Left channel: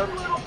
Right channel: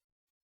up?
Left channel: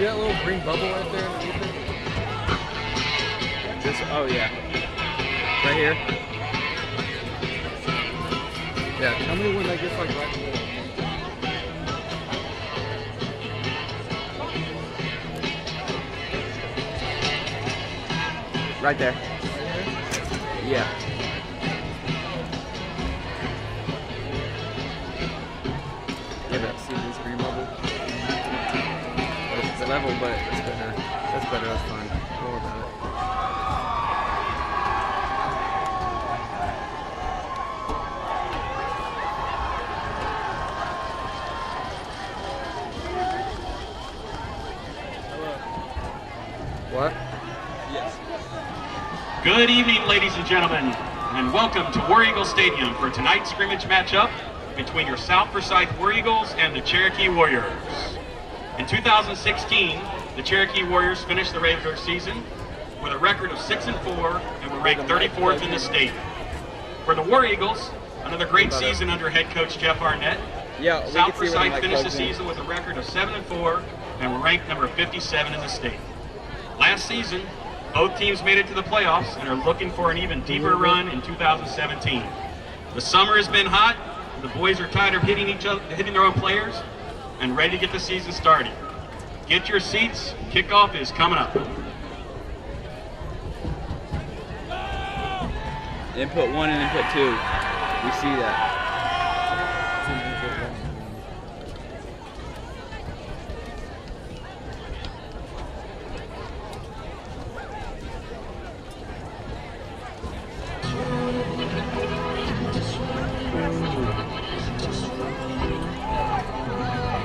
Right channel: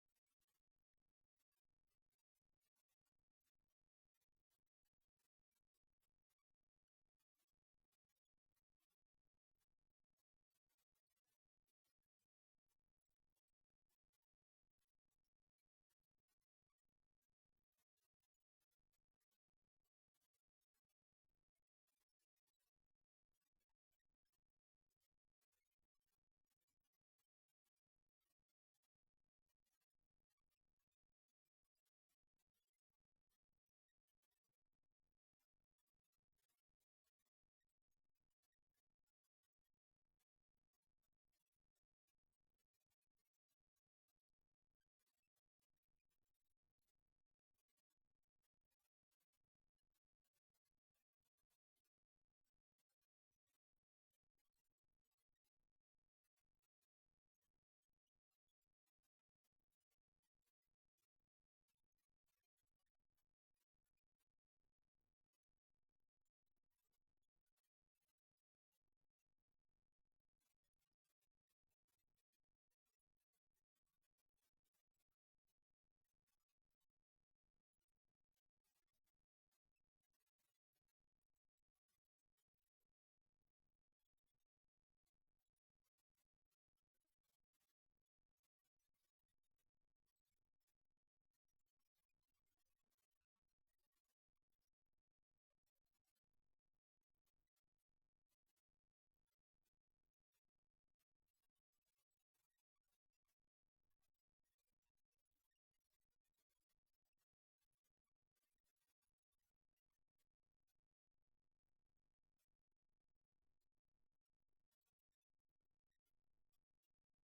See that little green bubble right there underneath it? This, oh yeah. Right here? Yeah, tell me when that gets like right in the middle. Right there. Yeah. Yeah, but see this green bubble? It's level, but it's better. That's better, that's fine. Don't worry about it. Hello. What? Yes. Good evening, ladies and gentlemen, and welcome to War Eagle Stadium for tonight's scrimmage matchup between your South Forsyth War Eagles and the Cherokee Warriors. In 2016, the Cherokee Warriors finished the regular season with a record of 6-4 and were ranked 34th in the state. For the War Eagles, another great season under head coach Jeff Arnett. South Forsyth finished the season with a record of 7-4 and were ranked number 57 in the state. Last season, both teams made it to the playoffs and are looking for an even deeper run in 2017. The summer has been hot. The boys are tired of hitting their own players, and ready to get the season started. Get your seats. Kickoff is coming up. Input 1 and input 2. We see that.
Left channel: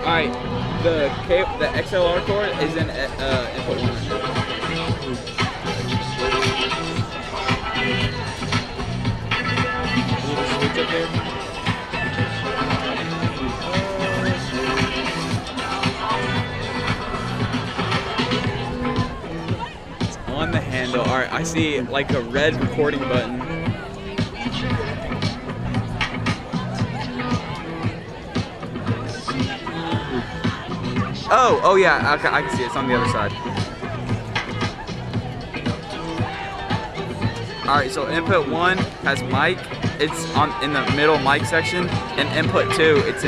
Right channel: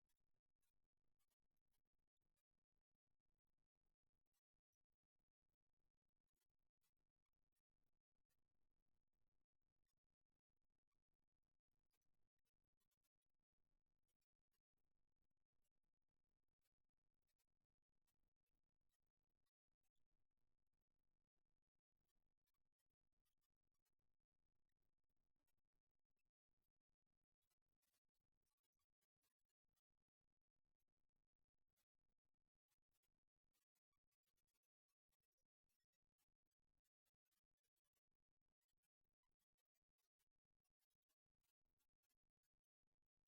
All right, the XLR cord is in input 1. Switch up there. It's on the handle. All right, I see like a red recording button. Oh yeah, okay, I can see it. It's on the other side. All right, so input 1 has mic. It's in the middle mic section, and input 2, it's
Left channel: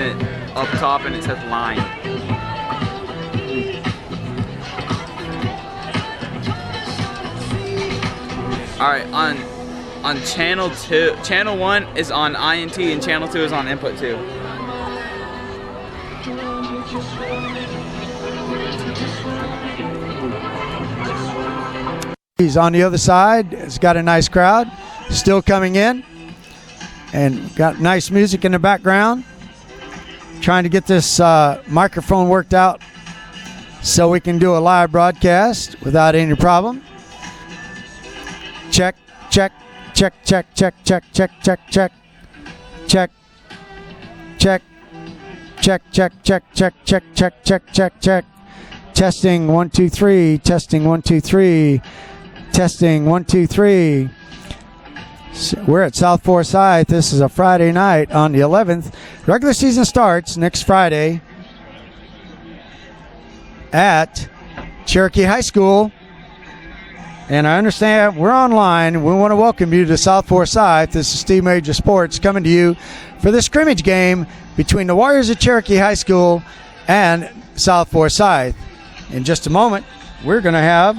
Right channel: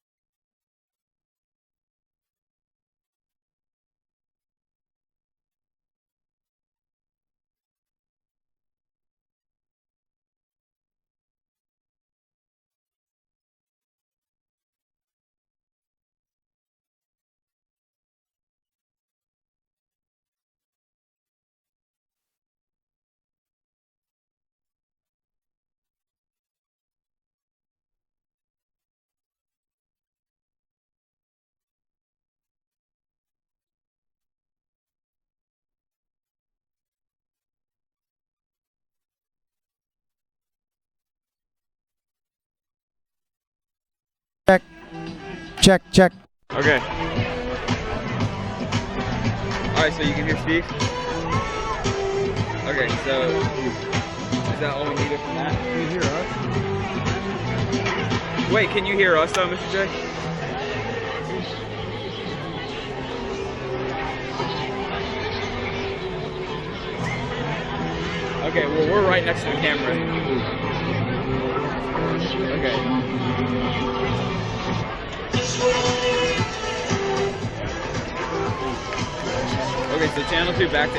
up top and it says line. All right, on channel 2, channel 1 is on INT and channel 2 is on input 2. He's on the other side. It's got a nice crowd still coming in, and got nice music in the background. Trying to get this microphone worked out so we can do a live broadcast without any problem. Check, check, check, check, check, check, check, check, check, check, check, check, check, check, check, check, check, check, check, check. Testing 1 2 3. Testing 1 2 3. Testing 1 2 3. We're at South Forsyth. This is a Friday night on the 11th. Regular season starts next Friday at Cherokee High School. And I understand we're online. We want to welcome you to South Forsyth. This is Steve Major Sports coming to you for the scrimmage game between the Warriors of Cherokee High School and South Forsyth. In just a moment, we're going to have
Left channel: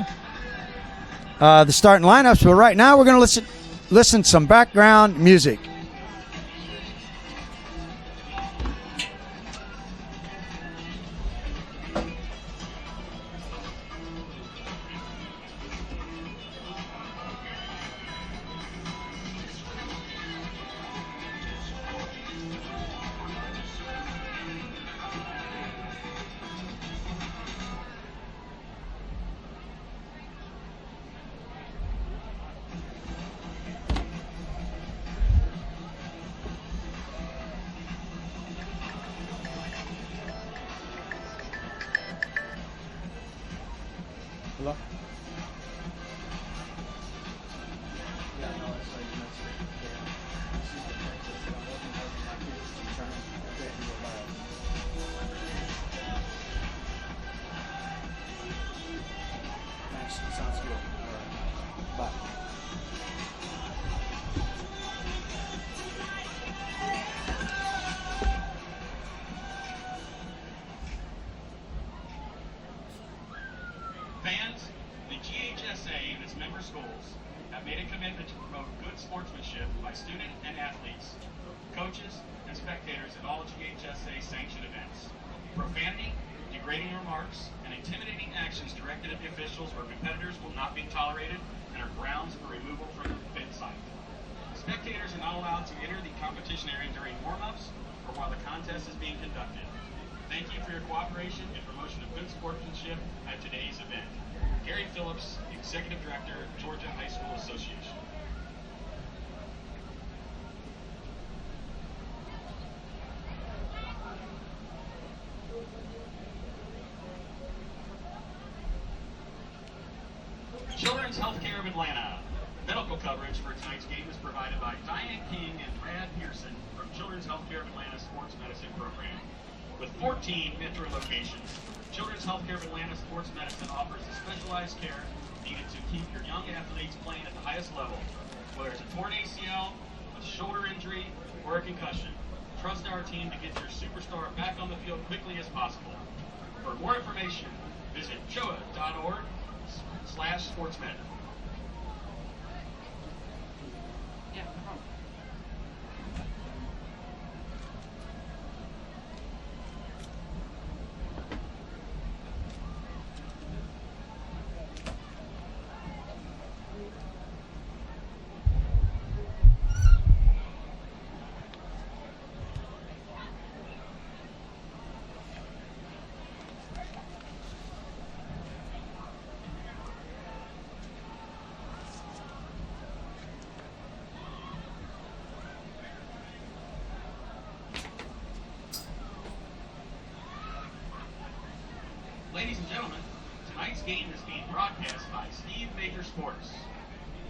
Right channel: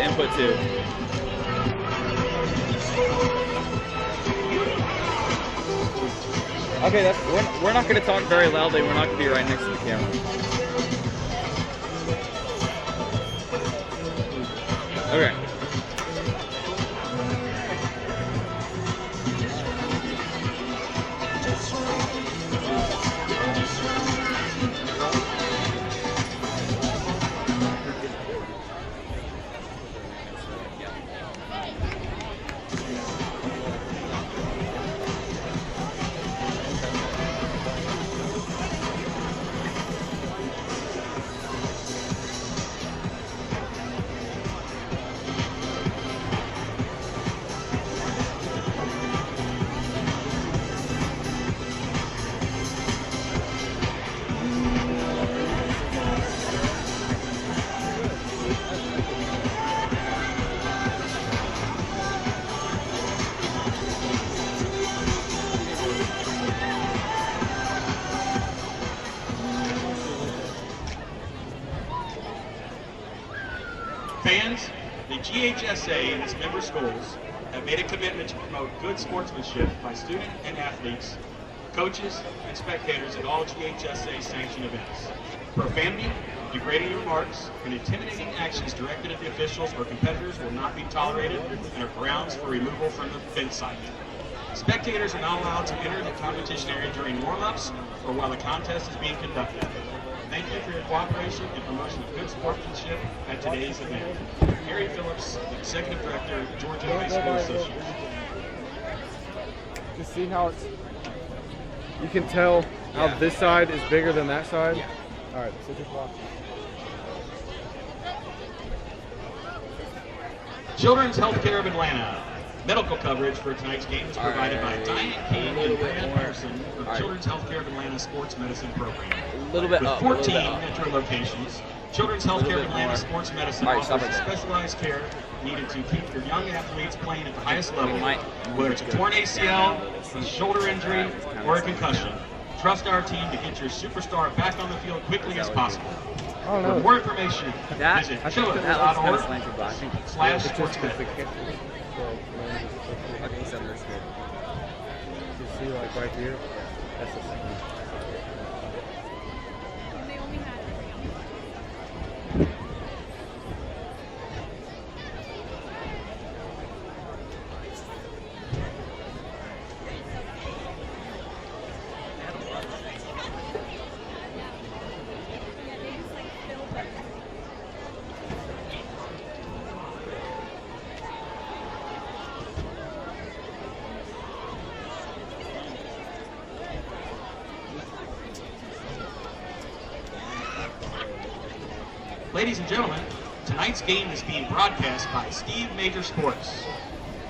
the starting lineups, but right now we're going to listen to some background music. Okay, we're not going to talk very loudly. We're not going to be right next to the camera. Okay. Fans, the GHSA and its member schools have made a commitment to promote good sportsmanship by student and athletes, coaches, and spectators at all GHSA sanctioned events. Profanity, degrading remarks, and intimidating actions directed at the officials or competitors will not be tolerated and are grounds for removal from the event site. Spectators are not allowed to enter the competition area during warm-ups or while the contest is being conducted. Thank you for your cooperation and promotion of good sportsmanship at today's event. Gary Phillips, Executive Director, Georgia High School Association. You see how it's, you can tell how this side is bigger than that side? Yeah. All right, so just block. Children's Healthcare of Atlanta. Medical coverage for tonight's game is provided by Diane King and Brad Pearson from Children's Healthcare of Atlanta Sports Medicine Program. A little bit With up. 14 metro locations, Children's Healthcare of Atlanta Sports Medicine offers specialized care needed to keep your young athletes playing at the highest level, whether it's a torn ACL, a shoulder injury, or a concussion. Trust our team to get your superstar back on the field quickly as possible. For more information, visit chilla.org/sportsmed. See, like right here, that's the second. Ladies and gentlemen, tonight's game is being broadcast by Steve Major Sports.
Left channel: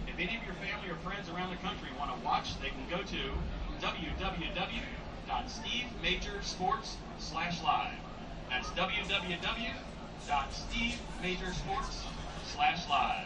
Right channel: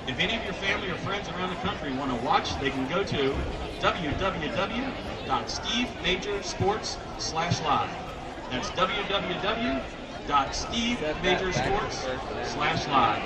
If any of your family or friends around the country want to watch, they can go to www.stevemajorsports.live. That's www.stevemajorsports.live.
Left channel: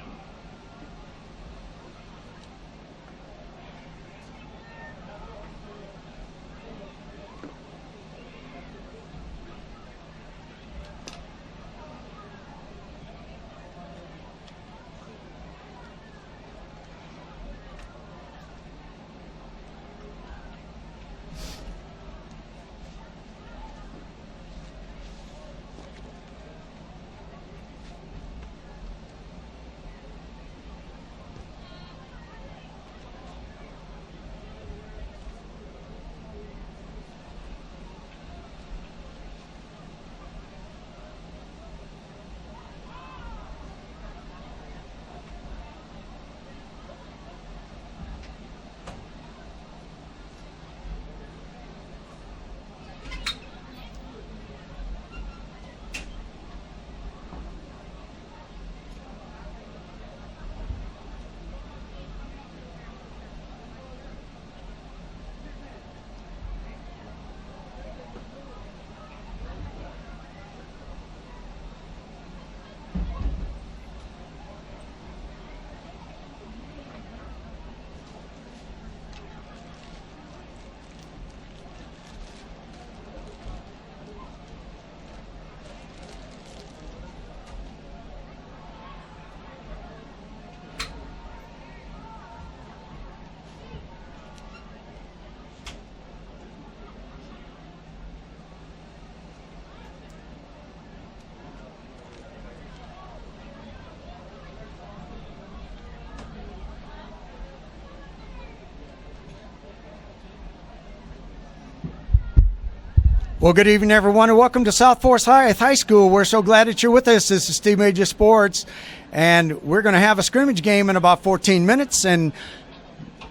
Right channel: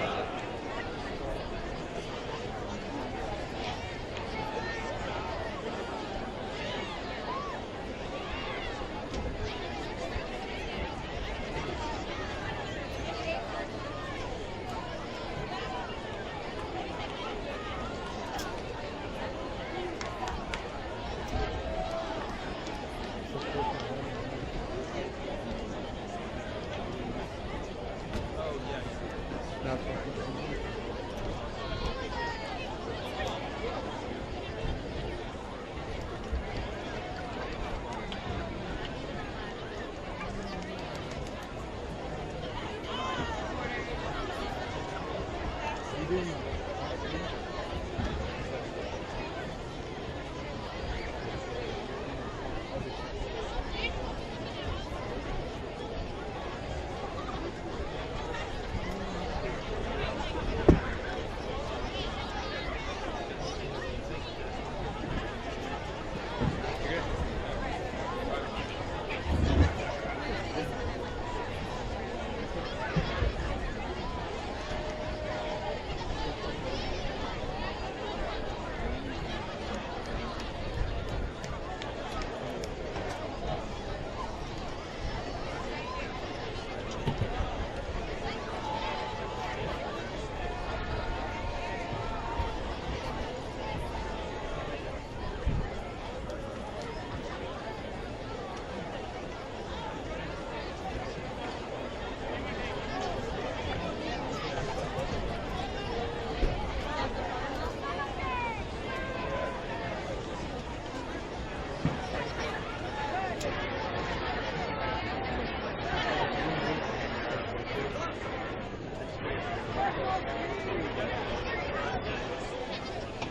Well, good evening, everyone, and welcome to South Forsyth High School. We're so glad that you're with us. This is Steve Major Sports, and we're going to have a scrimmage game in about 14 minutes and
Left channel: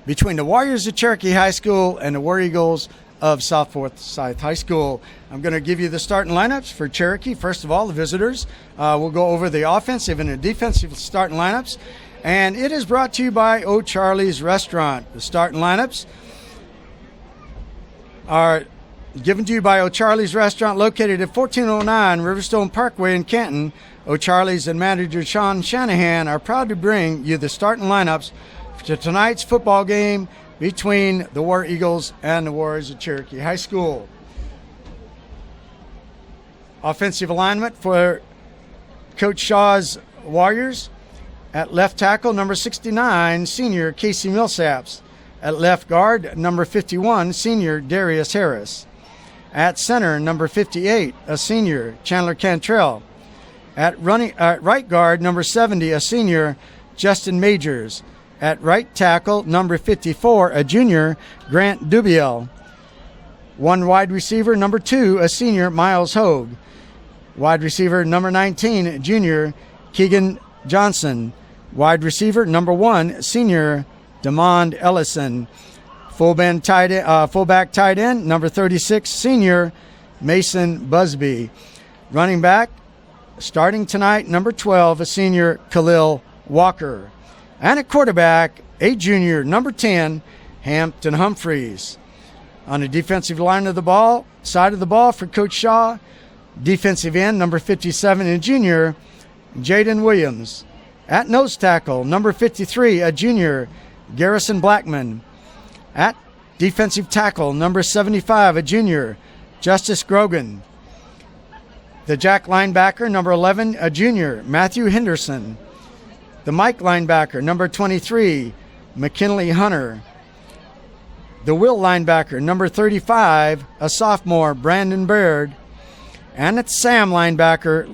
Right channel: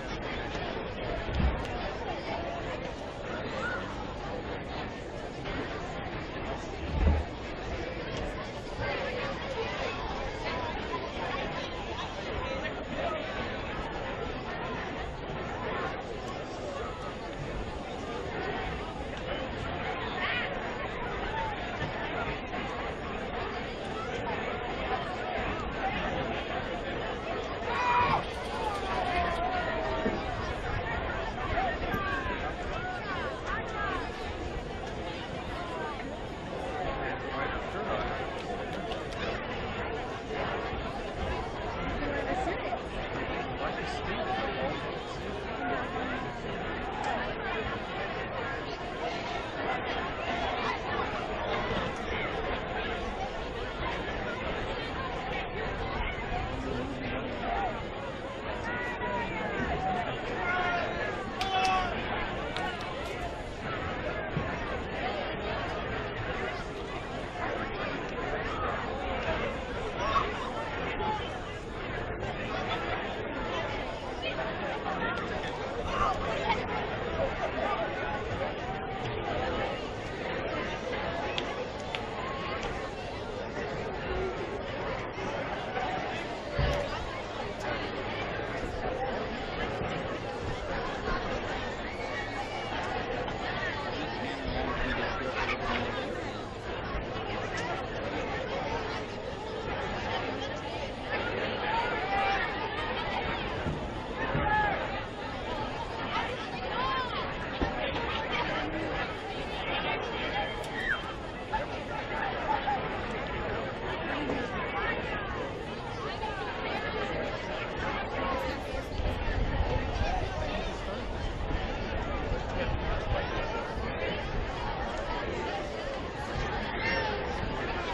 between the Warriors of Cherokee High School and the War Eagles of South Forsyth High School. I'm going to give you the starting lineups for Cherokee. First of all, the visitors. We'll go over the offensive and the defensive starting lineups, and it is brought to you by O'Charlie's Restaurant. The starting lineups are given to you by O'Charlie's Restaurant, located at 1409 Riverstone Parkway in Canton. O'Charlie's and manager Sean Shanahan are proud to bring you the starting lineups to tonight's football game between the War Eagles and the Warriors of Cherokee High School. Offensive alignment for Coach Shaw's Warriors. At left tackle, number 69, senior Casey Millsaps. At left guard, number 51, senior Darius Harris. At center, number 58, a senior, Chandler Cantrell. At right guard, number 70, a senior, Justin Majors. At right tackle, number 54, a junior, Grant Dubiel. One wide receiver, number 2, a senior, Miles Hogue. Wide receiver, number 19, junior, Keegan Johnson. Wide receiver, number 1, senior, Demond Ellison. Fullback tight end, number 36, senior, Mason Busby. Running back, starting tonight, number 12, a senior, Khalil Walker. And at quarterback, a junior, number 10, Hampton Humphreys. On the defensive line of the ball, side of the ball for Coach Shaw, Defensive end, number 57, a junior, Jaden Williams. At nose tackle, number 53, a junior, Garrison Blackman. At defensive tackle, number 75, a junior, Justice Grogan. The jack linebacker, number 11, a junior, Matthew Henderson. The Mike linebacker, number 23, McKinley Hunter. The will linebacker, number 35, a sophomore, Brandon Baird. And at Sam linebacker,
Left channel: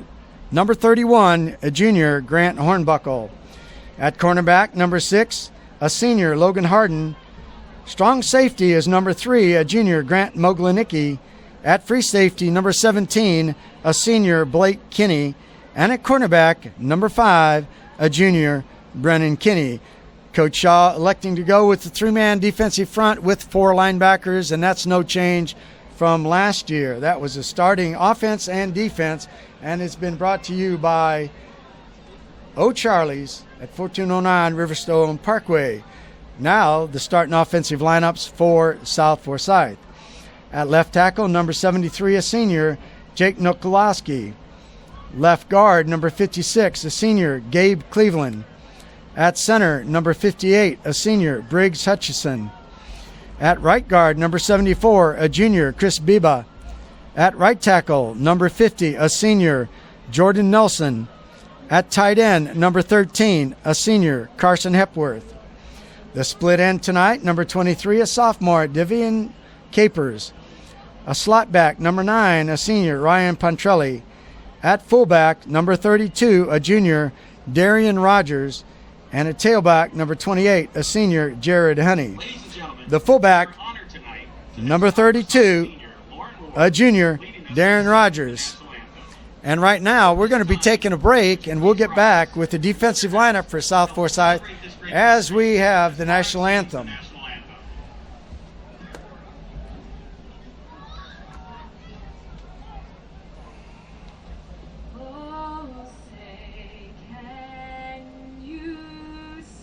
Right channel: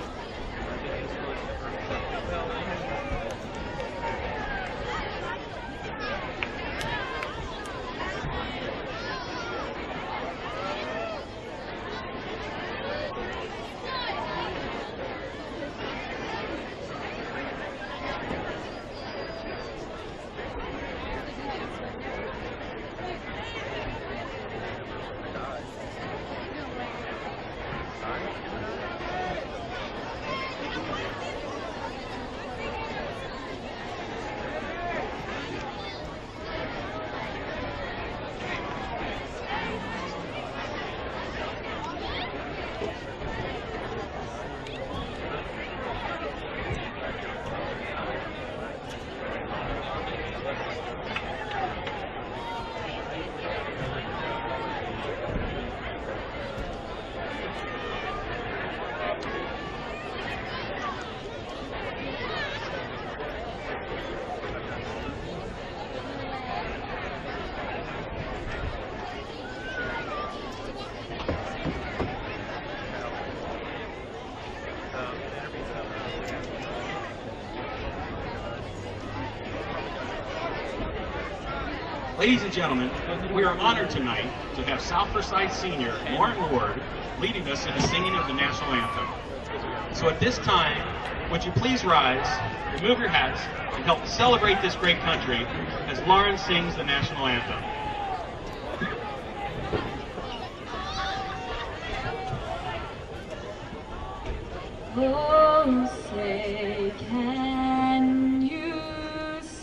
number 31, a junior, Grant Hornbuckle. At cornerback, number 6, a senior, Logan Harden. Strong safety is number 3, a junior, Grant Moglanicki. At free safety, number 17, a senior, Blake Kinney. And at cornerback, number 5, a junior, Brennan Kinney. Coach Shaw electing to go with the 3-man defensive front with 4 linebackers, and that's no change from last year. That was a starting offense and defense, and it's been brought to you by O'Charlie's at 1409 Riverstone Parkway. Now the starting offensive lineups for South Forsyth. At left tackle, number 73, a senior, Jake Nokolowski. Left guard, number 56, a senior, Gabe Cleveland. At center, number 58, a senior, Briggs Hutchison. At right guard, number 74, a junior, Chris Biba. At right tackle, number 50, a senior, Jordan Nelson. At tight end, number 13, a senior, Carson Hepworth. The split end tonight, number 23, a sophomore, Devian Capers. A slot back, number 9, a senior, Ryan Pontrelli. At fullback, number 32, a junior, Darian Rogers. And at tailback, number 28, a senior, Jared Honey. Ladies and gentlemen, the fullback, we are honored tonight to number 32, a junior, Darren Rogers. And right now, we're going to be taking a break, and we'll get back with the defensive lineup for South Forsyth as we have the national anthem. Oh, say, can you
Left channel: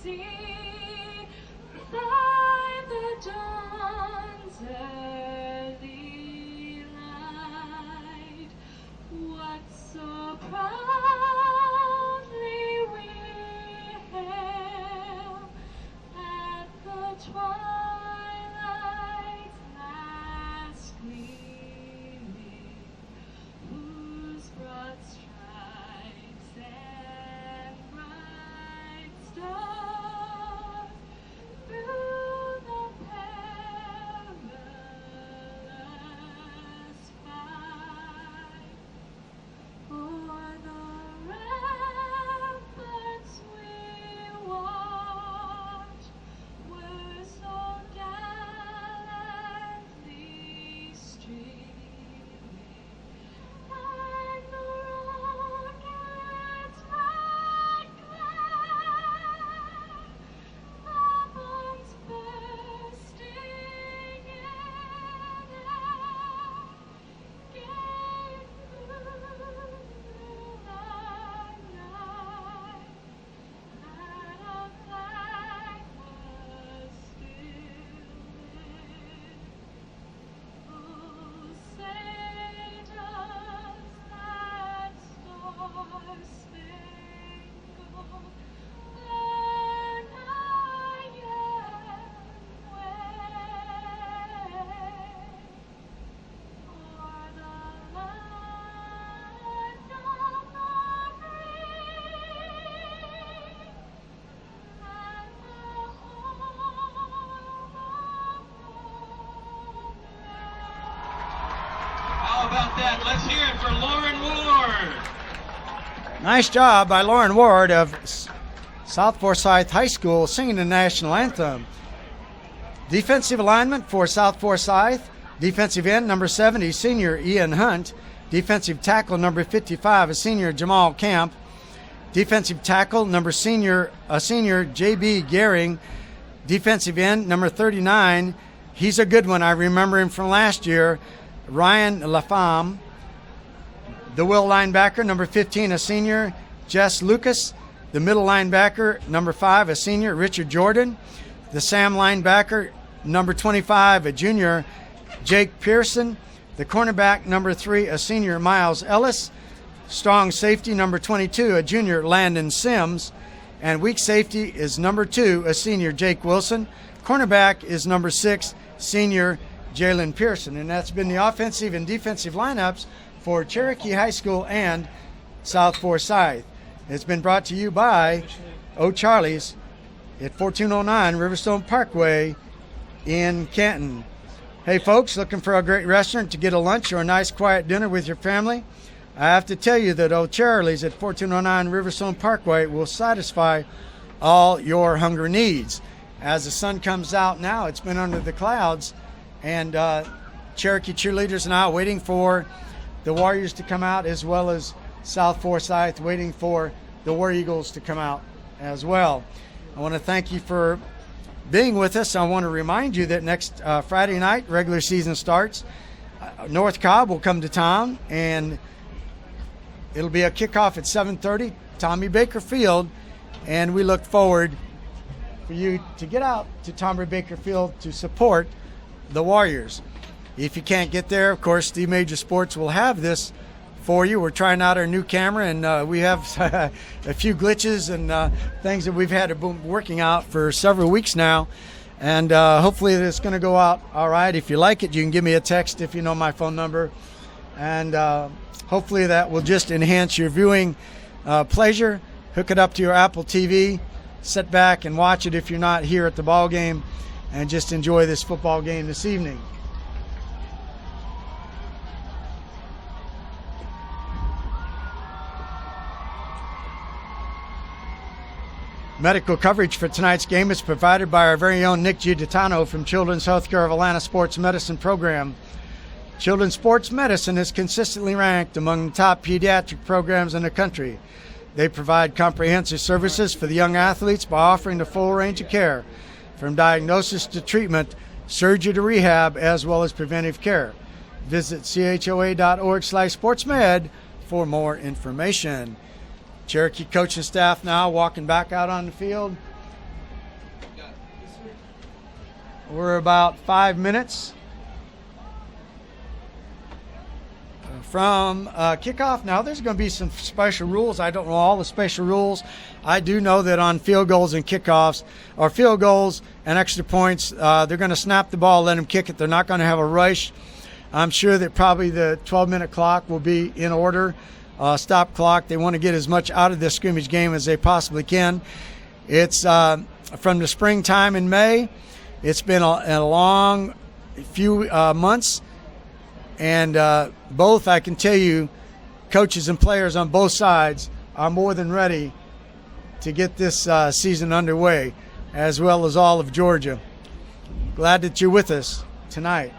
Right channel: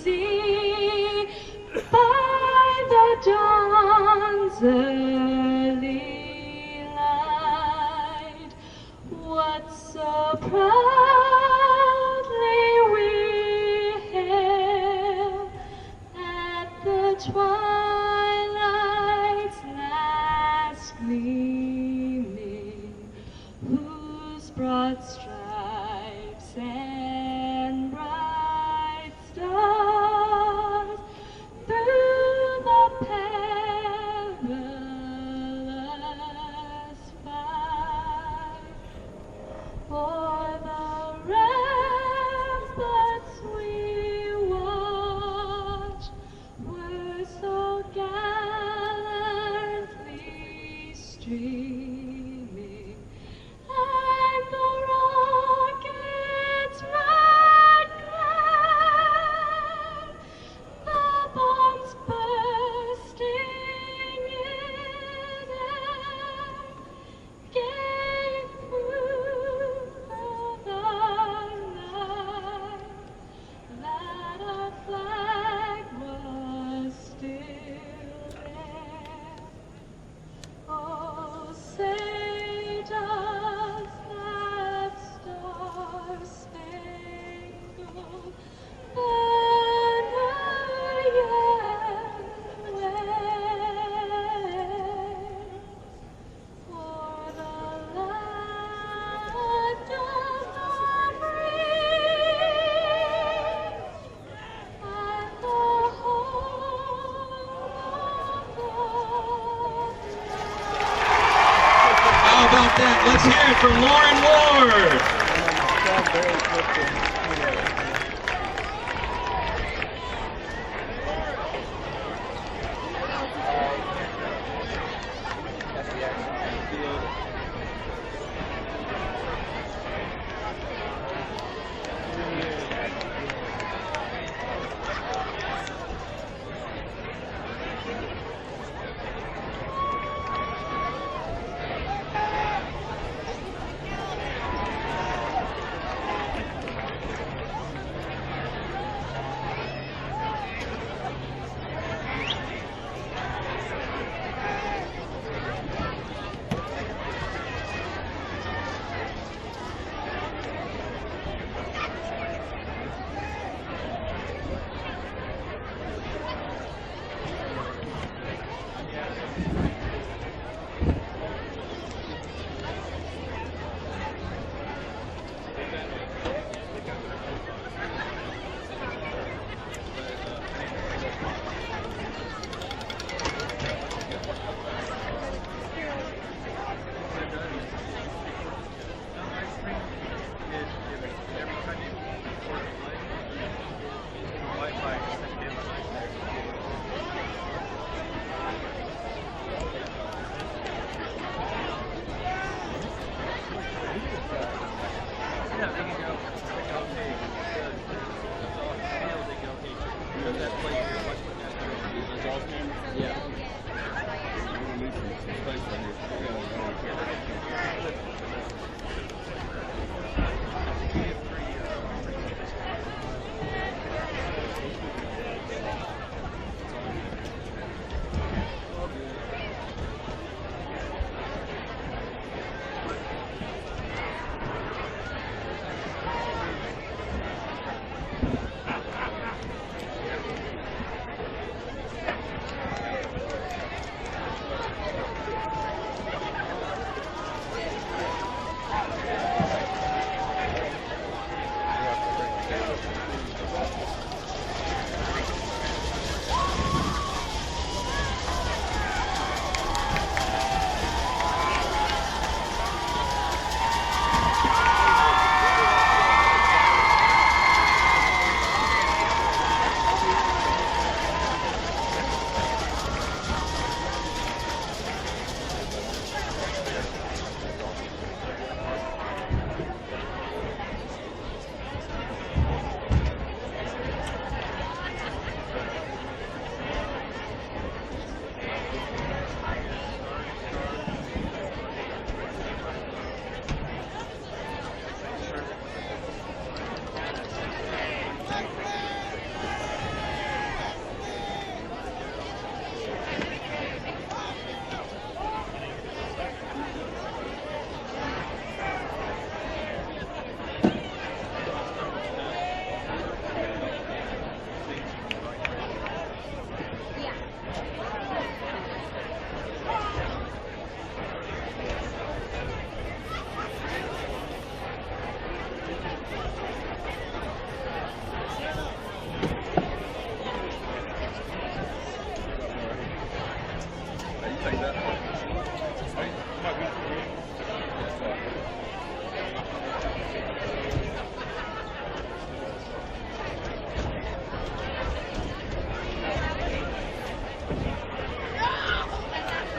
see by the dawn's early light what so proudly we hail at the twilight's last gleaming, whose broad stripes and bright stars through the perilous fight. For the ramparts we watch were so gallantly streaming, and the rocket's red glare, the bombs bursting in air, gave proof the night that our flag was still there. Oh, say does that star-spangled banner yet wave for the land of the free and the home of the brave? How about that? Let's hear it from Lauren Ward. Nice job by Lauren Ward of South Forsyth High School singing the national anthem. Defensive alignment for South Forsyth. Defensive end, number 70, senior Ian Hunt. Defensive tackle, number 55, a senior Jamal Camp. Defensive tackle, a senior J.B. Gehring. Defensive end, number 39. He's a good one. I remember him from last year, Ryan Lafam. The will linebacker, number 15, a senior, Jess Lucas. The middle linebacker, number 5, a senior, Richard Jordan. The Sam linebacker, number 25, a junior, Jake Pearson. The cornerback, number 3, a senior, Miles Ellis. Strong safety, number 22, a junior, Landon Sims. And weak safety is number 2, a senior, Jake Wilson. Cornerback is number 6, senior, Jalen Pearson. And that's been the offensive and defensive lineups for Cherokee High School and South Forsyth. It's been brought to you by O'Charlie's at 1409 Riverstone Parkway in Canton. Hey folks, looking for a great restaurant to get a lunch or a nice quiet dinner with your family? I have to tell you that O'Charlie's at 1409 Riverstone Parkway will satisfy all your hunger needs. As the sun comes out now, it's been under the clouds, and Cherokee cheerleaders now waiting for the Warriors to come out, as well as South Forsyth waiting for the War Eagles to come out as well. I want to thank you for being with us. I want to remind you that next Friday night, regular season starts. North Cobb will come to town, and it'll be a kickoff at 7:30, Tommy Baker Field, and we look forward for you to get out to Tommy Baker Field to support the Warriors. If you can't get there, of course, Steve Major Sports will have this for you. We're trying out our new camera, and we have a few glitches and things that we've had to be working out for several weeks now. And hopefully it's going to go out all right. If you like it, you can give me a text if you know my phone number. And hopefully that will just enhance your viewing pleasure. Hook it up to your Apple TV. Sit back and watch it if you're not here at the ball game, and just enjoy this football game this evening. Medical coverage for tonight's game is provided by our very own Nick Giuditano from Children's Healthcare of Atlanta Sports Medicine Program. Children's Sports Medicine is consistently ranked among the top pediatric programs in the country. They provide comprehensive services for the young athletes by offering the full range of care, from diagnosis to treatment, surgery to rehab, as well as preventive care. Visit choa.org/sportsmed for more information. Cherokee coaching staff now walking back out on the field. We're about 5 minutes from kickoff. Now there's going to be some special rules. I don't know all the special rules. I do know that on field goals and kickoffs, or field goals and extra points, they're going to snap the ball, let them kick it. They're not going to have a rush. I'm sure that probably the 12-minute clock will be in order. Stop clock. They want to get as much out of this scrimmage game as they possibly can. It's from the springtime in May. It's been a long few months, and both, I can tell you, coaches and players on both sides are more than ready to get this season underway, as well as all of Georgia. Glad that you're with us tonight.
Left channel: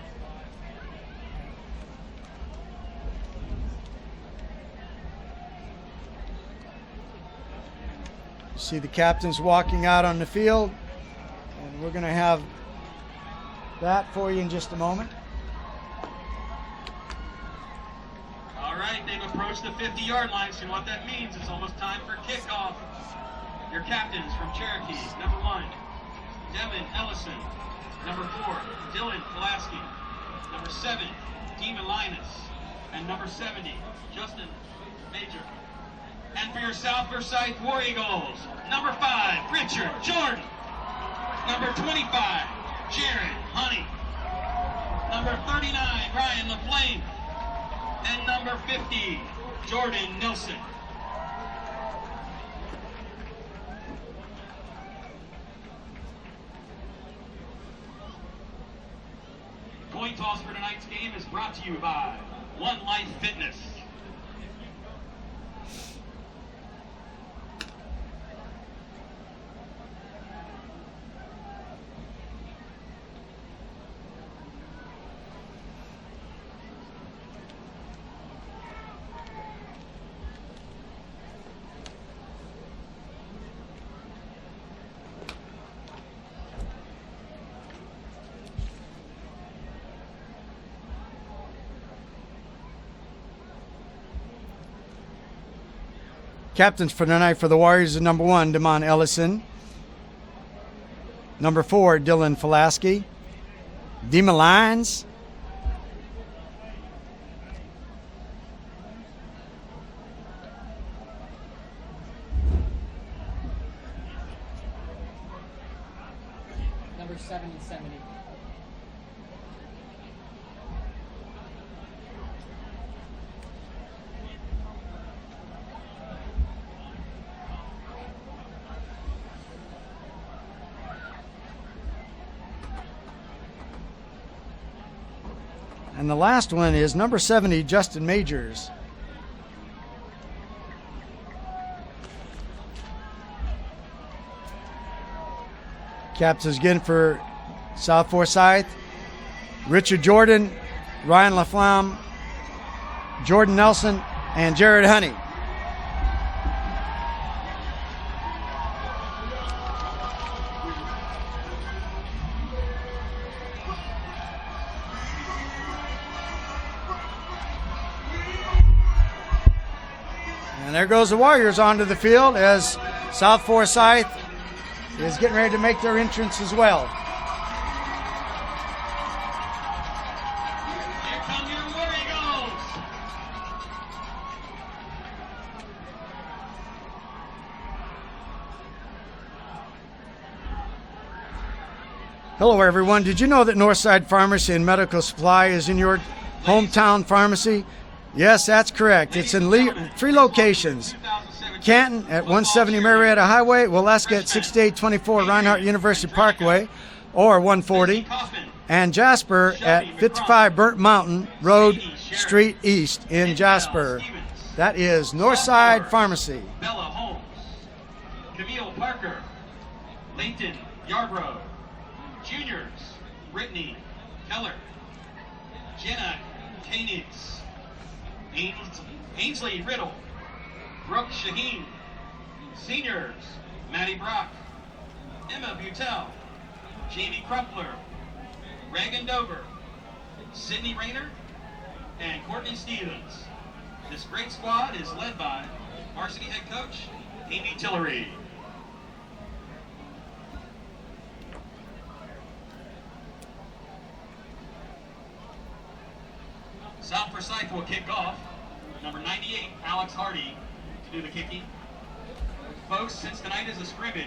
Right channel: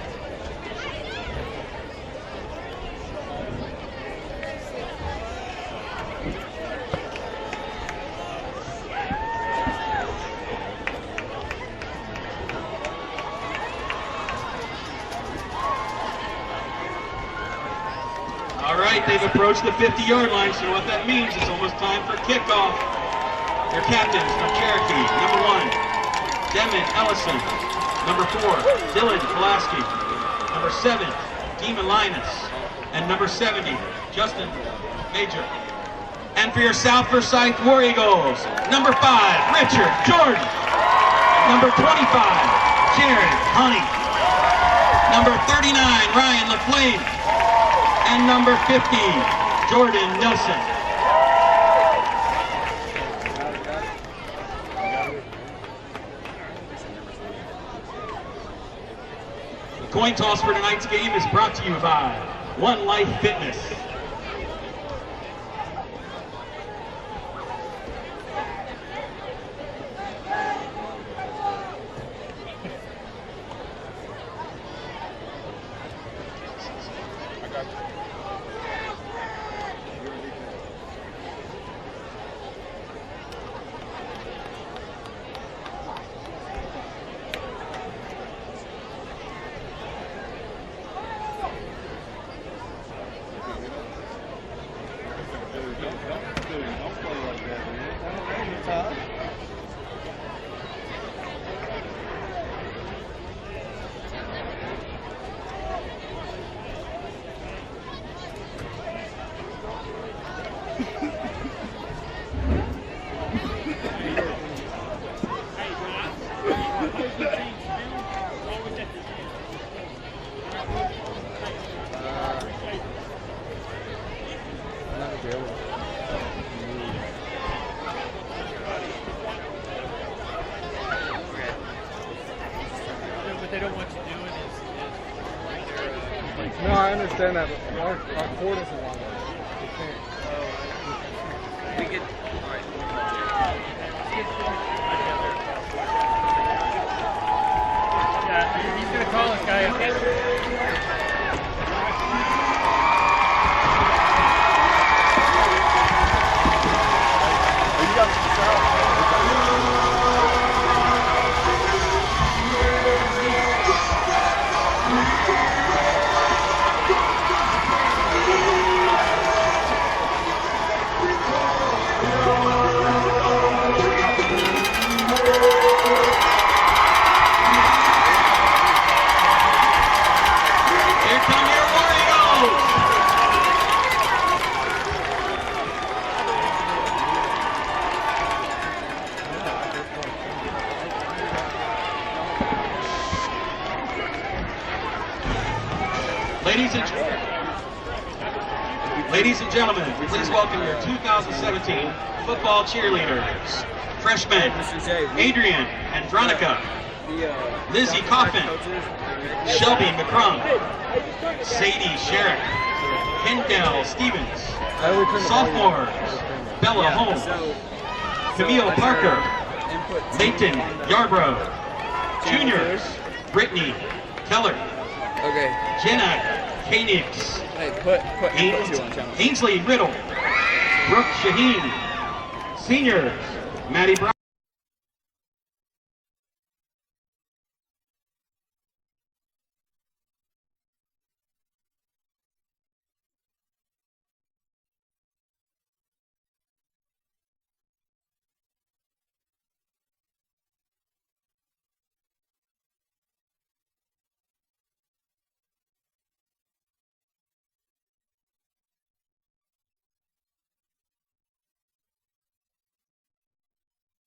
See the captains walking out on the field. We're going to have that for you in just a moment. All right, they've approached the 50-yard line, so what that means is almost time for kickoff. Your captains from Cherokee, number 1, Devin Ellison. Number 4, Dylan Pulaski. Number 7, Demon Linus. And number 70, Justin Major. And for your South Forsyth War Eagles, number 5, Richard Jordan. Number 25, Jared Honey. Number 39, Ryan LaFlame. And number 50, Jordan Nelson. The coin toss for tonight's game is brought to you by One Life Fitness. Captains for tonight for the Warriors is number 1, Damon Ellison. Number 4, Dylan Pulaski. Dema Lyons. And the last one is number 70, Justin Majors. Captains again for South Forsyth. Richard Jordan, Ryan LaFlamme, Jordan Nelson, and Jared Honey. There goes the Warriors onto the field as South Forsyth is getting ready to make their entrance as well. Here come your War Eagles! Hello everyone. Did you know that Northside Pharmacy and Medical Supply is in your hometown pharmacy? Yes, that's correct. Ladies It's in and gentlemen, three please welcome locations. your 2017 Canton at football 170 Marietta cheerleaders. Highway, Waleska at Freshmen, 6824 Adrian Reinhardt University Andronica, Parkway, or 140, Lizzie Coffin, and Jasper Shelby at McCrum, 55 Burnt Mountain Road, Sadie Sherrick, Street East in Kendall Jasper. Stevens, That is Northside Pharmacy. Bella Holmes, Camille Parker, Nathan Yarbrough, Juniors, Brittany Keller, Okay. Jenna Koenigs, Hey, put two on channel. Ainsley Riddle, Brooke Shaheen, Seniors, Maddie Brock, Emma Butel, Jamie Crumpler, Reagan Dover, Sydney Rayner, and Courtney Stevens. This great squad is led by varsity head coach Amy Tillery. South Forsyth will kick off. Number 98, Alex Hardy, to do the kicking. Folks, since tonight is a scrimmage,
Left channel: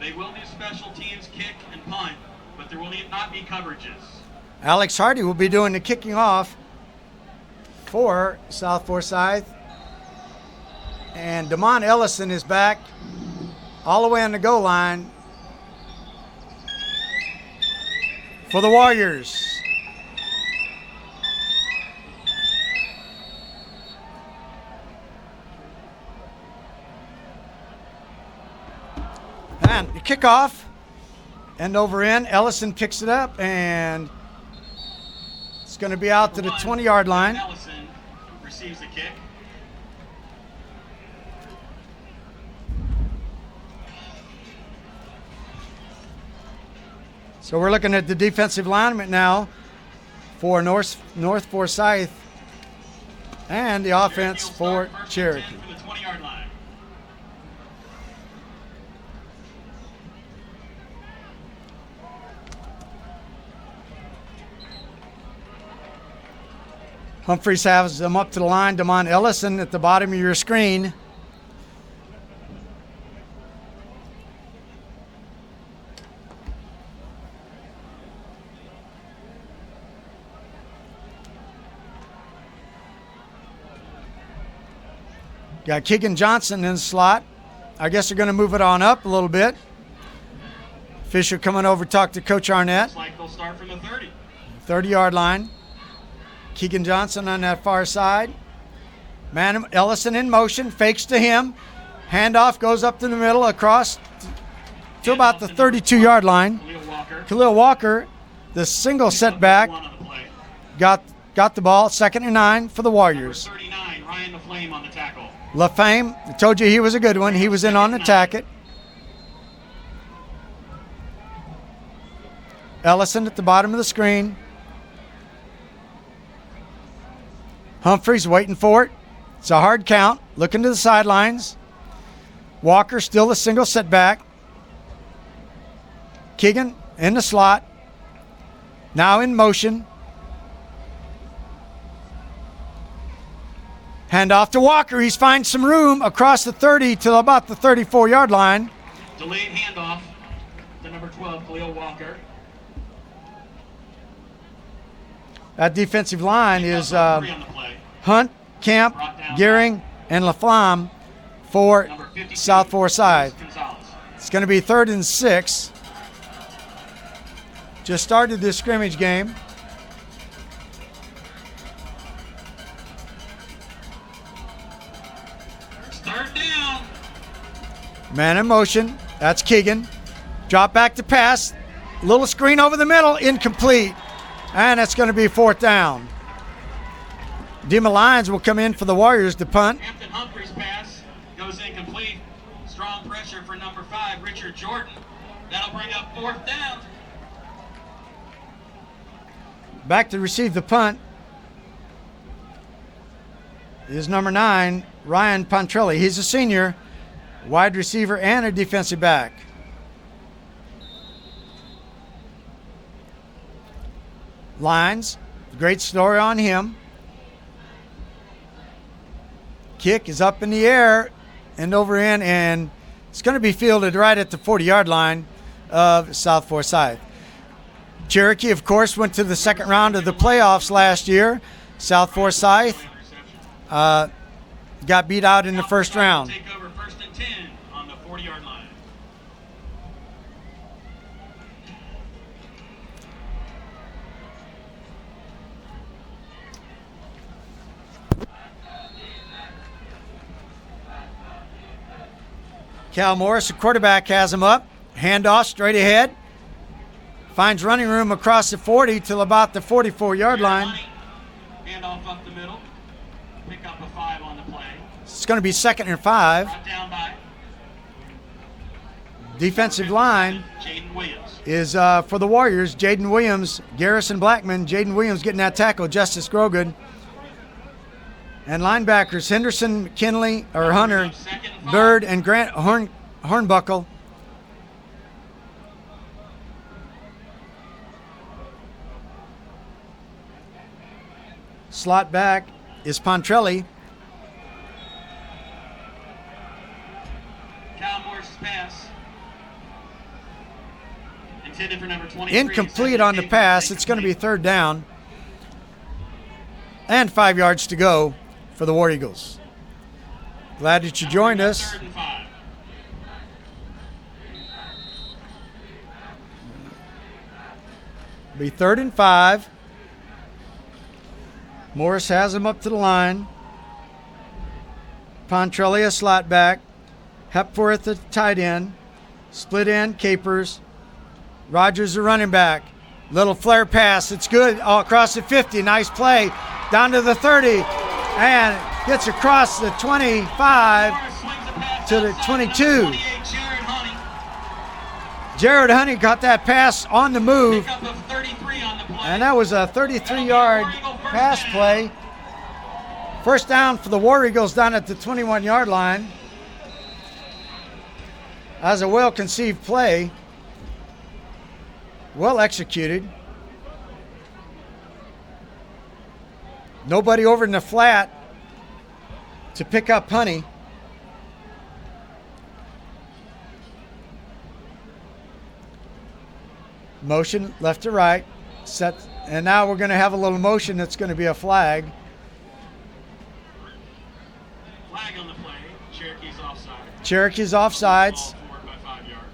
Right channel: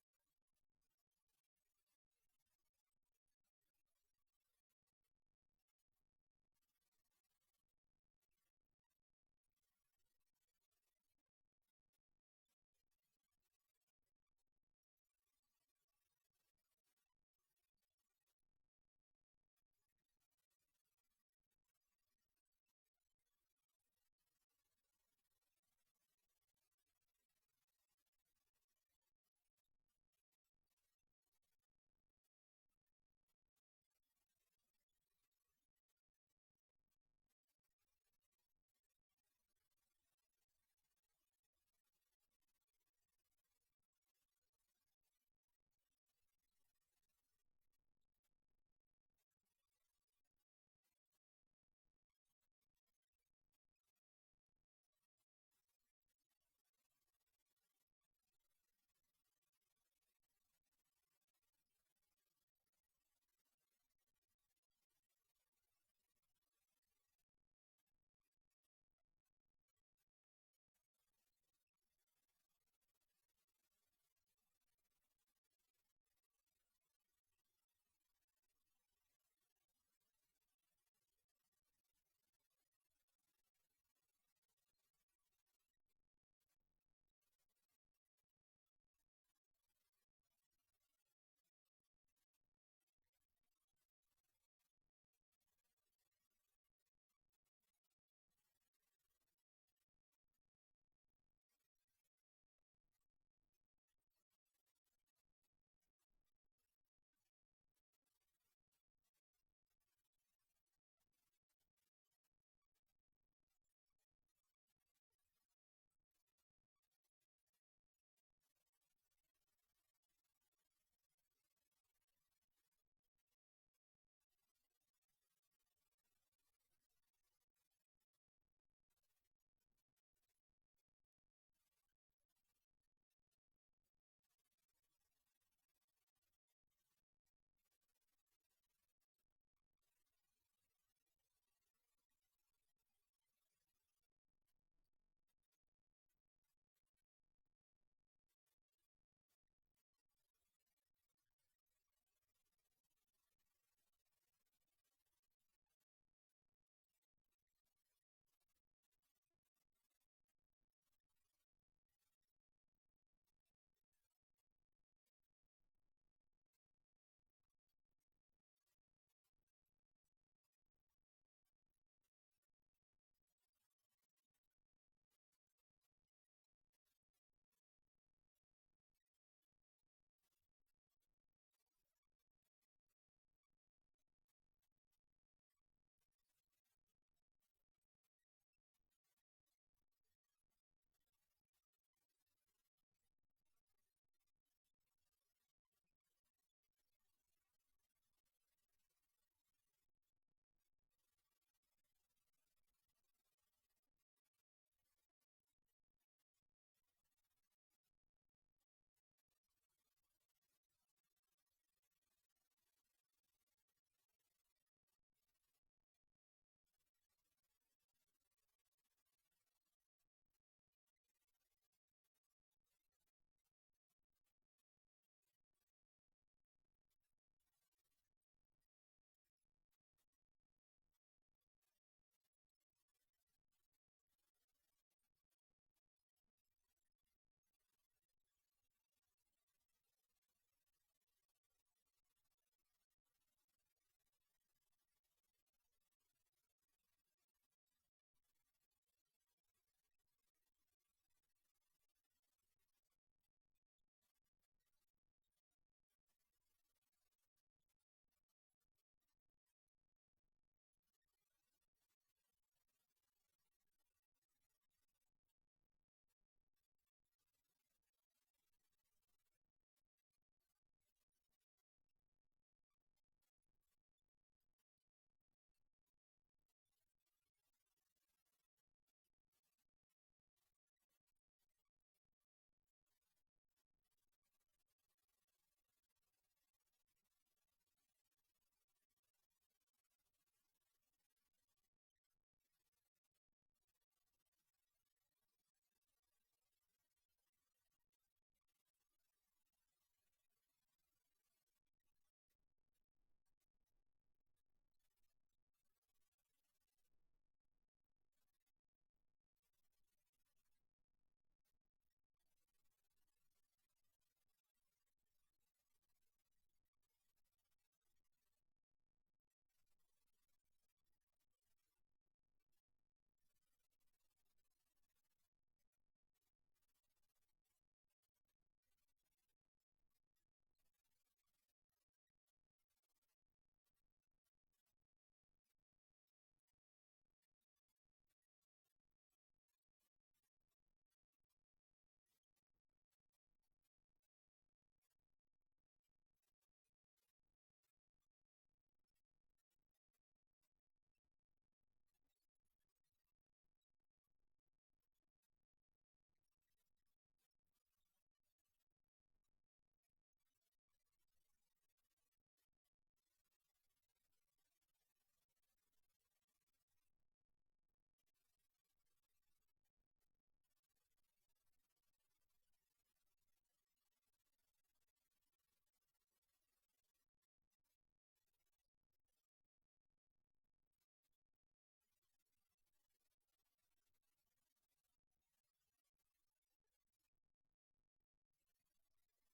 they will do special teams, kick, and punt, but there will not be coverages. Alex Hardy will be doing the kicking off for South Forsyth. And Damon Ellison is back all the way on the goal line for the Warriors. And the kickoff, end over end. Ellison picks it up, and it's going to be out to the 20-yard line. Ellison receives the kick. So we're looking at the defensive lineman now for North Forsyth and the offense for Cherokee. For the 20-yard line. Humphreys has them up to the line. Damon Ellison at the bottom of your screen. Got Keegan Johnson in the slot. I guess they're going to move it on up a little bit. Fisher coming over to talk to Coach Arnett. Looks like they'll start from the 30. 30-yard line. Keegan Johnson on that far side. Man, Ellison in motion, fakes to him. Handoff goes up to the middle, across to about the 32-yard line. Khalil Walker. Khalil Walker, the single setback, One on the play. got the ball. 2nd and 9 for the Warriors. 39, Ryan LaFlame on the tackle. LaFame, I told you he was a good one. He was in on the tacket. Ellison at the bottom of the screen. Humphreys waiting for it. It's a hard count. Looking to the sidelines. Walker still the single setback. Keegan in the slot. Now in motion. Handoff to Walker. He's finds some room across the 30 to about the 34-yard line. Delayed handoff to number 12, Khalil Walker. That defensive line is 3 on the play. Hunt, Camp, Gearing, and LaFlamme for Number 52, South Forsyth. Gonzalez. It's going to be 3rd and 6. just started this scrimmage game. Third down. Man in motion. That's Keegan. Drop back to pass. Little screen over the middle. Incomplete. And it's going to be fourth down. Dima Lyons will come in for the Warriors to punt. Hampton Humphrey's pass goes incomplete. Strong pressure for number 5, Richard Jordan. That'll bring up fourth down. Back to receive the punt is number 9, Ryan Pontrelli. He's a senior, wide receiver and a defensive back. Lyons, great story on him. Kick is up in the air and over in, and it's going to be fielded right at the 40-yard line of South Forsyth. Cherokee, of course, went to the second round of the playoffs last year. South Forsyth got beat out in the first round. Take over first and 10 on the 40-yard line. Cal Morris, the quarterback, has him up. Handoff straight ahead. Finds running room across the 40 till about the 44-yard line. Handoff up the middle. Pick up a 5 on the play. It's going to be 2nd and 5. Brought down by Defensive line Jaden Williams. is for the Warriors. Jaden Williams, Garrison Blackman. Jaden Williams getting that tackle. Justice Grogan. And linebackers Henderson, McKinley, or Hunter, Bird, and Grant Hornbuckle. Slot back is Pontrelli. Cal Morris pass. Intended for number 23. Incomplete on the pass. It's going to be third down. And 5 yards to go for the War Eagles. Glad that you joined us. Third and 5. Be 3rd and 5. Morris has him up to the line. Pontrelli a slot back. Hepworth a tight end. Split end, Capers. Rogers a running back. Little flare pass. It's good. All across the 50. Nice play. Down to the 30. And gets across the 25 to the 22. Jared Honey got that pass on the move. Pick up of 33 on the play. And that was a 33-yard pass play. First down for the War Eagles down at the 21-yard line. That was a well-conceived play. Well executed. Nobody over in the flat to pick up Honey. Motion left to right. Set, and now we're going to have a little motion that's going to be a flag. Flag on the play. Cherokee's offside. Cherokee's offsides. Ball forward by 5 yards.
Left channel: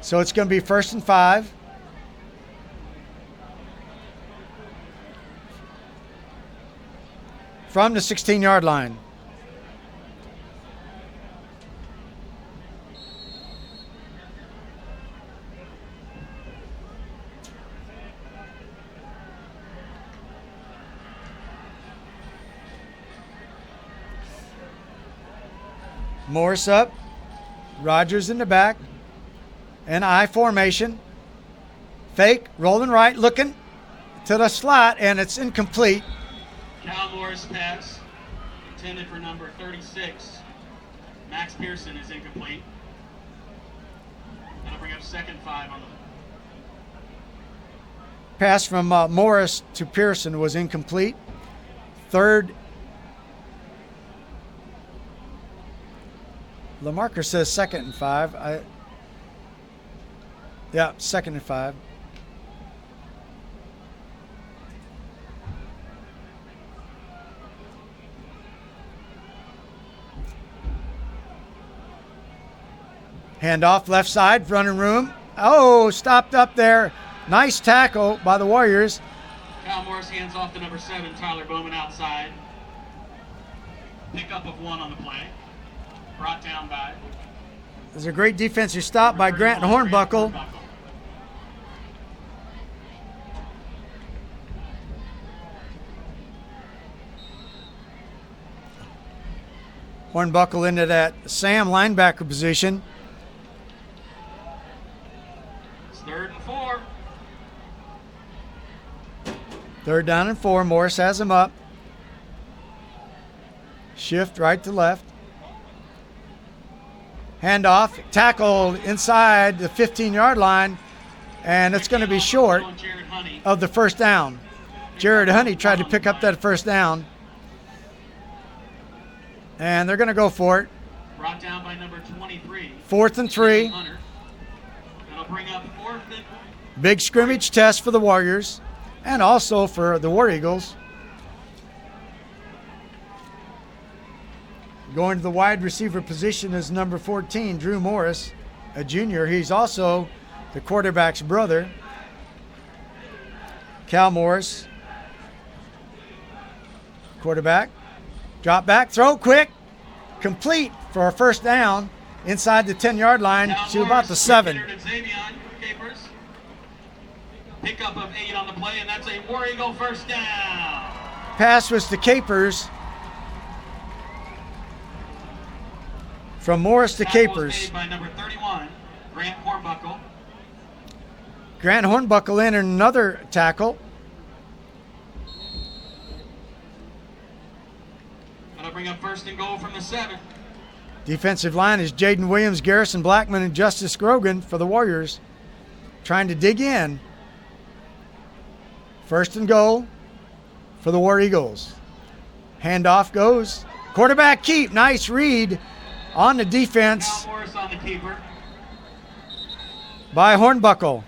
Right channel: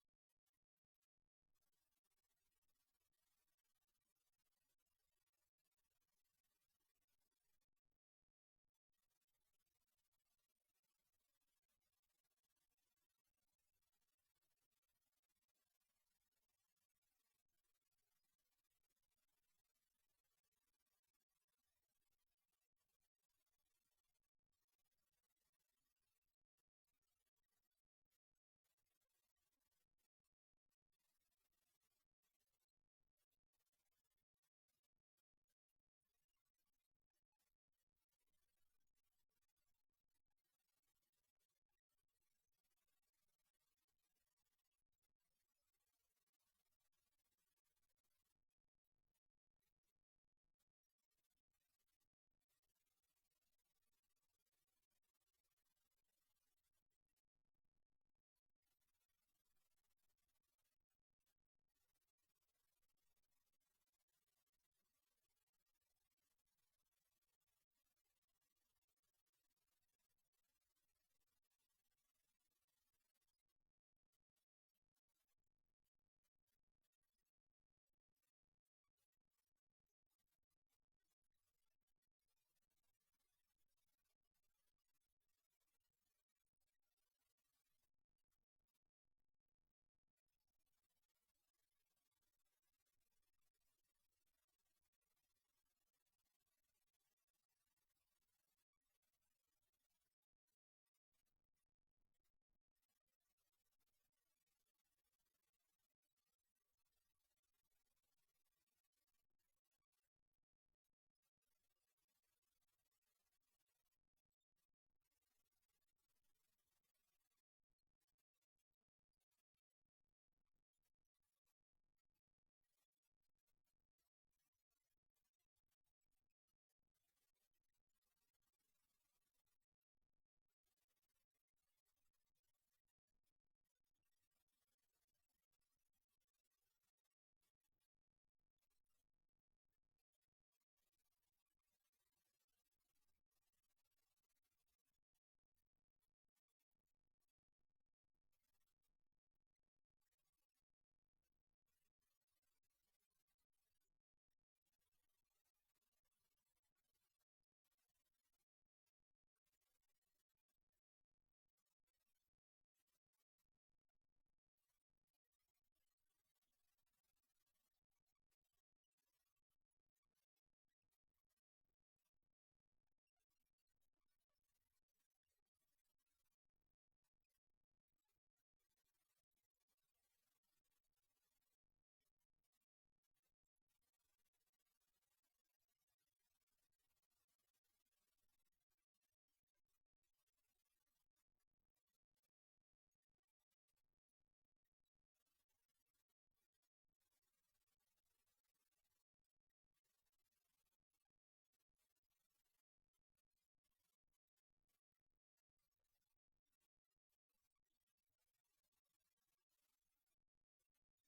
So it's going to be 1st and 5. From the 16-yard line. Morris up. Rogers in the back. And I formation. Fake, rolling right, looking to the slot, and it's incomplete. Cal Morris pass. Intended for number 36. Max Pearson is incomplete. That'll bring up 2nd and 5 on the Pass from Morris to Pearson was incomplete. Third. LaMarker says 2nd and 5. Yeah, 2nd and 5. Handoff left side, running room. Oh, stopped up there Nice tackle by the Warriors. Cal Morris hands off to number 7, Tyler Bowman outside. Pickup of 1 on the play. Brought down by. There's a great defensive stop by Grant Hornbuckle. Hornbuckle into that Sam linebacker position. It's 3rd and 4. 3rd down and 4. Morris has him up. Shift right to left. Handoff, tackled inside the 15-yard line, and it's going to be short of the first down. Jared Honey tried to pick up that first down, and they're going to go for it. Brought down by number 23. 4th and 3. That'll bring up 4th and. Big scrimmage test for the Warriors, and also for the War Eagles. Going to the wide receiver position is number 14, Drew Morris, a junior. He's also the quarterback's brother. Cal Morris, quarterback. Drop back, throw quick, complete for a first down inside the 10-yard line to about the 7. Pickup of 8 on the play, and that's a War Eagle first down. Pass was to Capers. From Morris to Capers. By number 31, Grant Hornbuckle. Grant Hornbuckle in another tackle. That'll bring up 1st and goal from the 7. Defensive line is Jaden Williams, Garrison Blackman, and Justice Grogan for the Warriors. Trying to dig in. 1st and goal for the War Eagles. Handoff goes. Quarterback keep. Nice read on the defense Cal Morris on the keeper. by Hornbuckle.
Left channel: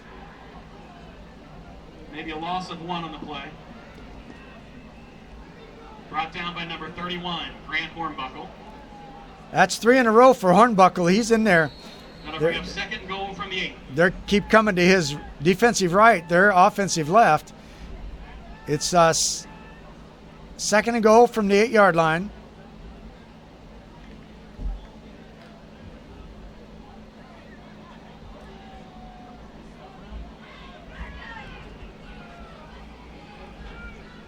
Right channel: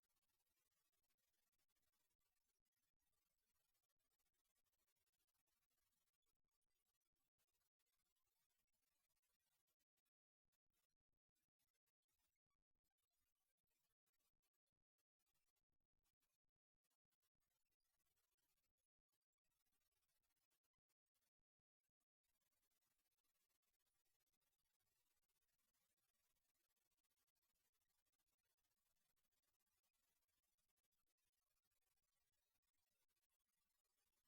Maybe a loss of 1 on the play. Brought down by number 31, Grant Hornbuckle. That's 3 in a row for Hornbuckle. He's in there. That'll bring up 2nd goal from the 8. They keep coming to his defensive right, their offensive left. It's 2nd and goal from the 8-yard line.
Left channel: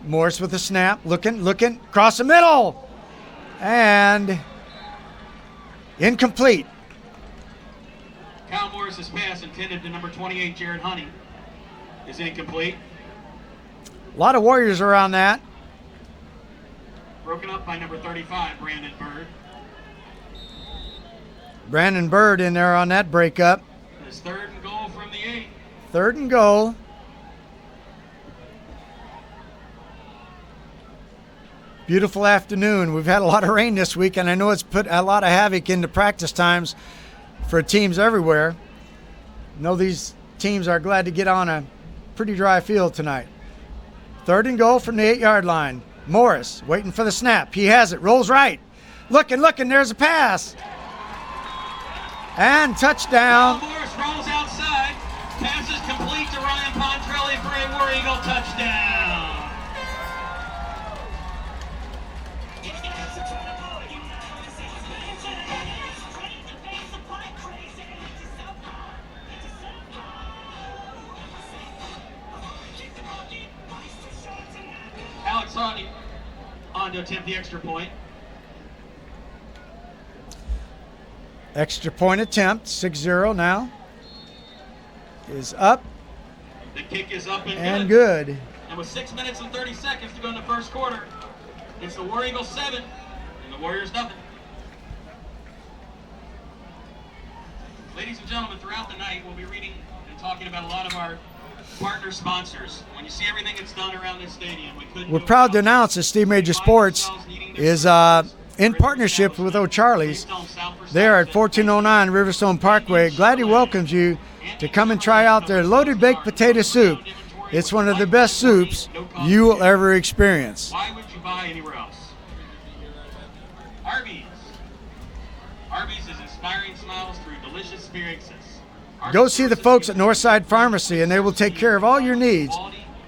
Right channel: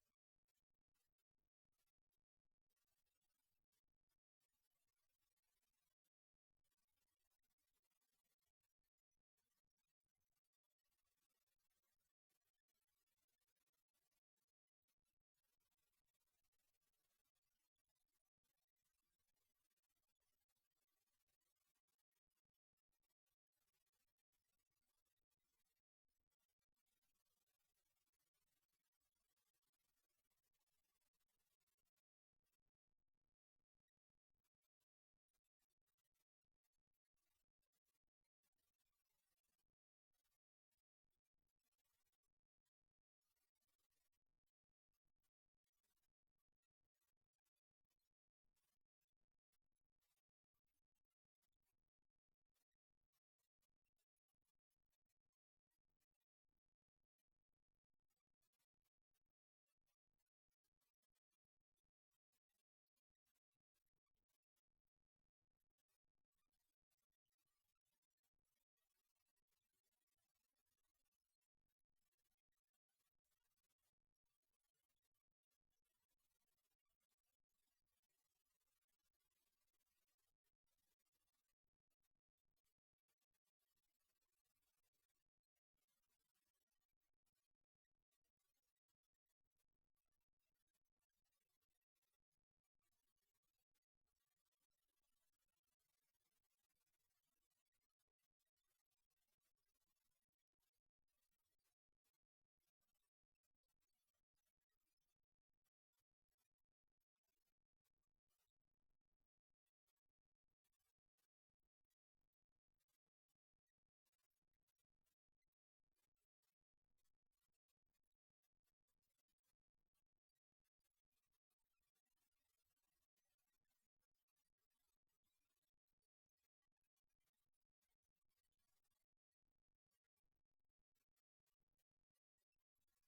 Morris with a snap, looking, across the middle, and incomplete. Cal Morris's pass intended to number 28, Jared Honey, is incomplete. A lot of Warriors around that. Broken up by number 35, Brandon Bird. Brandon Bird in there on that breakup. His 3rd and goal from the 8. 3rd and goal. Beautiful afternoon. We've had a lot of rain this week, and I know it's put a lot of havoc into practice times for teams everywhere. I know these teams are glad to get on a pretty dry field tonight. 3rd and goal from the 8-yard line. Morris waiting for the snap. He has it. Rolls right. Looking. There's a pass. And touchdown. Cal Morris rolls outside. Pass is complete to Ryan Pontrelli for a War Eagle touchdown. Alex Hawley on to attempt the extra point. Extra point attempt. 6-0 now. Is up The kick is up and good. And with 6 minutes and 30 seconds to go in the first quarter, it's the War Eagles 7 and the Warriors nothing. Ladies and gentlemen, throughout the night, we'll be reading and talking about a lot of our partner sponsors. When you see everything that's done around this stadium, we couldn't We're do it proud to without announce that Steve Major Sports is in partnership with O'Charlie's. They are at 1409 Riverstone Parkway. Gladly welcomes you to come and try out their loaded baked potato soup. It's one of the best soups you will ever experience. Why would you buy anywhere else? Arby's. Arby's is inspiring smiles through delicious experiences. Go see the folks at Northside Pharmacy, and they will take care of all your needs.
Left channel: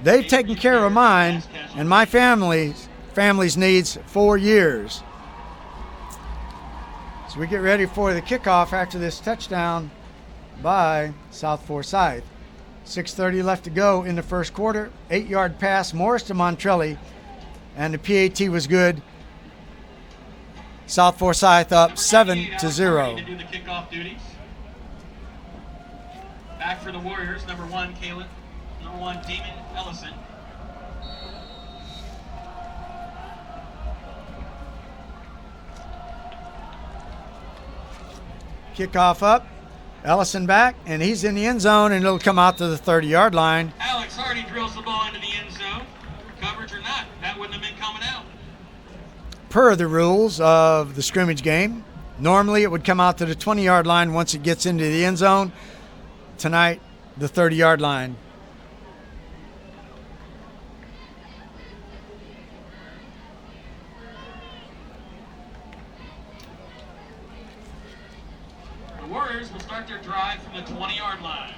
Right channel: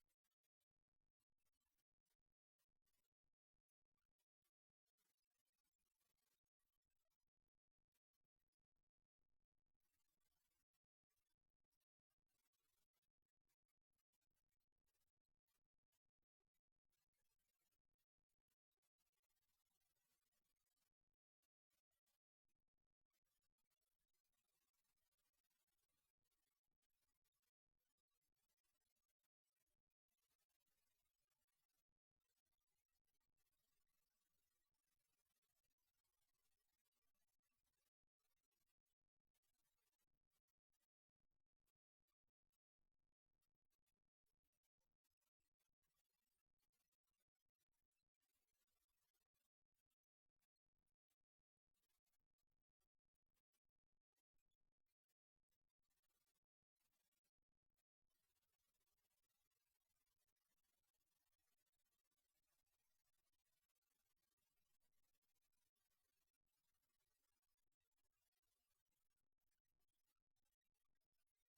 They've taken care of mine and my family's needs for years. So we get ready for the kickoff after this touchdown by South Forsyth. 6:30 left to go in the first quarter. 8-yard pass, Morris to Montrelli, and the PAT was good. South Forsyth up 7-0. To do the kickoff duties. Back for the Warriors, number 1, Caleb. Number 1, Damon Ellison. Kickoff up. Ellison back, and he's in the end zone, and it'll come out to the 30-yard line. Alex Hardy drills the ball into the end zone. Coverage or not, that wouldn't have been coming out. Per the rules of the scrimmage game, normally it would come out to the 20-yard line once it gets into the end zone. Tonight, the 30-yard line. The Warriors will start their drive from the 20-yard line.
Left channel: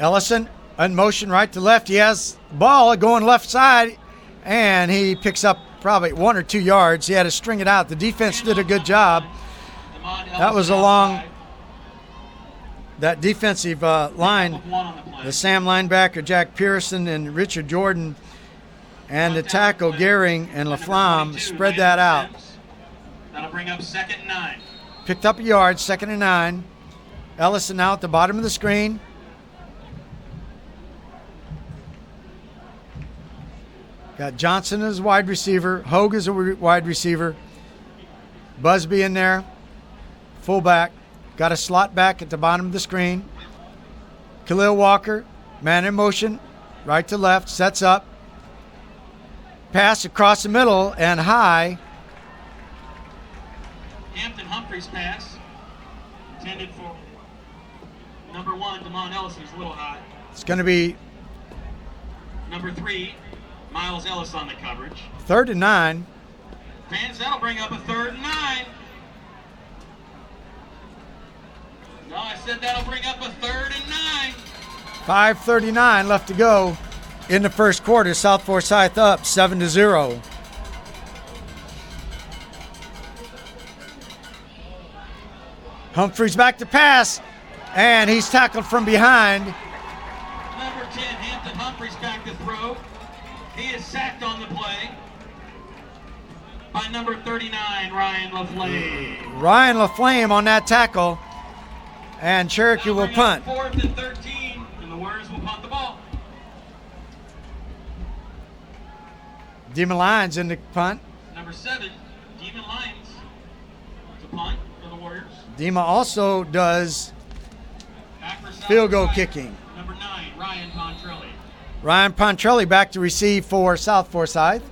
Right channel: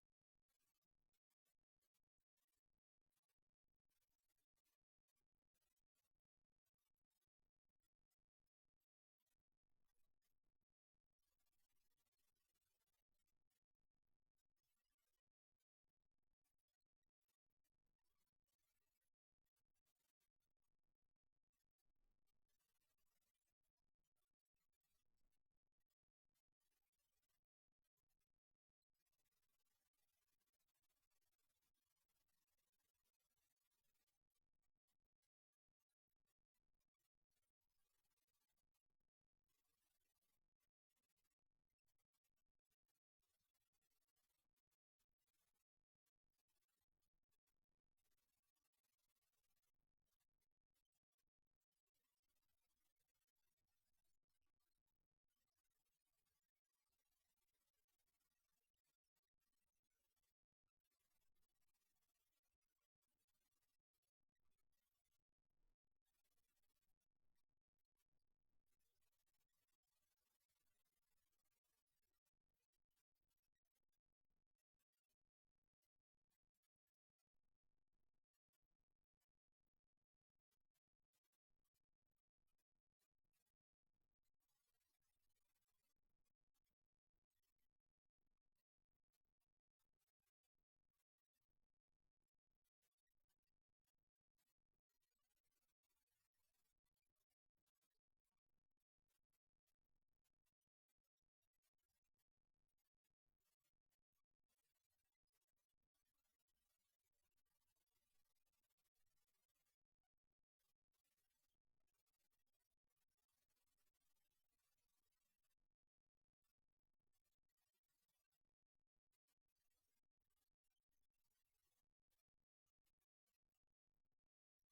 Ellison in motion right to left. He has ball going left side, and he picks up probably 1 or 2 yards. He had to string it out. The defense did a good job. That was along that defensive line. The Sam linebacker, Jack Pearson, and Richard Jordan, and the tackle, Gehring and LaFlamme, spread that out. That'll bring up 2nd and 9. Picked up a yard, 2nd and 9. Ellison now at the bottom of the screen. Got Johnson as wide receiver. Hogue as a wide receiver. Busby in there. Fullback. Got a slot back at the bottom of the screen. Khalil Walker, man in motion. Right to left. Sets up. Pass across the middle and high. Hampton Humphrey's pass. Intended for number 1, Damon Ellison's a little high. It's going to be Number 3, Miles Ellis on the coverage. 3rd and 9. Fans, that'll bring up a 3rd and 9. No, I said that'll bring up a 3rd and 9. 5:39 left to go in the first quarter. South Forsyth up 7-0. Humphreys back to pass, and he's tackled from behind. Number 10, Hampton Humphrey's back to throw. He is sacked on the play by number 39, Ryan LaFlame. Ryan LaFlame on that tackle, and Cherokee will That'll bring punt. up 4th and 13, and the Warriors will punt the ball. Demon Lyons in the punt. Number 7, Demon Lyons to punt for the Warriors. Dima also does Back for South field goal Forsyth, kicking. Number 9, Ryan Pontrelli. Ryan Pontrelli back to receive for South Forsyth.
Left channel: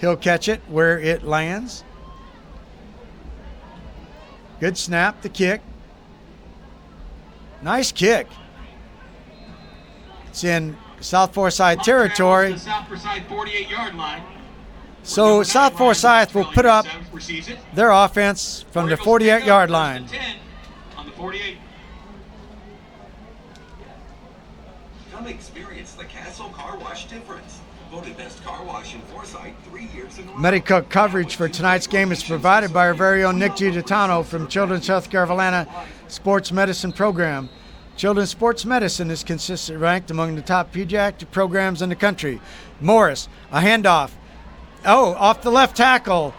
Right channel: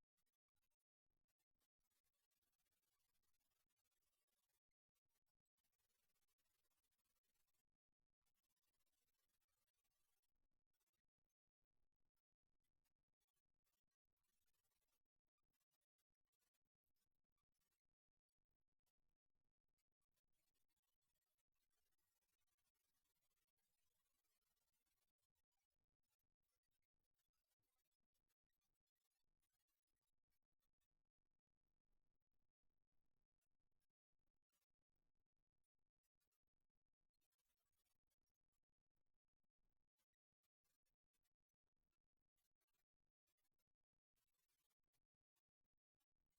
He'll catch it where it lands. Good snap, the kick. Nice kick. It's in South Forsyth territory. The South Forsyth 48-yard line. So South Forsyth will put up Receives it. their offense from the 48-yard line. 10 on the 48. Come experience the Castle Car Wash difference. Voted best car wash in Forsyth 3 years in a row. Medical coverage for tonight's game is provided by our very own Nick Giuditano from Children's Healthcare of Atlanta Sports Medicine Program. Children's Sports Medicine is consistently ranked among the top pediatric programs in the country. Morris, a handoff. Oh, off the left tackle.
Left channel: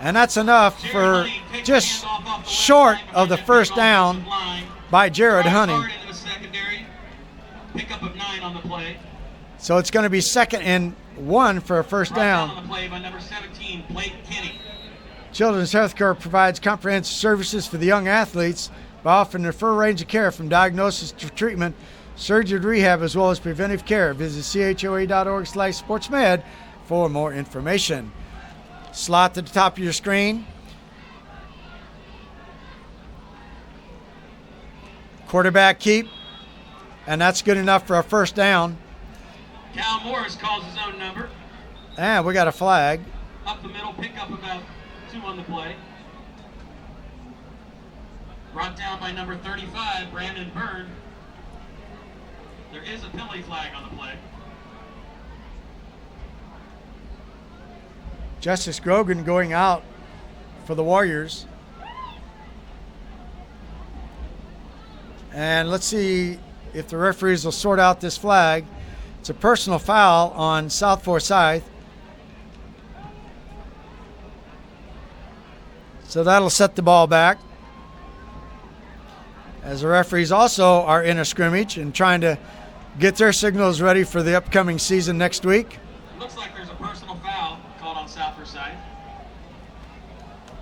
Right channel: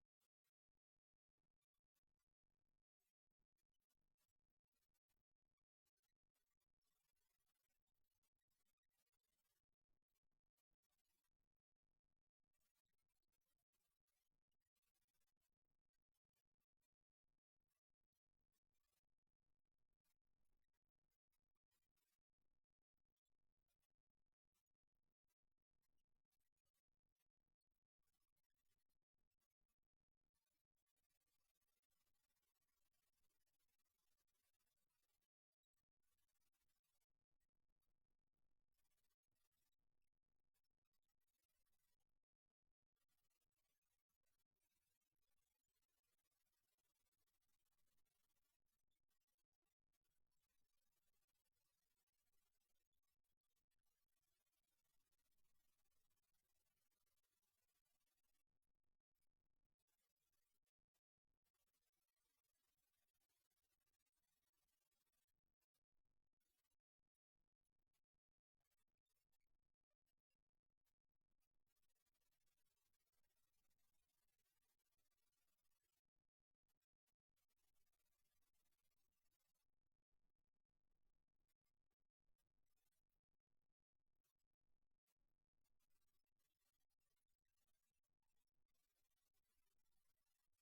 And that's enough for just short of the first down by Jared Honey. Pickup of 9 on the play. So it's going to be 2nd and 1 for a first down. On the play by number 17, Blake Kenny. Children's Healthcare provides comprehensive services for the young athletes by offering a full range of care from diagnosis to treatment, surgery to rehab, as well as preventive care. Visit choa.org/sportsmed for more information. Slot to the top of your screen. Quarterback keep. and that's good enough for a first down. Cal Morris calls his own number. And we got a flag. Up the middle, pick up about 2 on the play. Brought down by number 35, Brandon Byrne. There is a penalty flag on the play. Justice Grogan going out for the Warriors. And let's see if the referees will sort out this flag. It's a personal foul on South Forsyth. So that'll set the ball back. As the referees also are in a scrimmage and trying to get their signals ready for the upcoming season next week. Looks like there's a personal foul called on South Forsyth.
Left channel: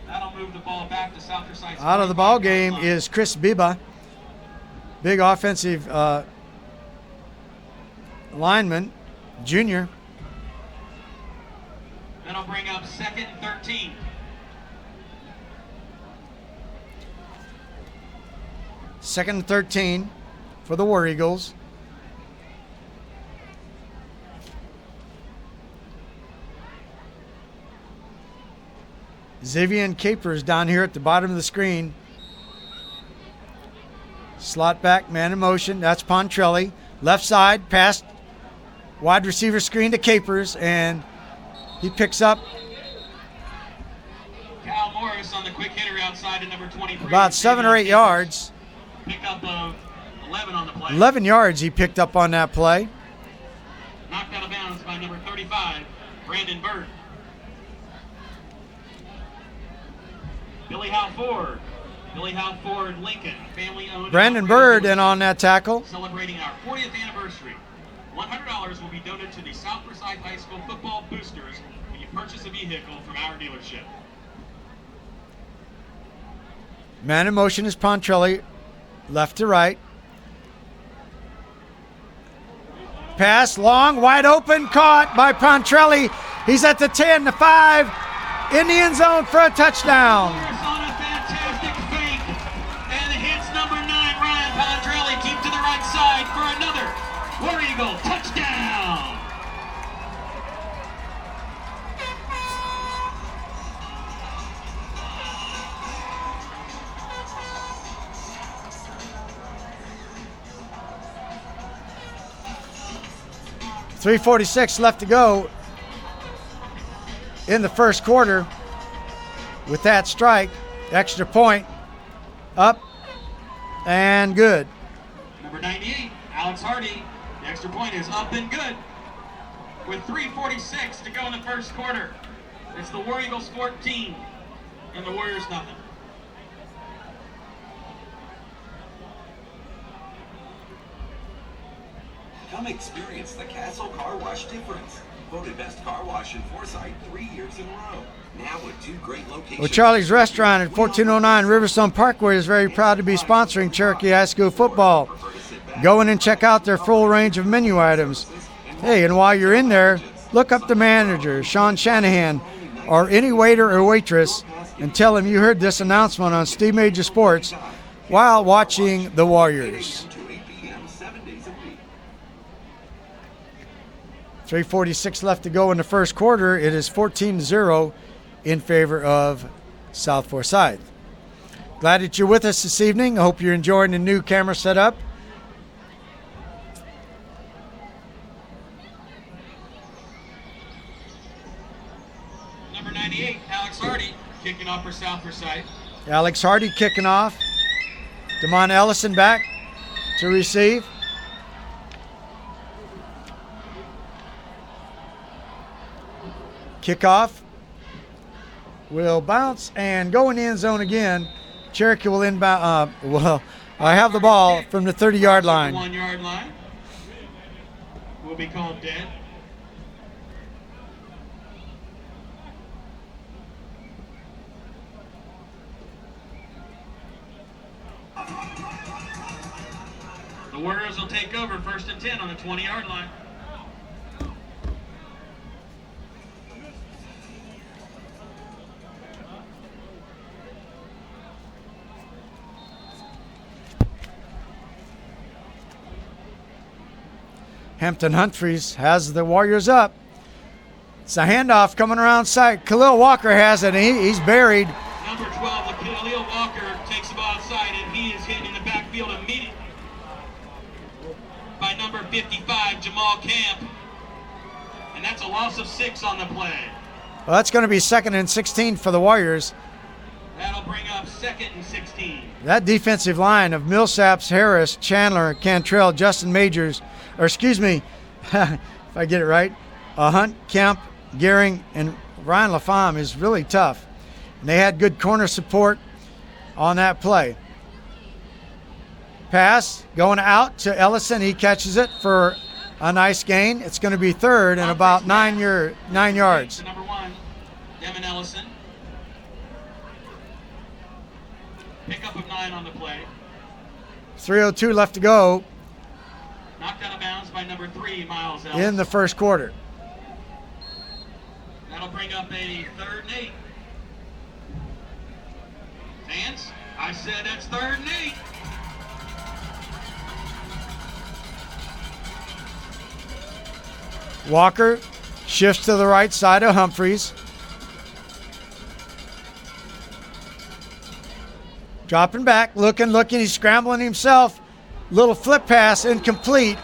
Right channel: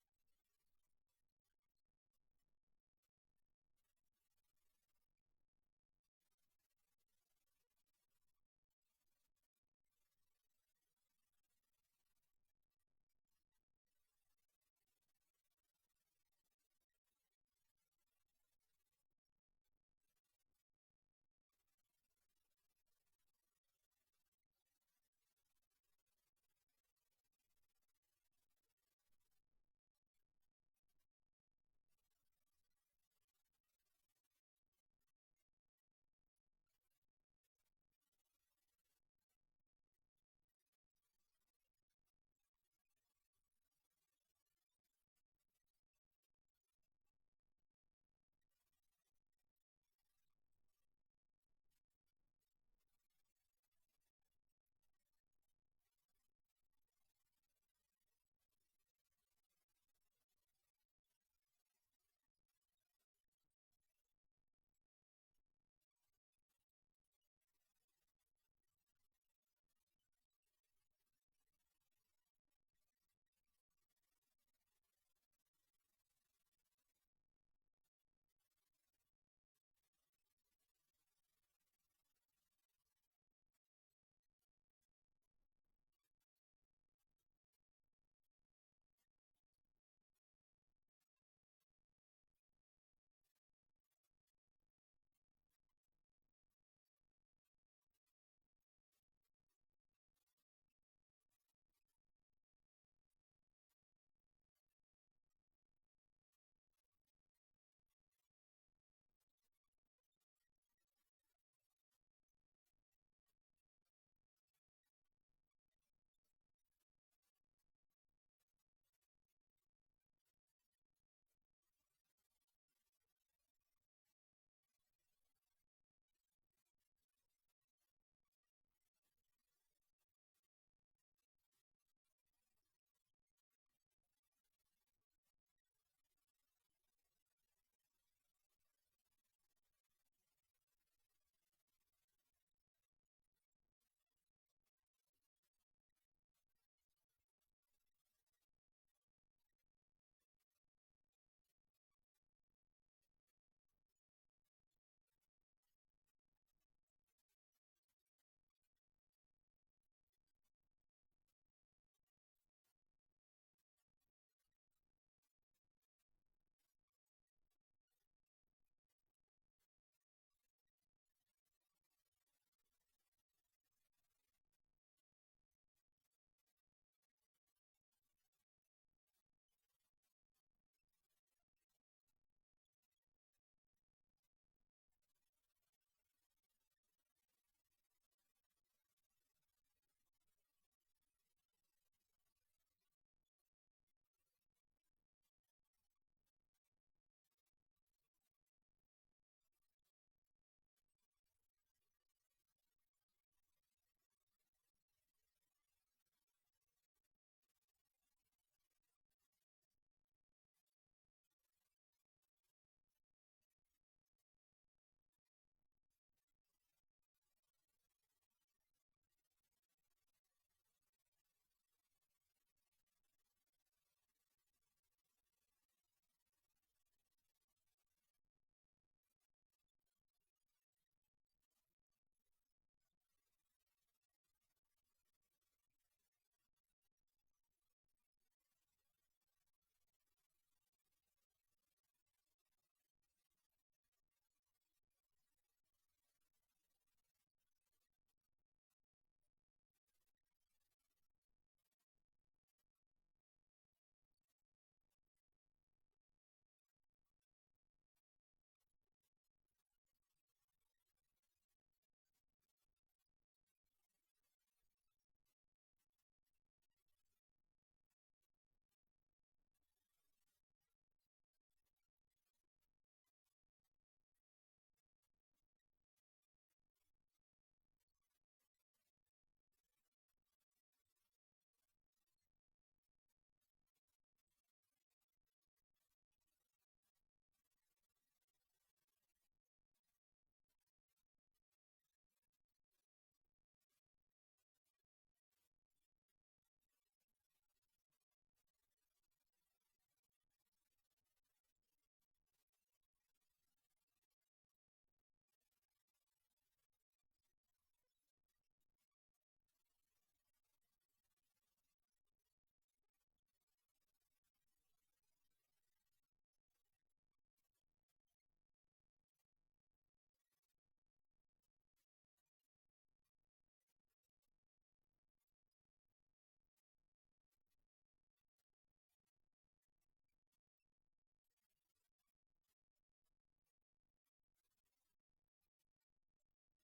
That'll move the ball back to South Forsyth. Out of the ball game is Chris Biba, big offensive lineman, junior. That'll bring up 2nd and 13. Second and 13 for the War Eagles. Xavier Capers down here at the bottom of the screen. Slot back, man in motion. That's Pontrelli. Left side, past wide receiver screen to Capers, and he picks up Cal Morris on the quick hitter outside to number 23. about 7 or 8 yards. Pick up of 11 on the play. 11 yards he picked up on that play. Knocked out of bounds by number 35, Brandon Byrne. Billy Howe Ford. Billy Howe Ford Lincoln, family-owned. Brandon Bird in on that tackle. Celebrating our 40th anniversary. $100 will be donated to the South Forsyth High School football boosters when you purchase a vehicle from our dealership. Man in motion is Pontrelli, left to right. Pass long, wide open, caught by Pontrelli. He's at the 10, the 5, in the end zone for a touchdown. Morris on a fantastic fake and hits number 9, Ryan Pontrelli, deep to the right side for another War Eagle touchdown. .346 left to go in the first quarter. With that strike, extra point, up and good. Number 98, Alex Hardy. The extra point is up and good. With 3:46 to go in the first quarter, it's the War Eagles 14 and the Warriors nothing. Come experience the Castle Car Wash difference. Voted best car wash in Forsyth 3 years in a row. Now with 2 great locations. Well, Charlie's Restaurant at 1409 Riverstone Parkway is very proud to be sponsoring Cherokee High School football. Go in and check out their full range of menu items. Hey, and while you're in there, look up the manager, Sean Shanahan, or any waiter or waitress, and tell him you heard this announcement on Steve Major Sports while watching the Warriors. 3:46 left to go in the first quarter. It is 14-0 in favor of South Forsyth. Glad that you're with us this evening. I hope you're enjoying the new camera setup. Number 98, Alex Hardy, kicking off for South Forsyth. Alex Hardy kicking off. Damon Ellison back to receive. Kickoff will bounce and go in the end zone again. Cherokee will inbound. I have the ball from the 30-yard line. 1-yard line will be called dead. The Warriors will take over 1st and 10 on the 20-yard line. Hampton Humphreys has the Warriors up. It's a handoff coming around side. Khalil Walker has it, and he's buried. Number 12, Khalil Walker, takes the ball outside, and he is hit in the backfield immediately by number 55, Jamal Camp. And that's a loss of 6 on the play. Well, that's going to be 2nd and 16 for the Warriors. That'll bring up 2nd and 16. That defensive line of Millsaps, Harris, Chandler, Cantrell, Justin Majors, or excuse me, if I get it right, Hunt, Kemp, Gehring, and Ryan LaFamme is really tough. And they had good corner support on that play. Pass going out to Ellison. He catches it for a nice gain. It's going to be 3rd and about 9 yards. Number 1, Devin Ellison. Pickup of 9 on the play. 3:02 left to go Knocked out of bounds by number 3, Miles Ellis. in the first quarter. That'll bring up a 3rd and 8. Vance, I said that's 3rd and 8. Walker shifts to the right side of Humphreys. Dropping back, looking, he's scrambling himself. Little flip pass, incomplete,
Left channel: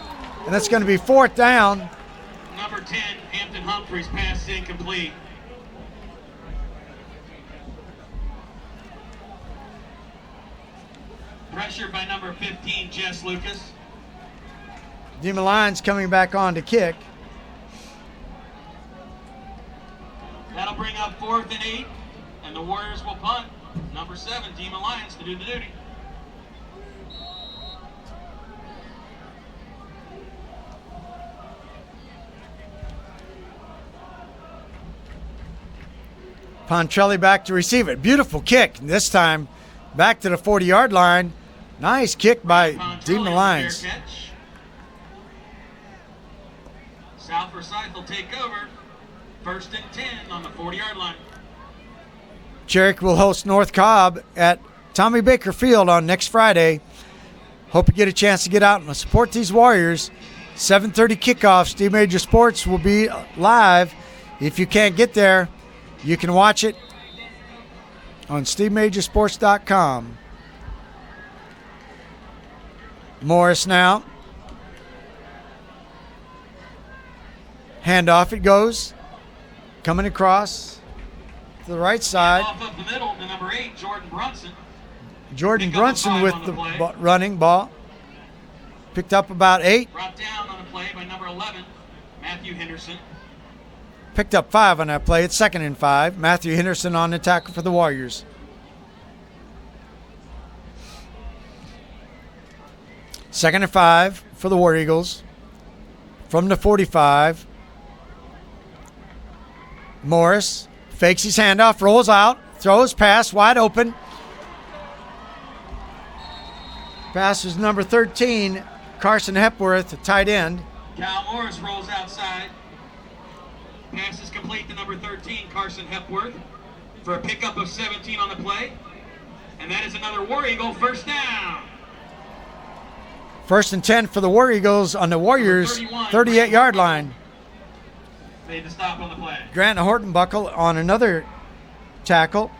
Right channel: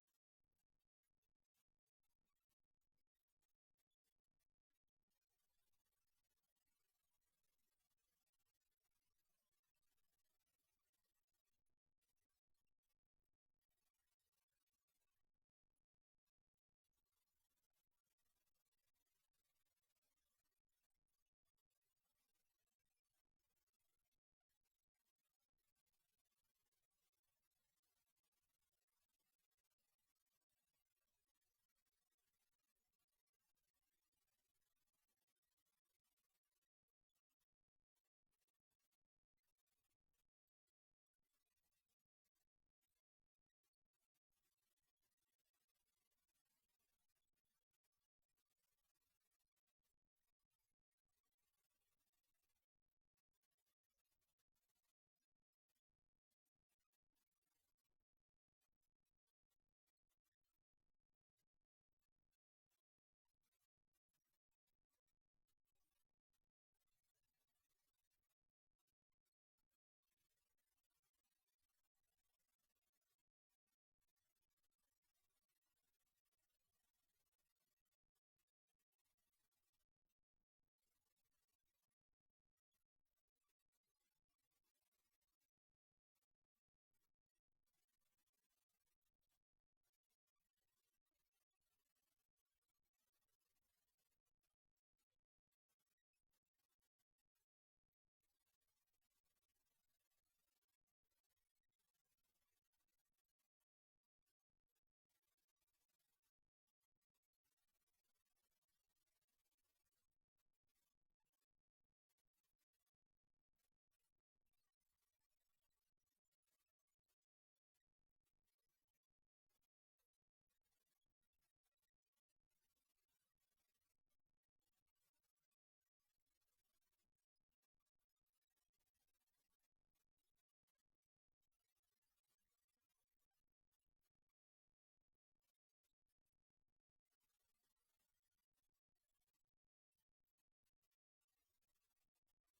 and that's going to be 4th down. Number 10, Hampton Humphreys, pass incomplete. Pressure by number 15, Jess Lucas. Dima Lyons coming back on to kick. That'll bring up 4th and 8, and the Warriors will punt. Number 7, Dima Lyons, to do the duty. Pontrelli back to receive it. Beautiful kick. This time back to the 40-yard line. Nice kick by Dima Lyons. Fair catch. South Forsyth will take over. 1st and 10 on the 40-yard line. Cherokee will host North Cobb at Tommy Baker Field on next Friday. Hope you get a chance to get out and support these Warriors. 7:30 kickoff. Steve Major Sports will be live. If you can't get there, you can watch it on SteveMajorSports.com. Morris now. Handoff it goes. Coming across to the right side. Off up the middle to number 8, Jordan Brunson. Jordan Pick up a Brunson 5 with on the the play. running ball. Picked up about 8. Brought down on the play by number 11, Matthew Henderson. Picked up 5 on that play. It's 2nd and 5. Matthew Henderson on the tackle for the Warriors. Second and 5 for the War Eagles. From the 45. Morris fakes his handoff, rolls out, throws, pass, wide open. Pass is number 13, Carson Hepworth, tight end. Cal Morris rolls outside. Pass is complete to number 13, Carson Hepworth, for a pickup of 17 on the play. And that is another War Eagle 1st down. 1st and 10 for the War Eagles on the Warriors' 38-yard line. Made the stop on the play. Grant Hortonbuckle on another tackle.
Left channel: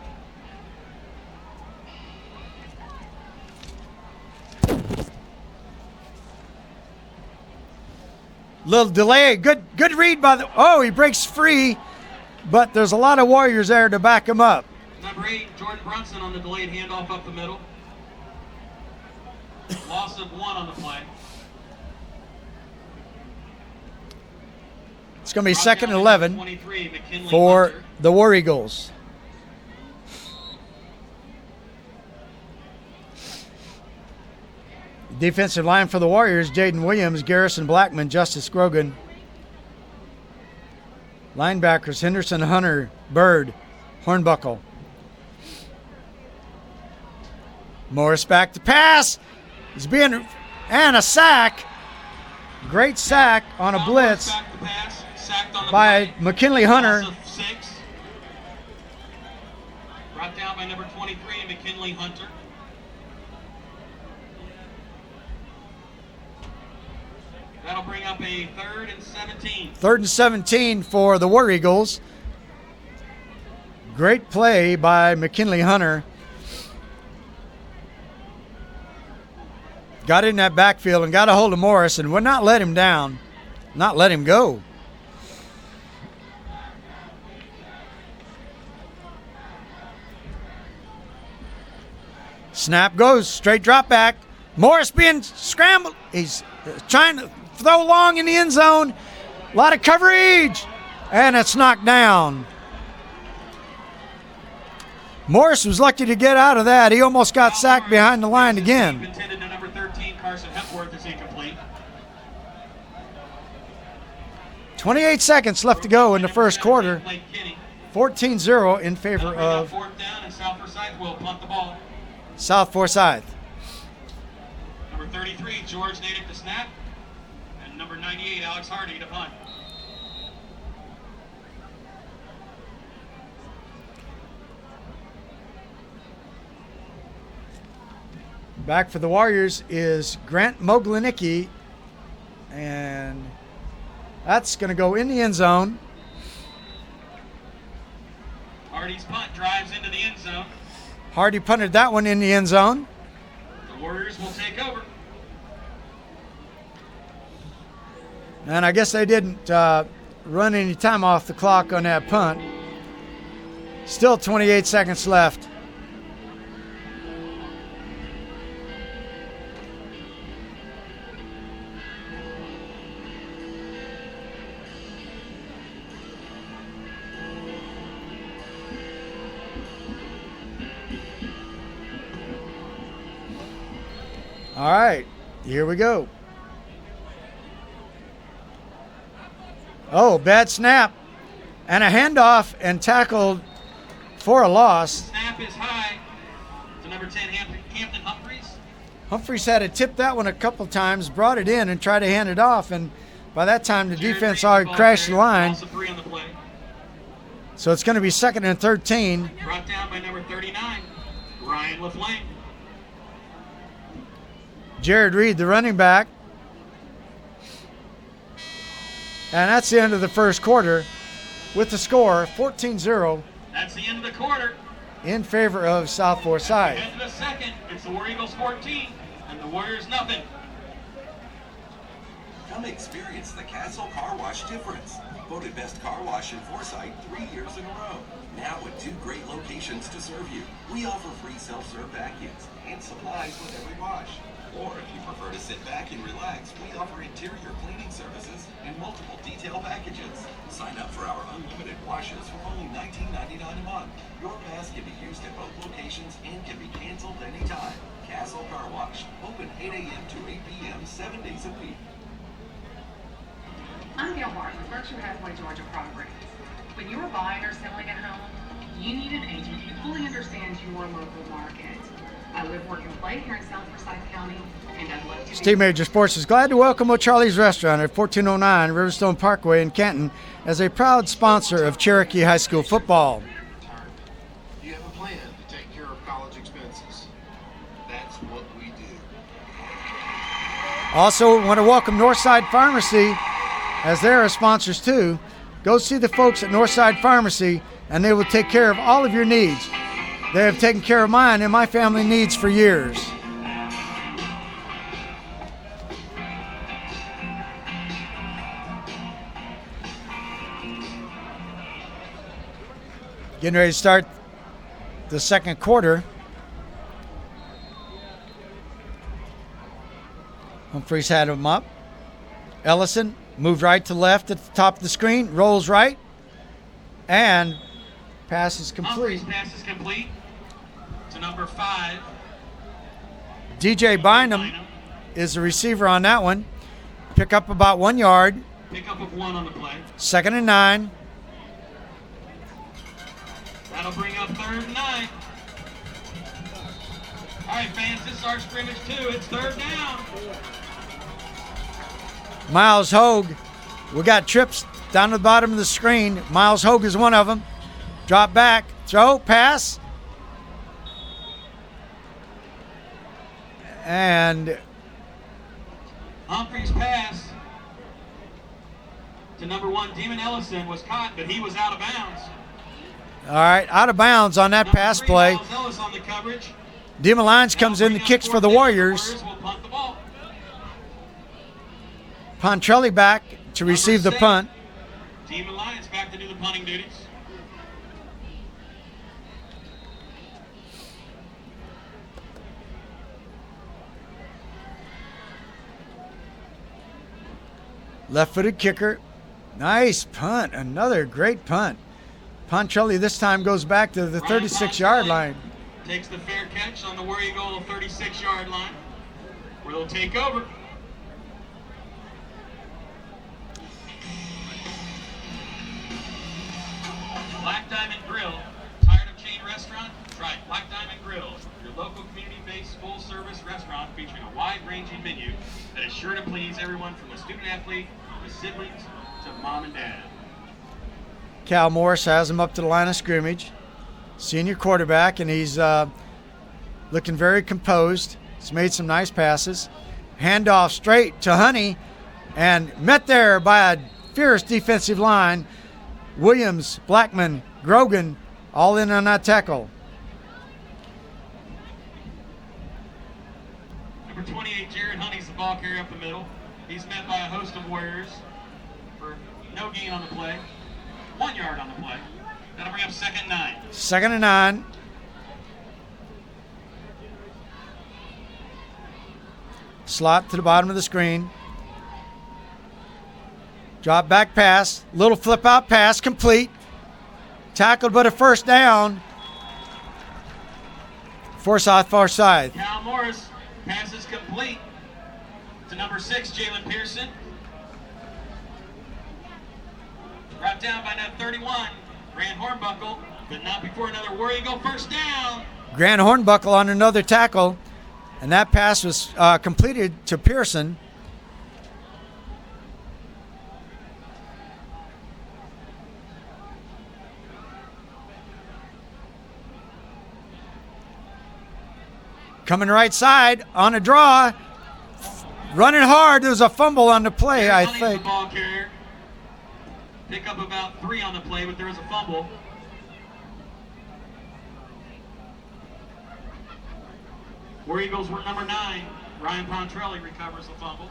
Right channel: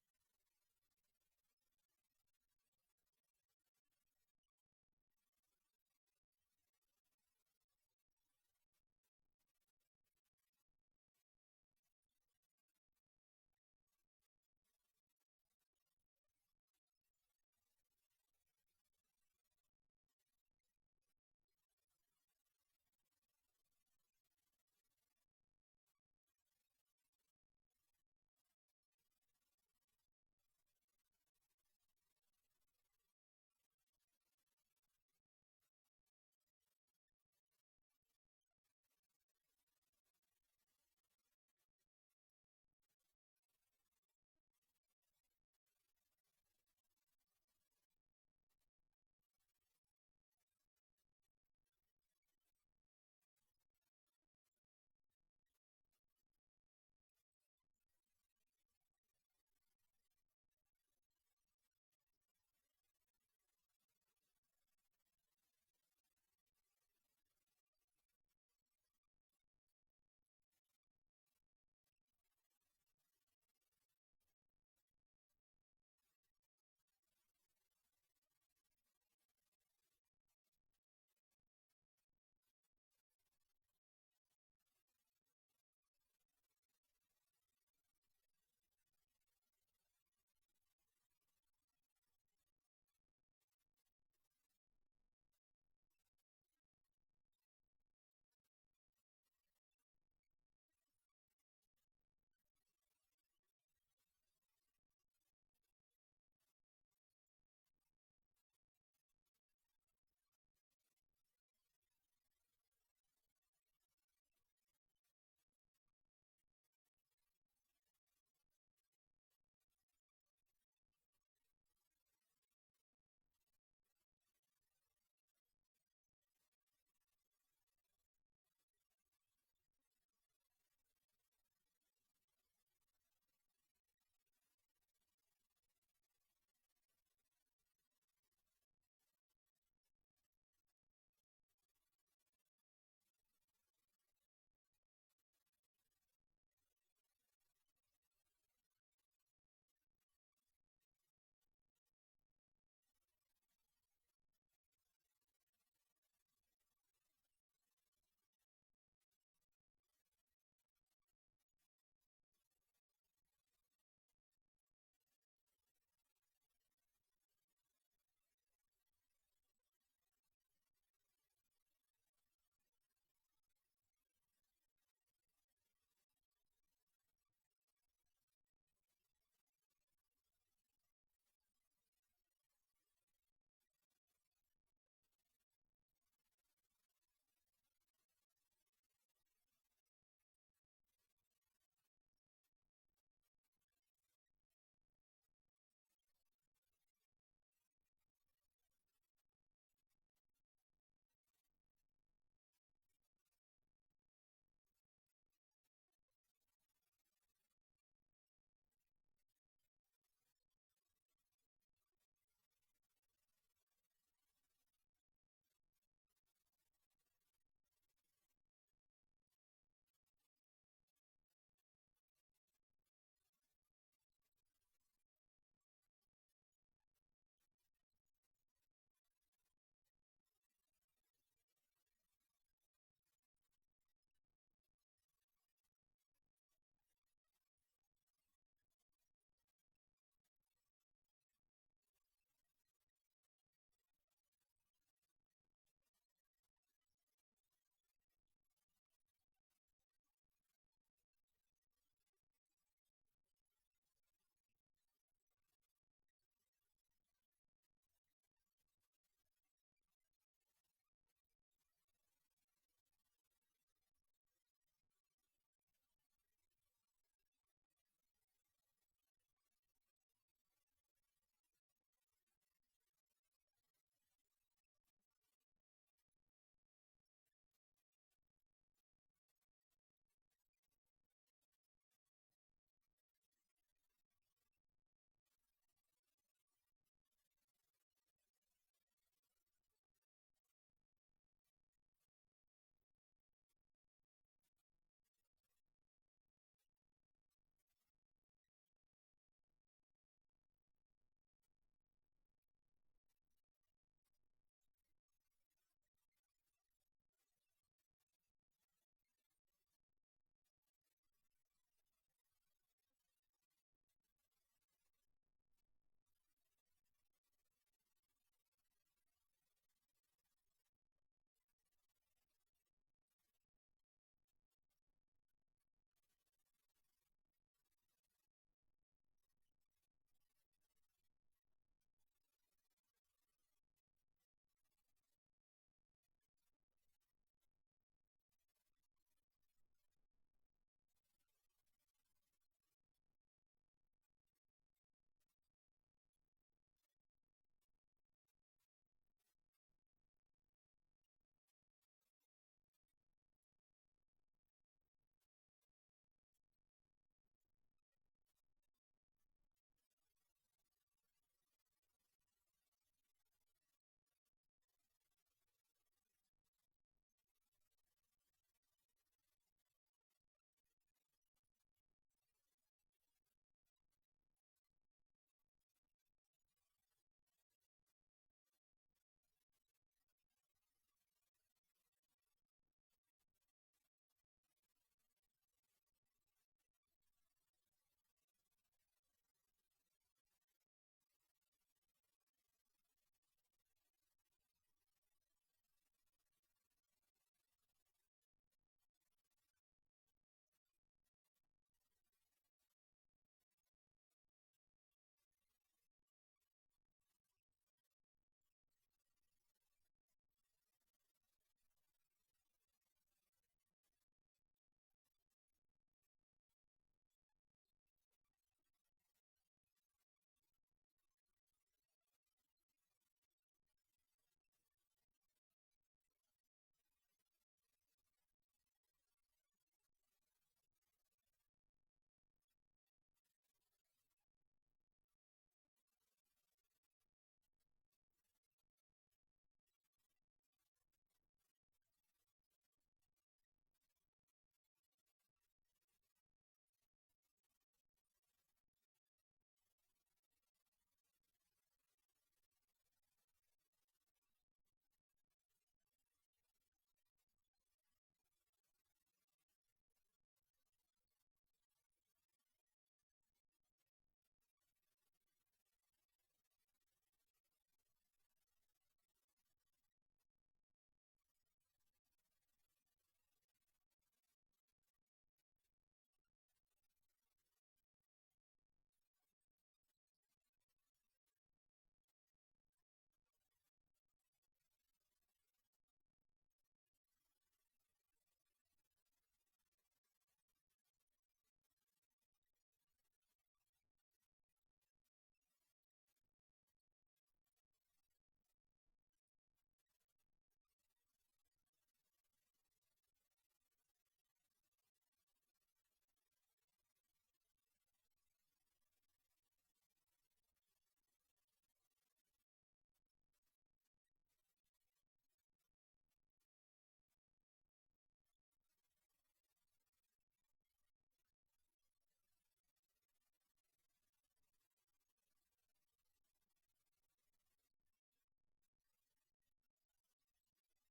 Little delay. Good read by the. Oh, he breaks free, but there's a lot of Warriors there to back him up. Number 8, Jordan Brunson on the delayed handoff up the middle. Loss of 1 on the play. It's going to be Brought 2nd down and by 11 23, McKinley for Hunter. the War Eagles. Defensive line for the Warriors, Jaden Williams, Garrison Blackman, Justice Grogan. Linebackers, Henderson, Hunter, Bird, Hornbuckle. Morris back to pass. He's being, and a sack. Great sack on a blitz Back to pass, sacked on the by play. McKinley Hunter. Loss of 6. Brought down by number 23, McKinley Hunter. That'll bring up a 3rd and 17. 3rd and 17 for the War Eagles. Great play by McKinley Hunter. Got in that backfield and got a hold of Morris and would not let him down, not let him go. Snap goes, straight drop back. Morris being scrambled. He's trying to throw long in the end zone. A lot of coverage, and it's knocked down. Morris was lucky to get out of that. He almost got sacked behind the line again. Intended to number 13, Carson Hepworth, is incomplete. 28 seconds left to go in the first quarter. 14-0 in favor of 4th down, and South Forsyth will punt the ball. South Forsyth. Number 33, George Natick to snap, and number 98, Alex Hardy to punt. Back for the Warriors is Grant Moglanicki, and that's going to go in the end zone. Hardy's punt drives into the end zone. Hardy punted that one in the end zone. The Warriors will take over. And I guess they didn't run any time off the clock on that punt. Still 28 seconds left. All right, here we go. Oh, bad snap. And a handoff and tackled for a loss. Snap is high to number 10, Hampton Humphreys. Humphreys had to tip that one a couple times, brought it in and tried to hand it off, and by that time the defense already crashed the line. Also 3 on the play. So it's going to be 2nd and 13. Brought down by number 39, Ryan LaFlame. Jared Reed, the running back. And that's the end of the first quarter with the score 14-0 That's the end of the quarter. in favor of South Forsyth. End of the second, it's the War Eagles 14 and the Warriors nothing. Come experience the Castle Car Wash difference. Voted best car wash in Forsyth 3 years in a row. Now with 2 great locations to serve you. We offer free self-serve vacuums and supplies with every wash. Or if you prefer to sit back and relax, we offer interior cleaning services and multiple detail packages. Sign up for our unlimited washes for only $19.99 a month. Your pass can be used at both locations and can be canceled anytime. Castle Car Wash, open 8 a.m. to 8 p.m. 7 days a week. I'm Gail Martin with Berkshire Hathaway Georgia Properties. When you're buying or selling a home, you need an agent who fully understands your local market. I live, work, and play here in South Forsyth County, and I'd love to Steve Major Sports is glad to welcome O'Charlie's Restaurant at 1409 Riverstone Parkway in Canton as a proud sponsor of Cherokee High School football. Do you have a plan to take care of college expenses? That's what we do. Also, want to welcome Northside Pharmacy as they're our sponsors too. Go see the folks at Northside Pharmacy and they will take care of all of your needs. They have taken care of mine and my family needs for years. Getting ready to start the second quarter. Humphreys had him up. Ellison moved right to left at the top of the screen, rolls right, and pass is complete. Humphreys pass is complete to number 5. DJ Bynum is the receiver on that one. Pick up about 1 yard. Pickup of 1 on the play. 2nd and 9. That'll bring up 3rd and 9. All right, fans, this is our scrimmage too. It's 3rd down. Miles Hogue. We got trips down to the bottom of the screen. Miles Hogue is one of them. Drop back, throw, pass. And Humphreys pass to number 1, Demon Ellison, was caught, but he was out of bounds. All right, out of bounds on that Number pass 3, play. Miles Ellis on the coverage. Demon Lions comes in Now and bring kicks up for the 4th down. Warriors. will punt the ball. Pontrelli back to Number receive the 7, punt. Demon Lions back to do the punting duties. Left-footed kicker. Nice punt. Another great punt. Pontrelli this time goes back to the 36-yard line. Takes the fair catch on the War Eagle 36-yard line, where they'll take over. Black Diamond Grill. Tired of chain restaurant? Try Black Diamond Grill, your local community-based full-service restaurant featuring a wide-ranging menu that is sure to please everyone from the student-athlete to siblings to mom and dad. Cal Morris has him up to the line of scrimmage. Senior quarterback, and he's looking very composed. He's made some nice passes. Handoff straight to Honey, and met there by a fierce defensive line. Williams, Blackman, Grogan, all in on that tackle. Number 28, Jared Honey's the ball carrier up the middle. He's met by a host of Warriors for no gain on the play. 1 yard on the play. That'll bring up 2nd and 9. 2nd and 9. Slot to the bottom of the screen. Drop back pass. Little flip out pass complete. Tackled but a first down. Forsyth far side. Cal Morris passes complete to number 6, Jalen Pearson. Brought down by number 31, Grant Hornbuckle, but not before another War Eagle first down. Grant Hornbuckle on another tackle, and that pass was completed to Pearson. Coming right side on a draw, running hard. There's a fumble on the play, I Honey's think. the ball carrier. Pick up about 3 on the play, but there was a fumble. War Eagles were number 9. Ryan Pontrelli recovers the fumble.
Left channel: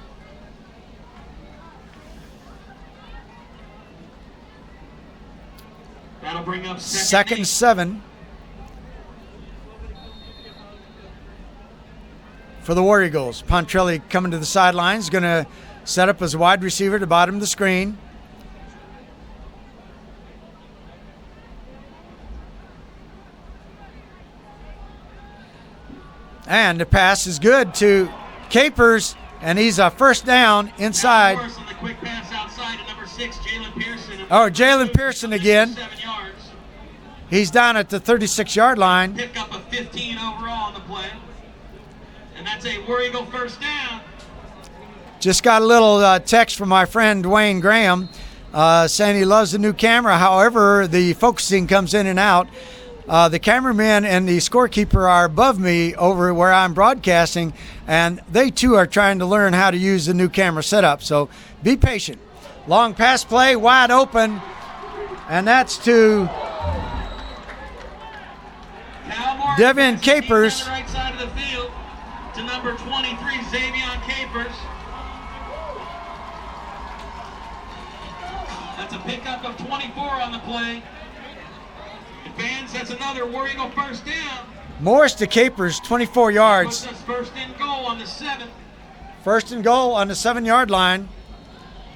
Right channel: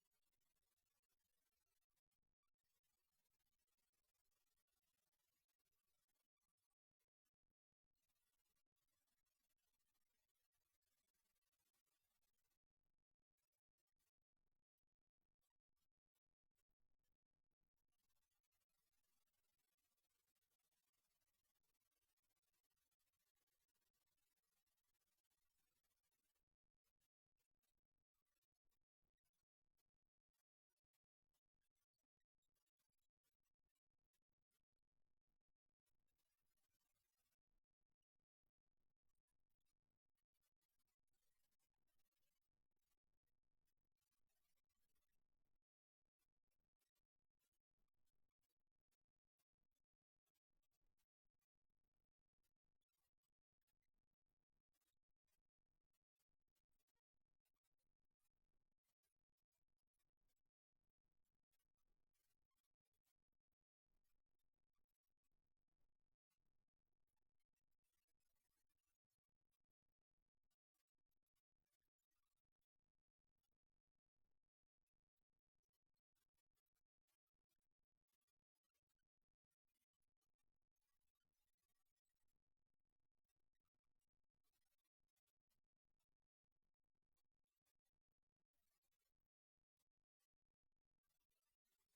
That'll bring up 2nd and 7 for the War Eagles. Pontrelli coming to the sidelines, going to set up as a wide receiver at the bottom of the screen. And the pass is good to Capers, and he's a first down inside. On the quick pass outside to number 6, Jalen Pearson. Oh, Jalen Pearson again. 7 yards. He's down at the 36-yard line. Pick up a 15 overall on the play. And that's a War Eagle first down. Just got a little text from my friend Dwayne Graham saying he loves the new camera. However, the focusing comes in and out. The cameraman and the scorekeeper are above me over where I'm broadcasting, and they too are trying to learn how to use the new camera setup. So be patient. Long pass play, wide open, and that's to Devin Capers. On the right side of the field to number 23, Xavion Capers. That's a pickup of 24 on the play. Fans, that's another War Eagle first down. Morris to Capers, 24 yards. Puts us first and goal on the 7th. First and goal on the 7-yard line.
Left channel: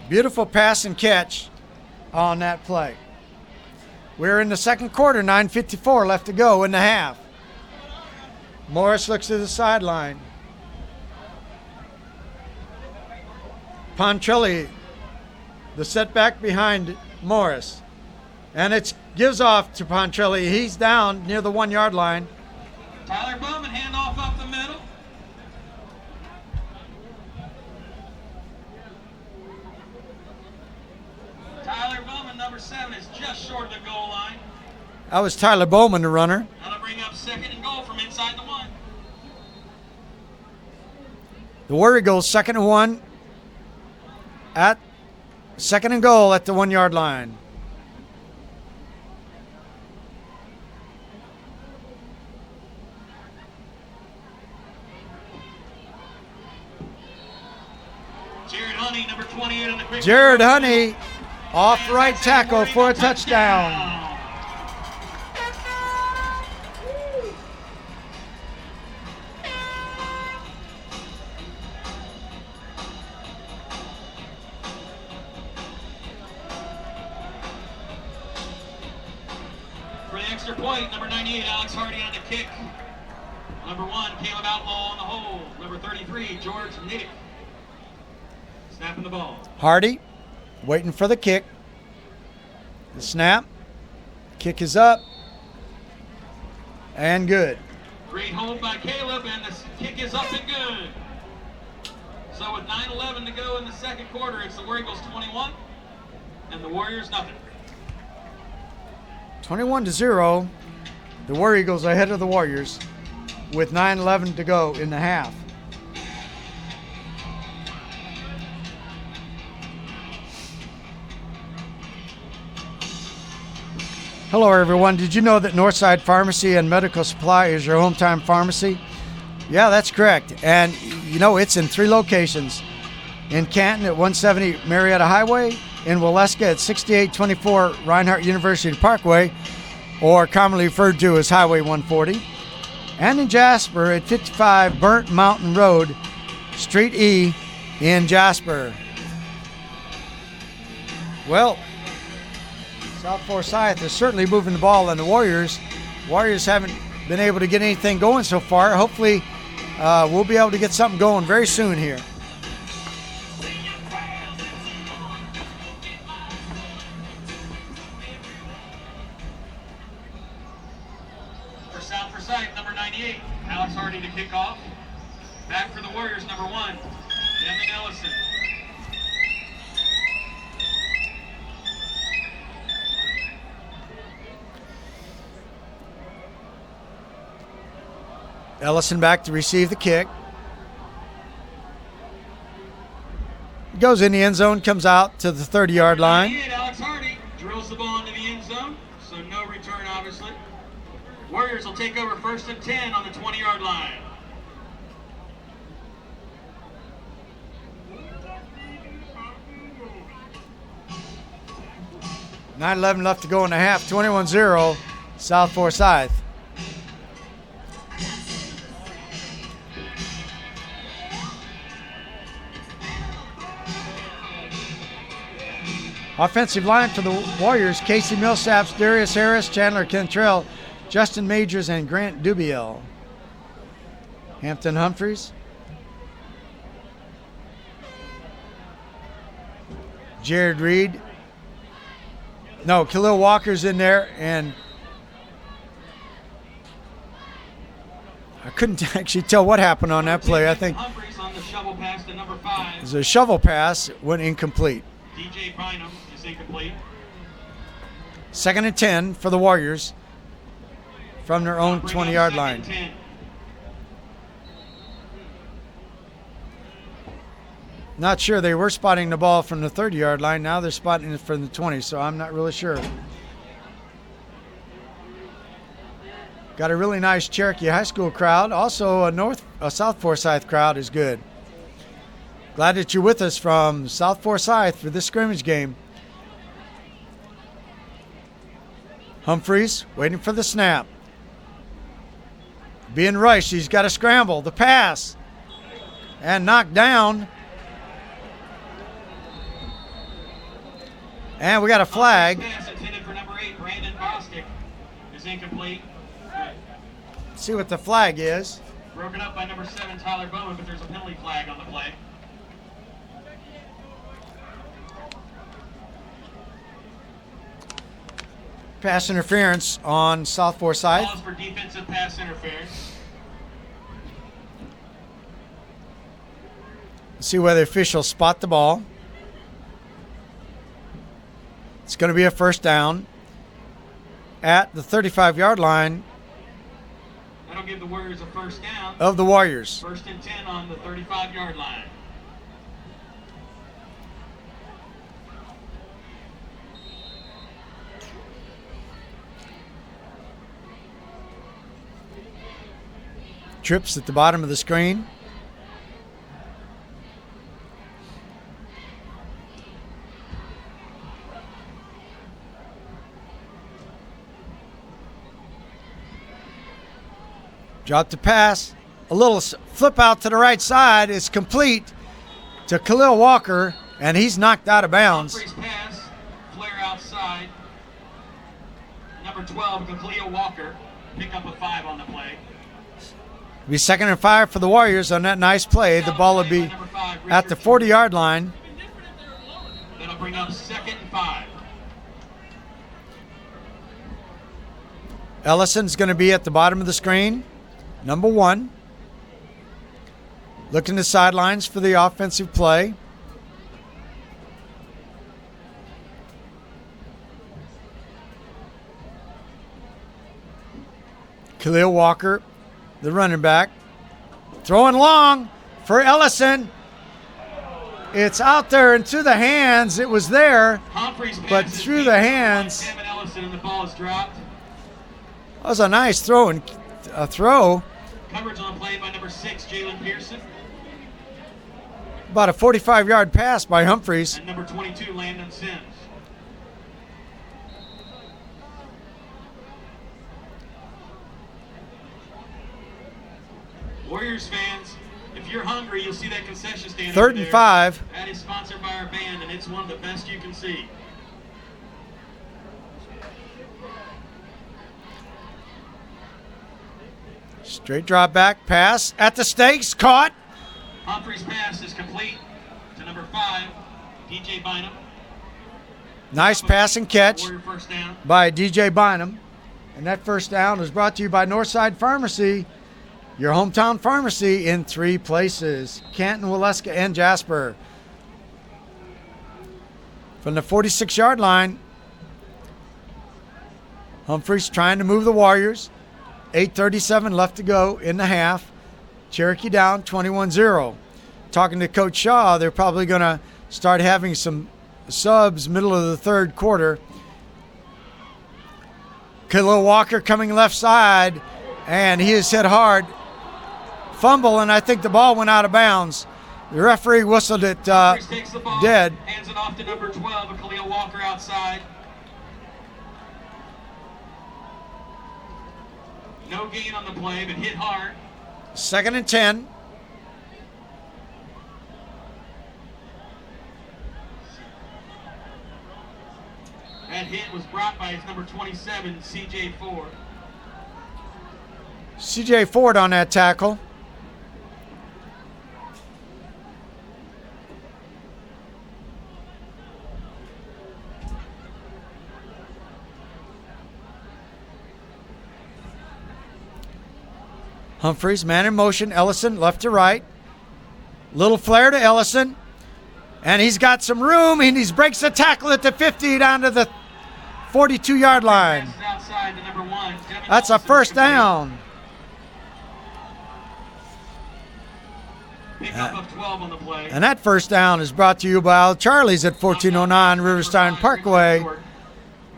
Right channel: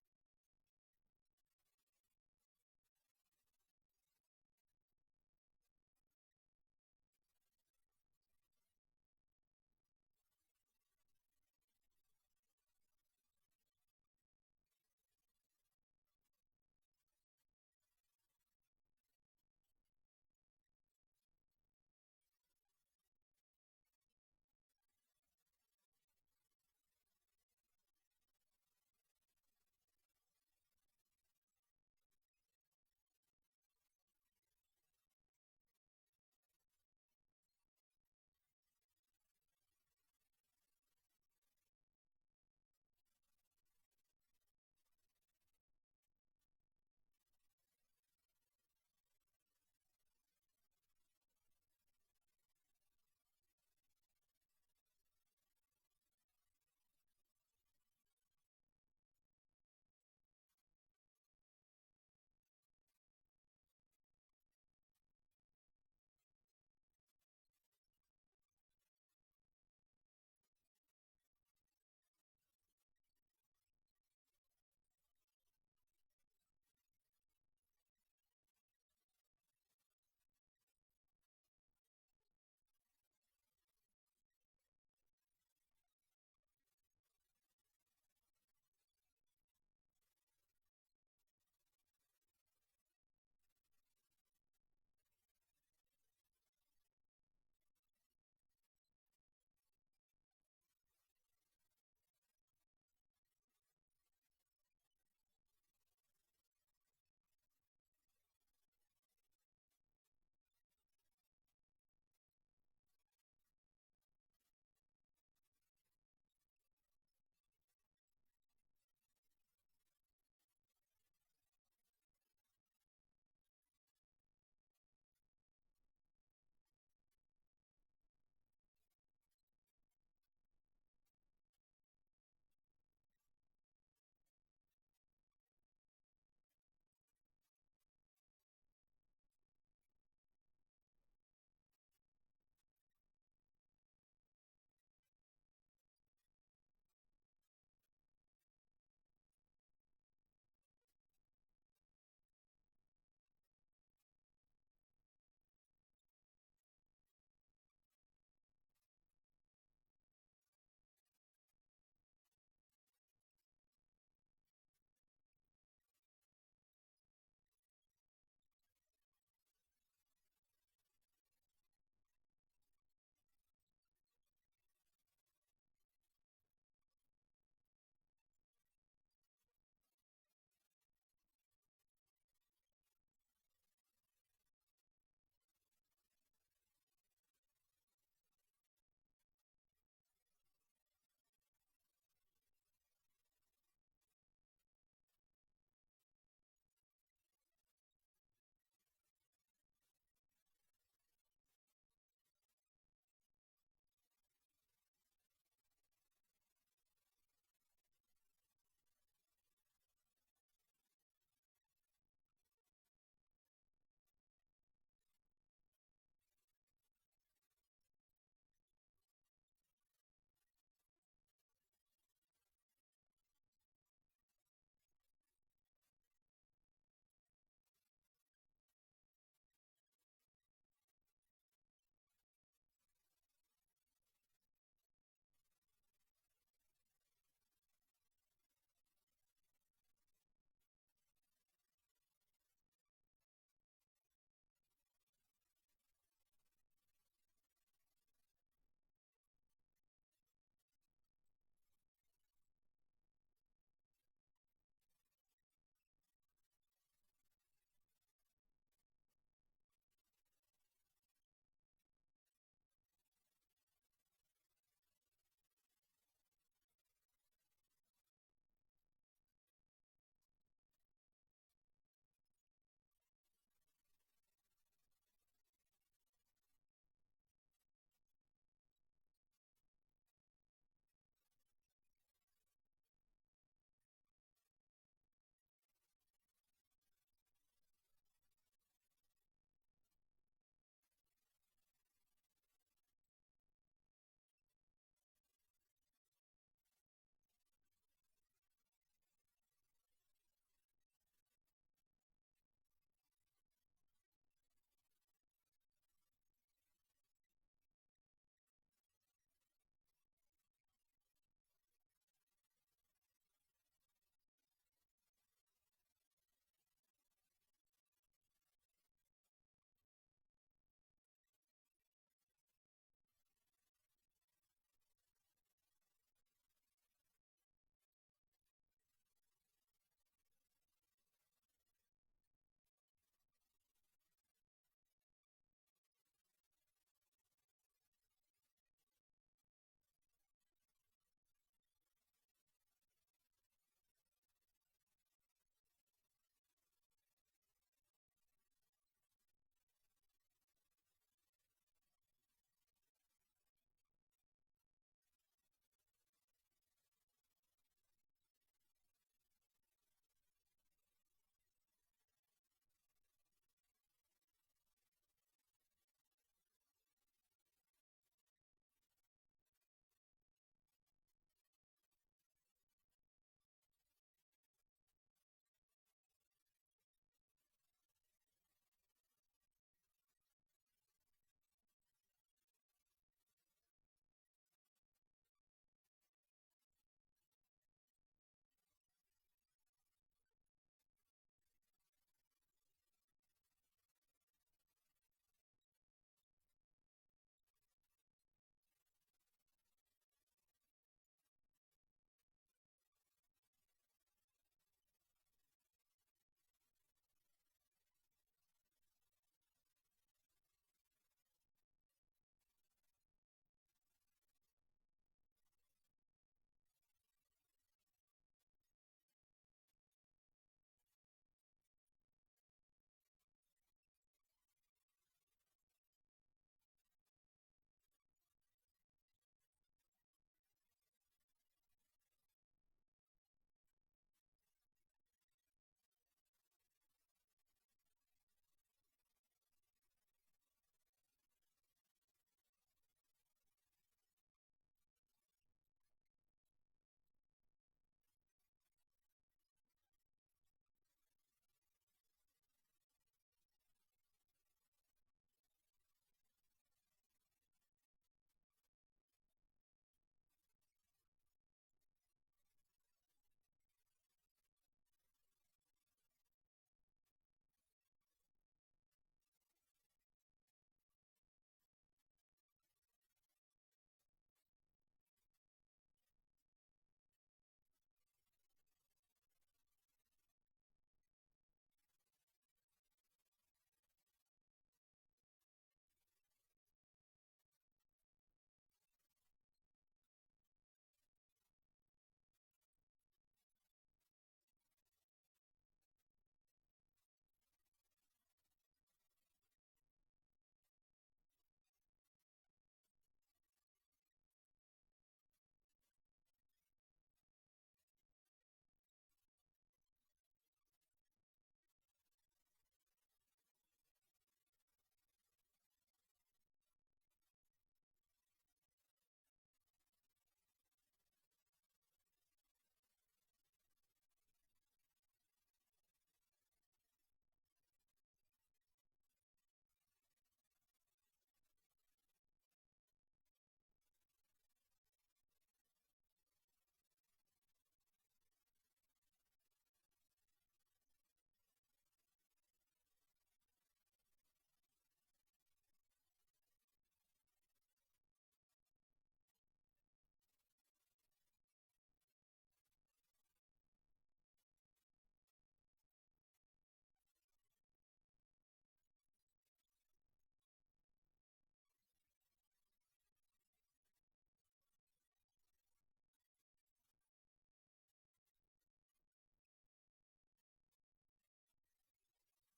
Beautiful pass and catch on that play. We're in the second quarter, 9:54 left to go in the half. Morris looks to the sideline. Pontrelli, the setback behind Morris. And it gives off to Pontrelli. He's down near the 1-yard line. Tyler Bowman, handoff up the middle. Tyler Bowman, number 7, is just short of the goal line. That was Tyler Bowman, the runner. That'll bring up 2nd and goal from inside the 1. The War Eagles 2nd and 1 at Second and goal at the 1 yard line. Jared Honey, number 28 on the quick. Jared Honey off right tackle for a touchdown. For the extra point, number 98, Alex Hardy on the kick. Number 1, Caleb Outlaw on the hold. Number 33, George Niddick. Snapping the ball. Hardy waiting for the kick. The snap. Kick is up. And good. Great hold by Caleb, and the kick is up and good. So with 9:11 to go in the second quarter, it's the War Eagles 21 and the Warriors nothing. 21-0. The War Eagles ahead of the Warriors with 9:11 to go in the half. Hello everyone. Did you know that Northside Pharmacy and Medical Supply is your hometown pharmacy? Yeah, that's correct. And you know, it's in 3 locations. In Canton at 170 Marietta Highway, in Waleska at 6824 Reinhardt University Parkway, or commonly referred to as Highway 140, and in Jasper at 55 Burnt Mountain Road, Street E in Jasper. Well, South Forsyth is certainly moving the ball, and the Warriors haven't been able to get anything going so far. Hopefully, we'll be able to get something going very soon here. For South Forsyth, number 98, Alex Hardy to kick off. Back for the Warriors, number 1, Devin Ellison. Ellison back to receive the kick. Goes in the end zone, comes out to the 30-yard line. Alex Hardy drills the ball into the end zone, so no return, obviously. Warriors will take over 1st and 10 on the 20-yard line. $9:11 left to go in the half. 21-0, South Forsyth. Offensive line for the Warriors: Casey Millsaps, Darius Harris, Chandler Cantrell, Justin Majors, and Grant Dubiel. Hampton Humphreys, Jared Reed. No, Khalil Walker's in there, and I couldn't actually tell what happened on that play. I think Humphreys on the shovel pass to number 5. it was a shovel pass, went incomplete. DJ Bynum is incomplete. 2nd and 10 for the Warriors from their own Bring up 20-yard 2nd line. and 10. Not sure. They were spotting the ball from the 30-yard line. Now they're spotting it from the 20, so I'm not really sure. Got a really nice Cherokee High School crowd. Also a South Forsyth crowd is good. Glad that you're with us from South Forsyth for this scrimmage game. Humphreys waiting for the snap. Being rushed. He's got to scramble. The pass. And knocked down. And we got a flag. Pass intended for number 8, Brandon Bostic, is incomplete. See what the flag is. Broken up by number 7, Tyler Bowen, but there's a penalty flag on the play. Pass interference on South Forsyth. Calls for defensive pass interference. See whether the officials spot the ball. It's going to be a first down at the 35-yard line That'll give the Warriors a first down. of the Warriors. 1st and 10 on the 35-yard line. trips at the bottom of the screen. Drop the pass. A little flip out to the right side is complete to Khalil Walker, and he's knocked out of bounds. Humphreys pass, flare outside. Number 12, Khalil Walker, pick up a 5 on the play. Be 2nd and 5 for the Warriors on that nice play. The ball will be at the 40-yard line. That'll bring up 2nd and 5. Ellison's going to be at the bottom of the screen. Number 1. Looking the sidelines for the offensive play. Khalil Walker, the running back. Throwing long for Ellison. It's out there into the hands. It was there, but through the hands. Ellison, and the ball is dropped. That was a nice throw. Coverage on the play by number 6, Jalen Pearson. About a 45-yard pass by Humphreys. And number 22, Landon Sims. Warriors fans, if you're hungry, you'll see that concession stand. 3rd and 5. That is sponsored by our band, and it's one of the best you can see. Straight drop back pass at the stakes, caught. Humphreys' pass is complete to number 5, DJ Bynum. Nice pass and catch Warrior first down. by DJ Bynum. And that first down is brought to you by Northside Pharmacy, your hometown pharmacy in 3 places, Canton, Waleska, and Jasper. From the 46-yard line, Humphreys trying to move the Warriors. 8:37 left to go in the half. Cherokee down 21-0. Talking to Coach Shaw, they're probably going to start having some subs middle of the 3rd quarter. Khalil Walker coming left side, and he is hit hard. Fumble, and I think the ball went out of bounds. The referee whistled it Takes the ball, dead. hands it off to number 12, Khalil Walker outside. No gain on the play, but hit hard. 2nd and 10. That hit was brought by his number 27, C.J. Ford. C.J. Ford on that tackle. Humphreys, man in motion. Ellison, left to right. Little flare to Ellison. And he's got some room, and he breaks the tackle at the 50 down to the 42-yard line. Outside to number 1, Devin That's a Olsen, first complete. down. Pickup of 12 on the play. And that first down is brought to you by Charlie's at 1409 Riverstein Parkway. And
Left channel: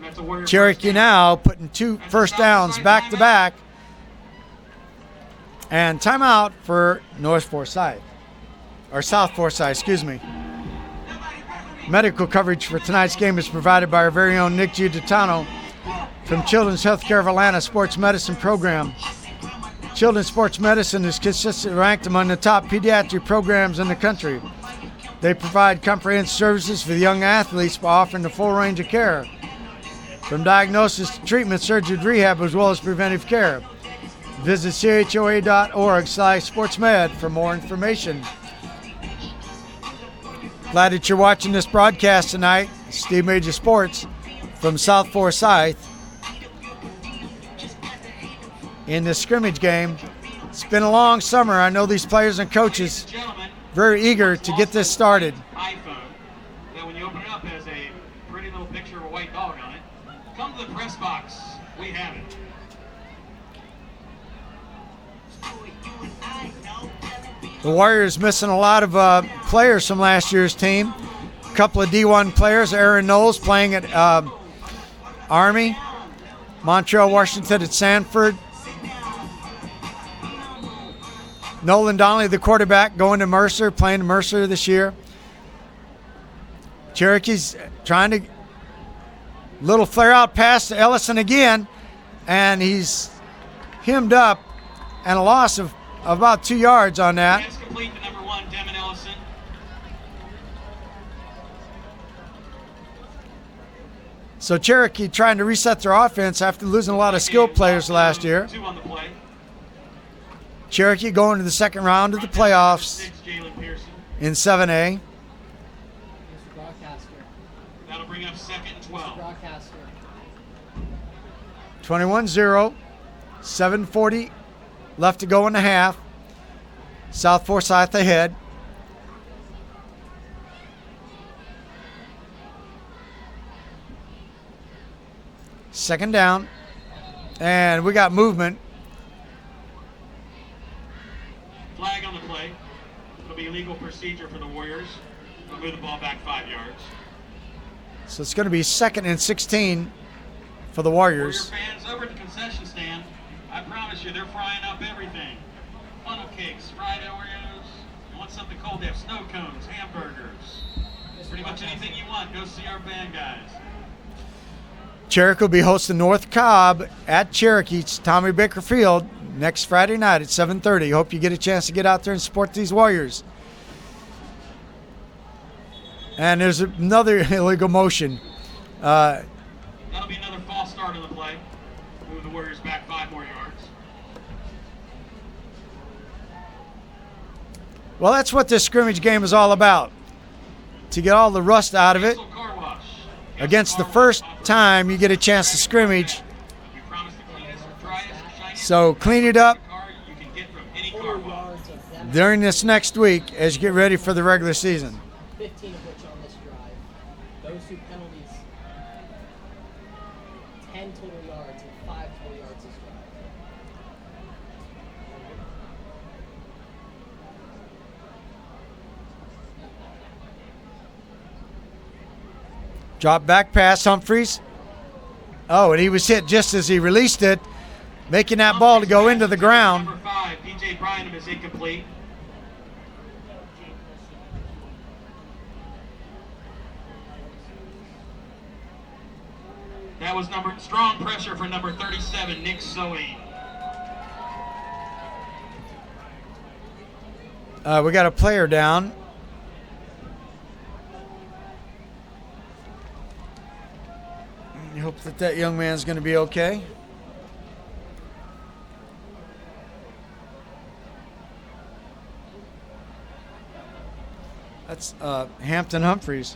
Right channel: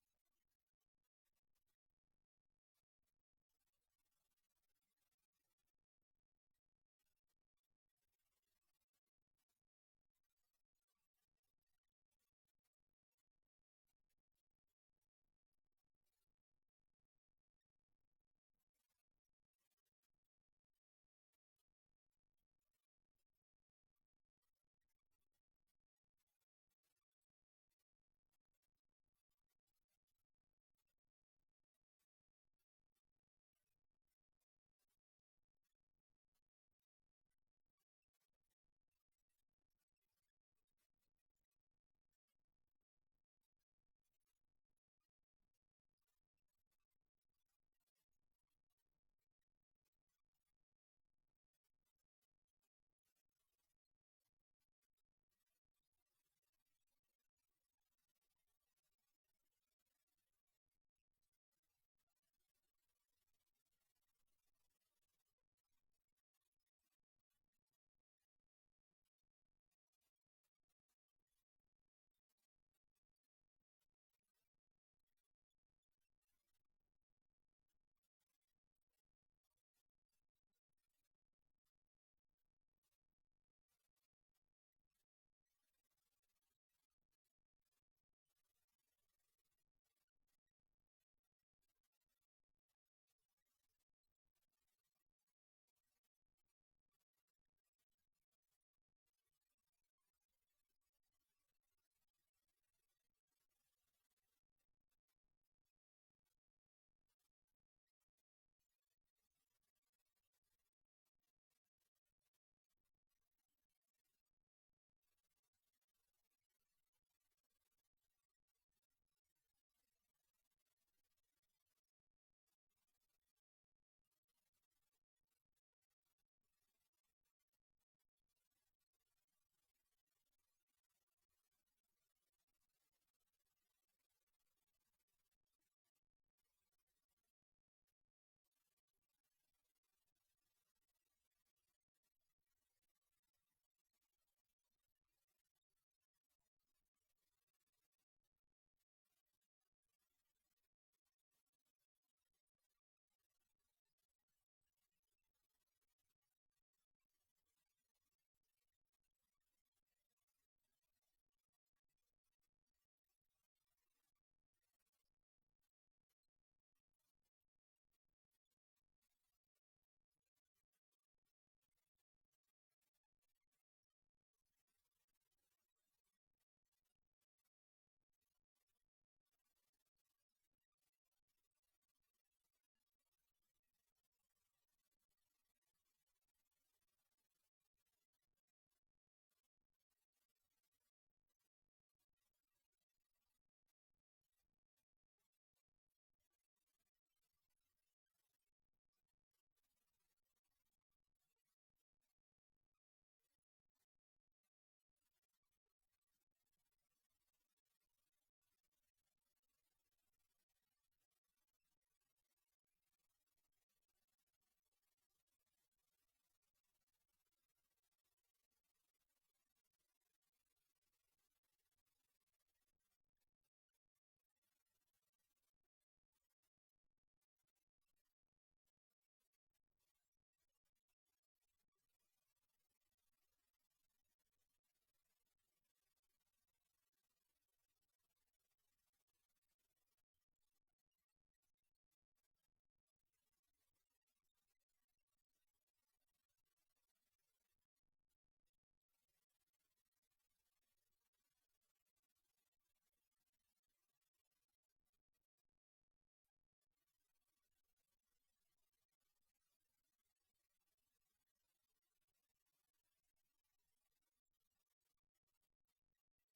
that's a Warrior Cherokee first down. now putting 2 first downs back to back. And timeout for North Forsyth, or South Forsyth, excuse me. Medical coverage for tonight's game is provided by our very own Nick Giuditano from Children's Healthcare of Atlanta Sports Medicine Program. Children's Sports Medicine is consistently ranked among the top pediatric programs in the country. They provide comprehensive services for the young athletes by offering the full range of care, from diagnosis to treatment, surgery to rehab, as well as preventive care. Visit choa.org/sportsmed for more information. Glad that you're watching this broadcast tonight. Steve Major Sports from South Forsyth in the scrimmage game. It's been a long summer. I know these players and coaches very eager to get this started. iPhone that when you open it up has a pretty little picture of a white dog on it. Come to the press box. We have it. The Warriors missing a lot of players from last year's team. A couple of D1 players, Aaron Knowles playing at Army, Montreal Washington at Sanford. Nolan Donnelly, the quarterback, going to Mercer, playing Mercer this year. Cherokee's trying to little flare out pass to Ellison again, and he's hemmed up, and a loss of about 2 yards on that. Pass complete to number 1, Devin Ellison. So Cherokee trying to reset their offense after losing a lot of skilled players last year. 2 on the play. Cherokee going to the second round of the playoffs 6, Jalen Pearson. in 7A. That'll bring up 2nd and 12. 21-0, 7:40 left to go in the half. South Forsyth ahead. Second down, and we got movement. Flag on the play. It'll be legal procedure for the Warriors. They'll move the ball back 5 yards. So it's going to be 2nd and 16 for the Warrior Warriors. fans over at the concession stand, I promise you they're frying up everything. Funnel cakes, fried Oreos. You want something cold, they have snow cones, hamburgers. Pretty much anything you want, go see our band guys. Cherokee will be hosting North Cobb at Cherokee's Tommy Baker Field next Friday night at 7:30. Hope you get a chance to get out there and support these Warriors. And there's another illegal motion. That'll be another false start on the play. Move the Warriors back 5 more yards. Well, that's what this scrimmage game is all about. To get all the rust out of it. Cancel car wash. Against the first time you get a chance to scrimmage. We promise the cleanest, driest, shiniest So clean it up car you can get from any car wash. during this next week as you get ready for the regular season. 15 of which on this drive. Those 2 penalties, 10 total yards and 5 total yards this drive. Drop back pass, Humphreys. Oh, and he was hit just as he released it, making that ball to go into the ground. Number 5, DJ Brynham is incomplete. That was strong pressure for number 37, Nick Soey. We got a player down. I hope that young man's going to be okay. That's Hampton Humphreys.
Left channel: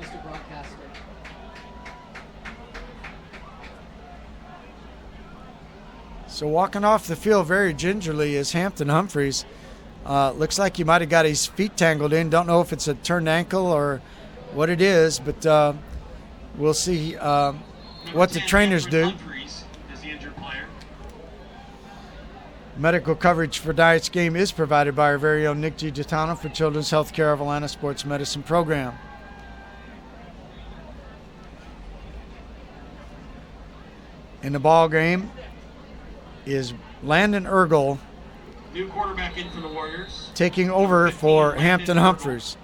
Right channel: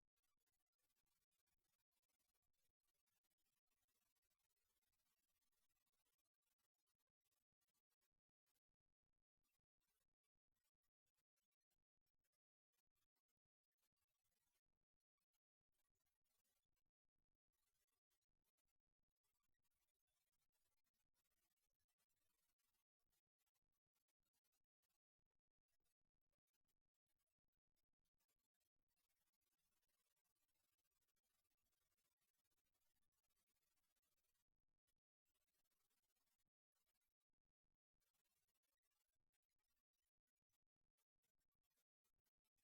Mr. Broadcaster. So walking off the field very gingerly is Hampton Humphreys. Looks like he might have got his feet tangled in. Don't know if it's a turned ankle or what it is, but we'll see what the trainers do. Humphreys is the injured player. Medical coverage for tonight's game is provided by our very own Nick G. Gitano for Children's Healthcare of Atlanta Sports Medicine Program. In the ball game is Landon Ergel New quarterback in for the Warriors. taking over for Hampton Humphreys.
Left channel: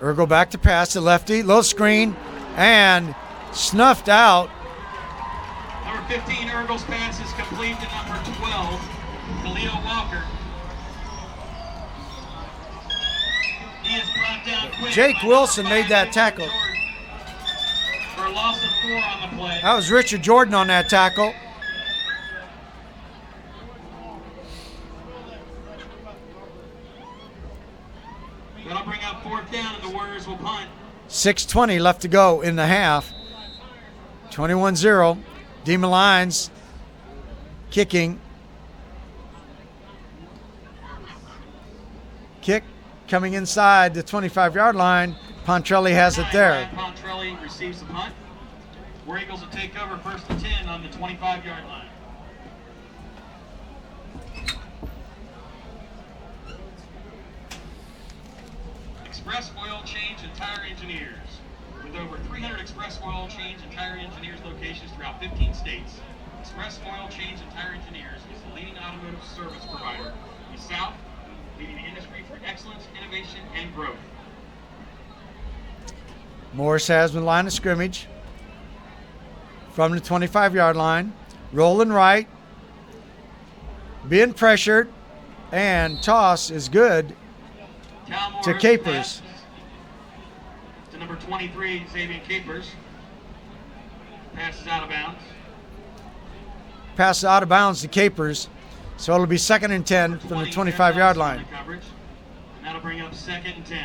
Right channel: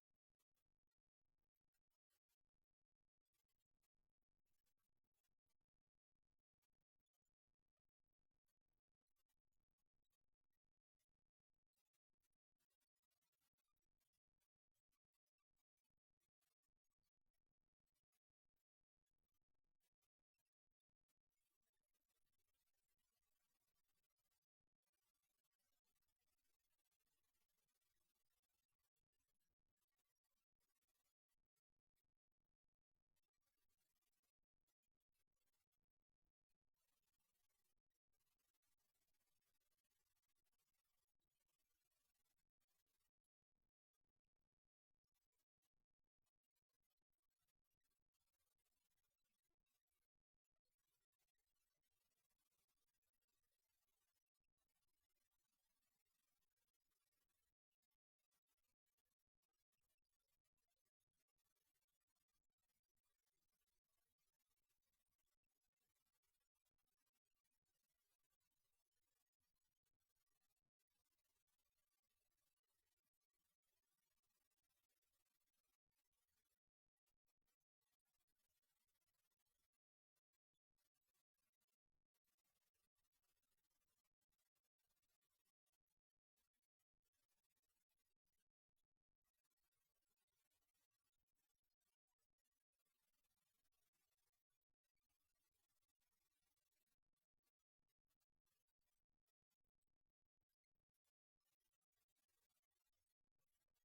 Ergel back to pass to lefty, low screen, and snuffed out. Number 15, Ergel's pass is complete to number 12, Khalil Walker. He is brought down quick Jake by Wilson number 5, made that Richard tackle. Jordan, for a loss of 4 on the play. That was Richard Jordan on that tackle. That'll bring up 4th down, and the Warriors will punt. 6:20 left to go in the half. 21-0. Demon Lions kicking. Kick coming inside the 25-yard line. Pontrelli has it there. Pontrelli receives the punt. War Eagles will take over 1st and 10 on the 25-yard line. Express Oil Change and Tire Engineers. With over 300 Express Oil Change and Tire Engineers locations throughout 15 states, Express Oil Change and Tire Engineers is the leading automotive service provider in the South, leading the industry for excellence, innovation, and growth. Morris has the line of scrimmage from the 25-yard line, rolling right, being pressured, and toss is good to Capers. To number 23, Xavier Capers. Passes out of bounds. Passes out of bounds to Capers, so it'll be 2nd and 10 from the 25-yard line. Coverage, and that'll bring up 2nd and 10.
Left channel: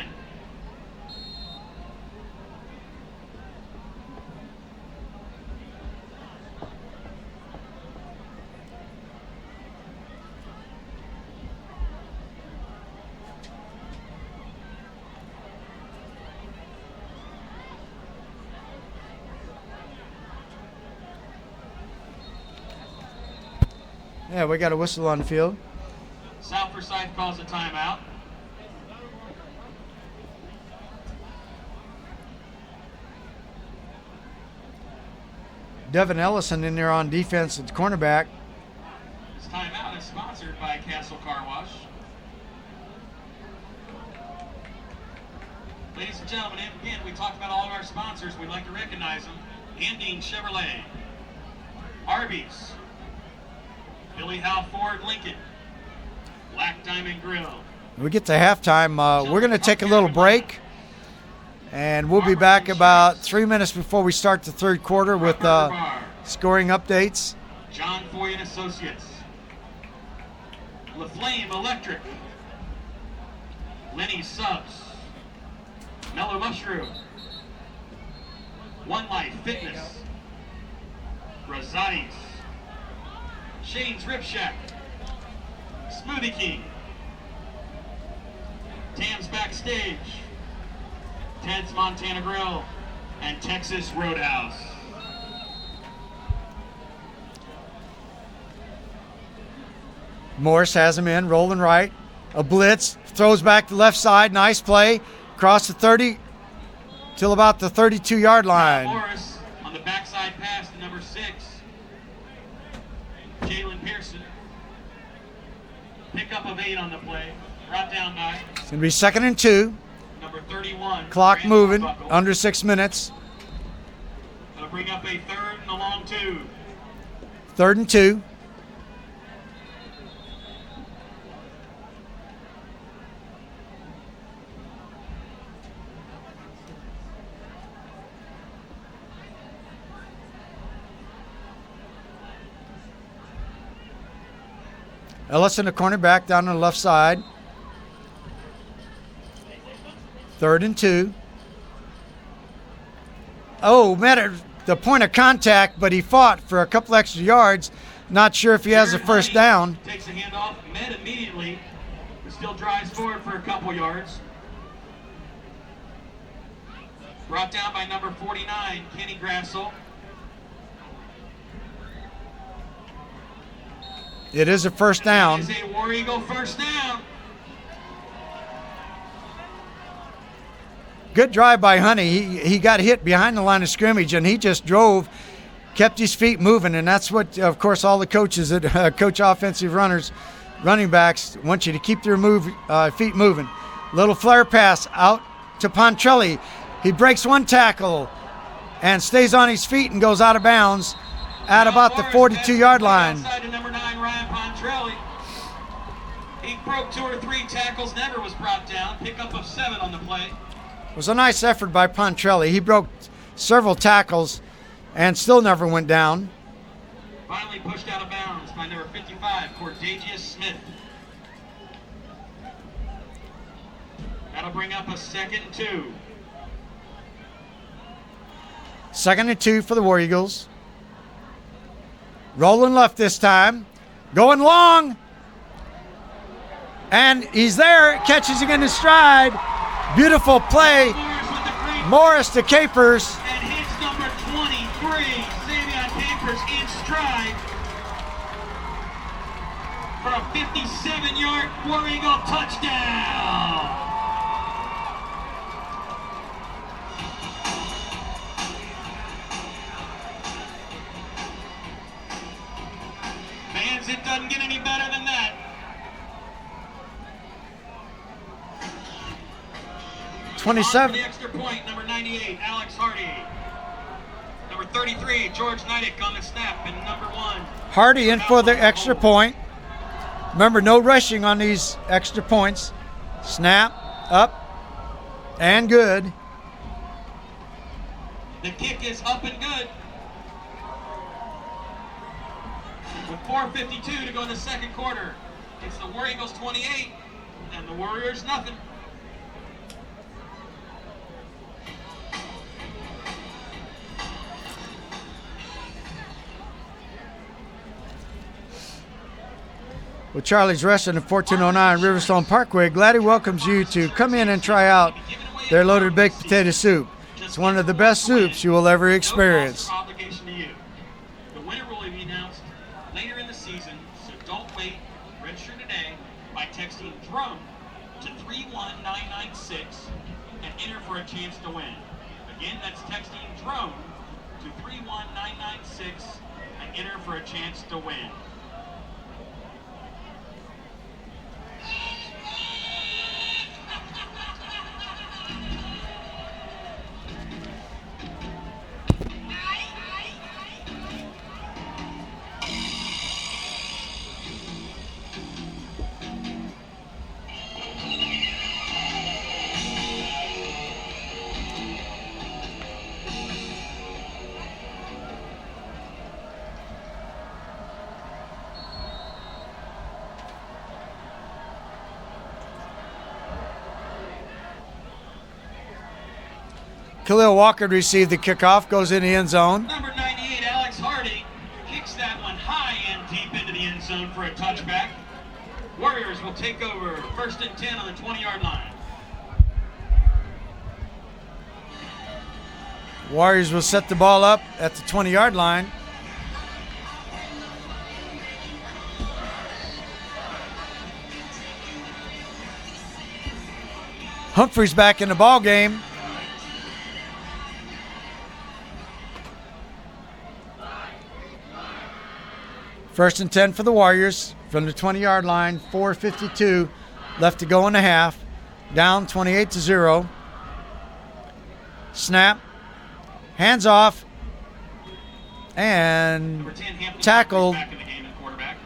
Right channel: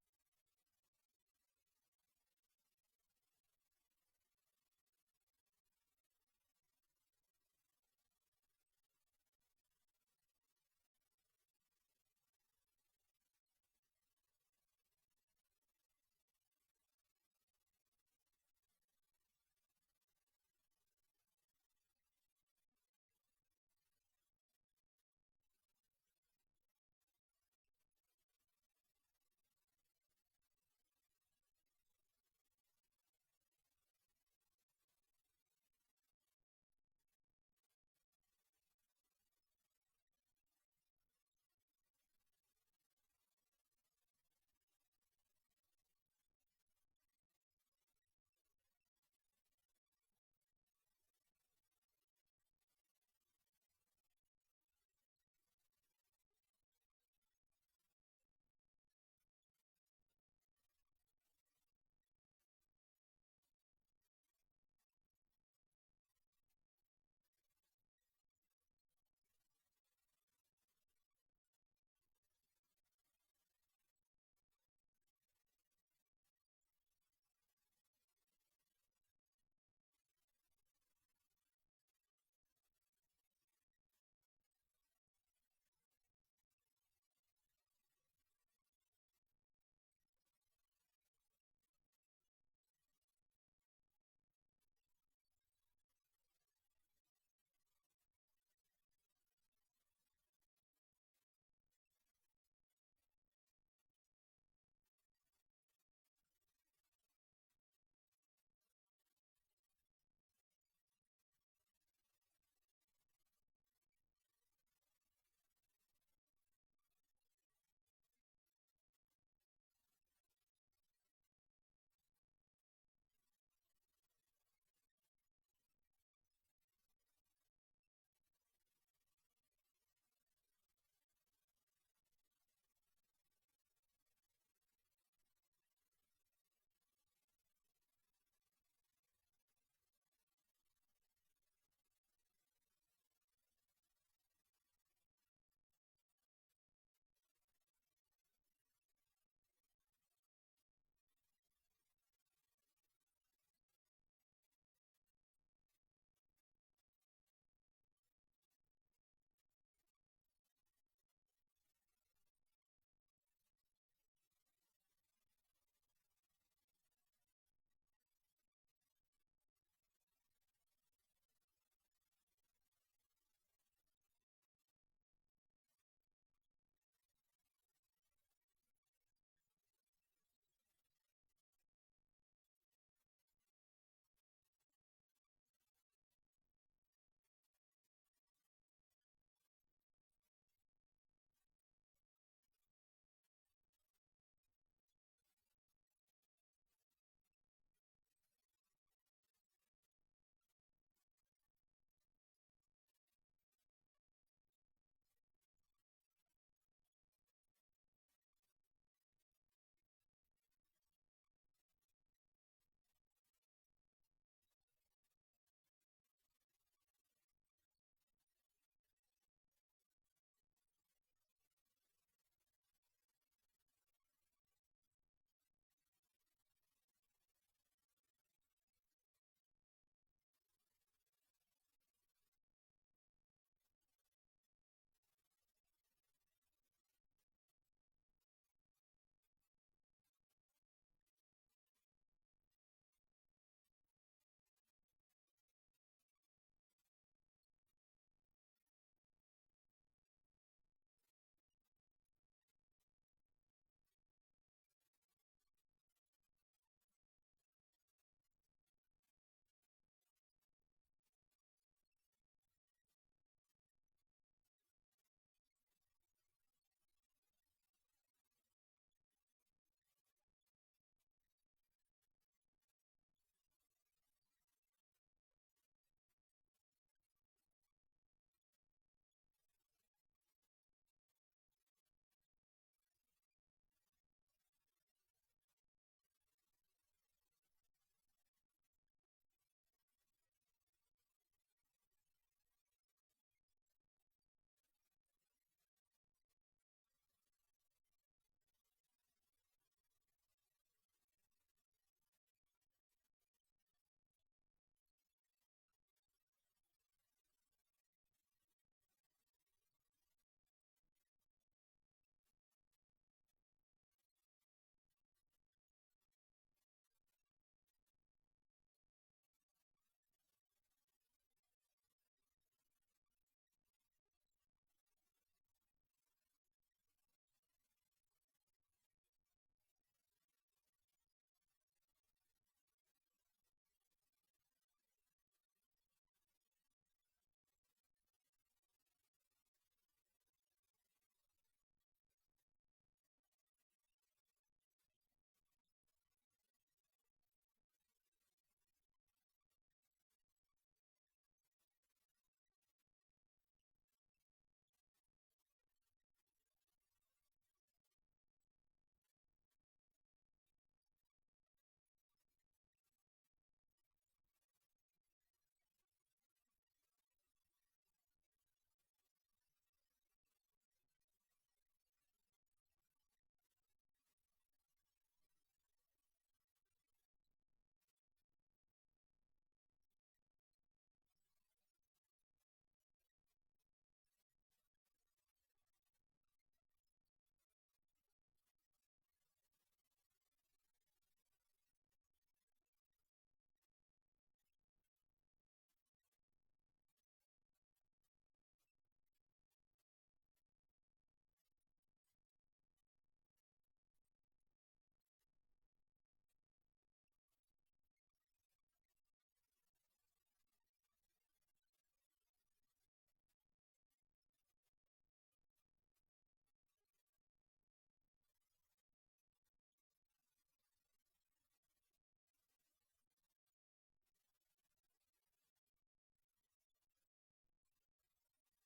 Yeah, we got a whistle on the field. South Forsyth calls a timeout. Devin Ellison in there on defense at cornerback. This timeout is sponsored by Castle Car Wash. Ladies and gentlemen, again, we talked about all of our sponsors. We'd like to recognize them. Andine Chevrolet, Arby's, Billy Howe Ford Lincoln, Black Diamond Grill. We get to halftime. We're going to take a little break, and we'll be back about 3 minutes before we start the third quarter with scoring updates. John Foy and Associates, LaFlame Electric, Lenny Subs, Mellow Mushroom, One Life Fitness, Rosati's, Shane's Rib Shack, Smoothie King, Tam's Backstage, Ted's Montana Grill, and Texas Roadhouse. Morris has him in, rolling right. A blitz, throws back to left side. Nice play. Across the 30 till about the 32-yard line. Morris on the backside pass to number 6, Jalen Pearson. Pickup of 8 on the play. Brought down by It's going to be 2nd and 2. number 31. Clock Brandon moving, Buckle. under 6 minutes. That'll bring up a 3rd and a long 2. 3rd and 2. Ellison, the cornerback, down on the left side. 3rd and 2. Oh, met at the point of contact, but he fought for a couple extra yards. Not sure if he has a first down. Takes the handoff, met immediately, but still drives forward for a couple yards. Brought down by number 49, Kenny Grassel. It is a first down. It is a War Eagle first down. Good drive by Honey. He got hit behind the line of scrimmage, and he just drove, kept his feet moving, and that's what, of course, all the coaches that coach offensive runners, running backs, want you to keep their feet moving. Little flare pass out to Pontrelli. He breaks one tackle and stays on his feet and goes out of bounds at about the 42-yard line. Outside to number 9, Ryan Pontrelli. He broke 2 or 3 tackles, never was brought down. Pickup of 7 on the play. It was a nice effort by Pontrelli. He broke several tackles and still never went down. Finally pushed out of bounds by number 55, Cordagius Smith. That'll bring up a 2nd and 2. 2nd and 2 for the War Eagles. Rolling left this time. Going long. And he's there. Catches him in his stride. Beautiful play. Morris to Capers. And hits number 23. stride for a 57-yard War Eagle touchdown. Fans, it doesn't get any better than that. For 27. the extra point, number 98, Alex Hardy. Number 33, George Nidek on the snap, and number 1. Hardy in for the extra point. Remember, no rushing on these extra points. Snap, up, and good. The kick is up and good. With 4:52 to go in the second quarter, it's the War Eagles 28 and the Warriors nothing. Well, Charlie's Restaurant at 1409 Riverstone Parkway gladly welcomes you to come in and try out their loaded baked potato soup. It's one of the best soups you will ever experience. No obligation to you. The winner will be announced later in the season, so don't wait. Register today by texting DRUM to 31996 and enter for a chance to win. Again, that's texting DRUM to 31996 and enter for a chance to win. Khalil Walker received the kickoff, goes in the end zone. Number 98, Alex Hardy, kicks that one high and deep into the end zone for a touchback. Warriors will take over 1st and 10 on the 20-yard line. Warriors will set the ball up at the 20-yard line. Humphrey's back in the ball game. First and 10 for the Warriors from the 20-yard line. 4:52 left to go in the half. Down 28-0. Snap. Hands off. And Number 10, Hampton tackled. back in the game and quarterback.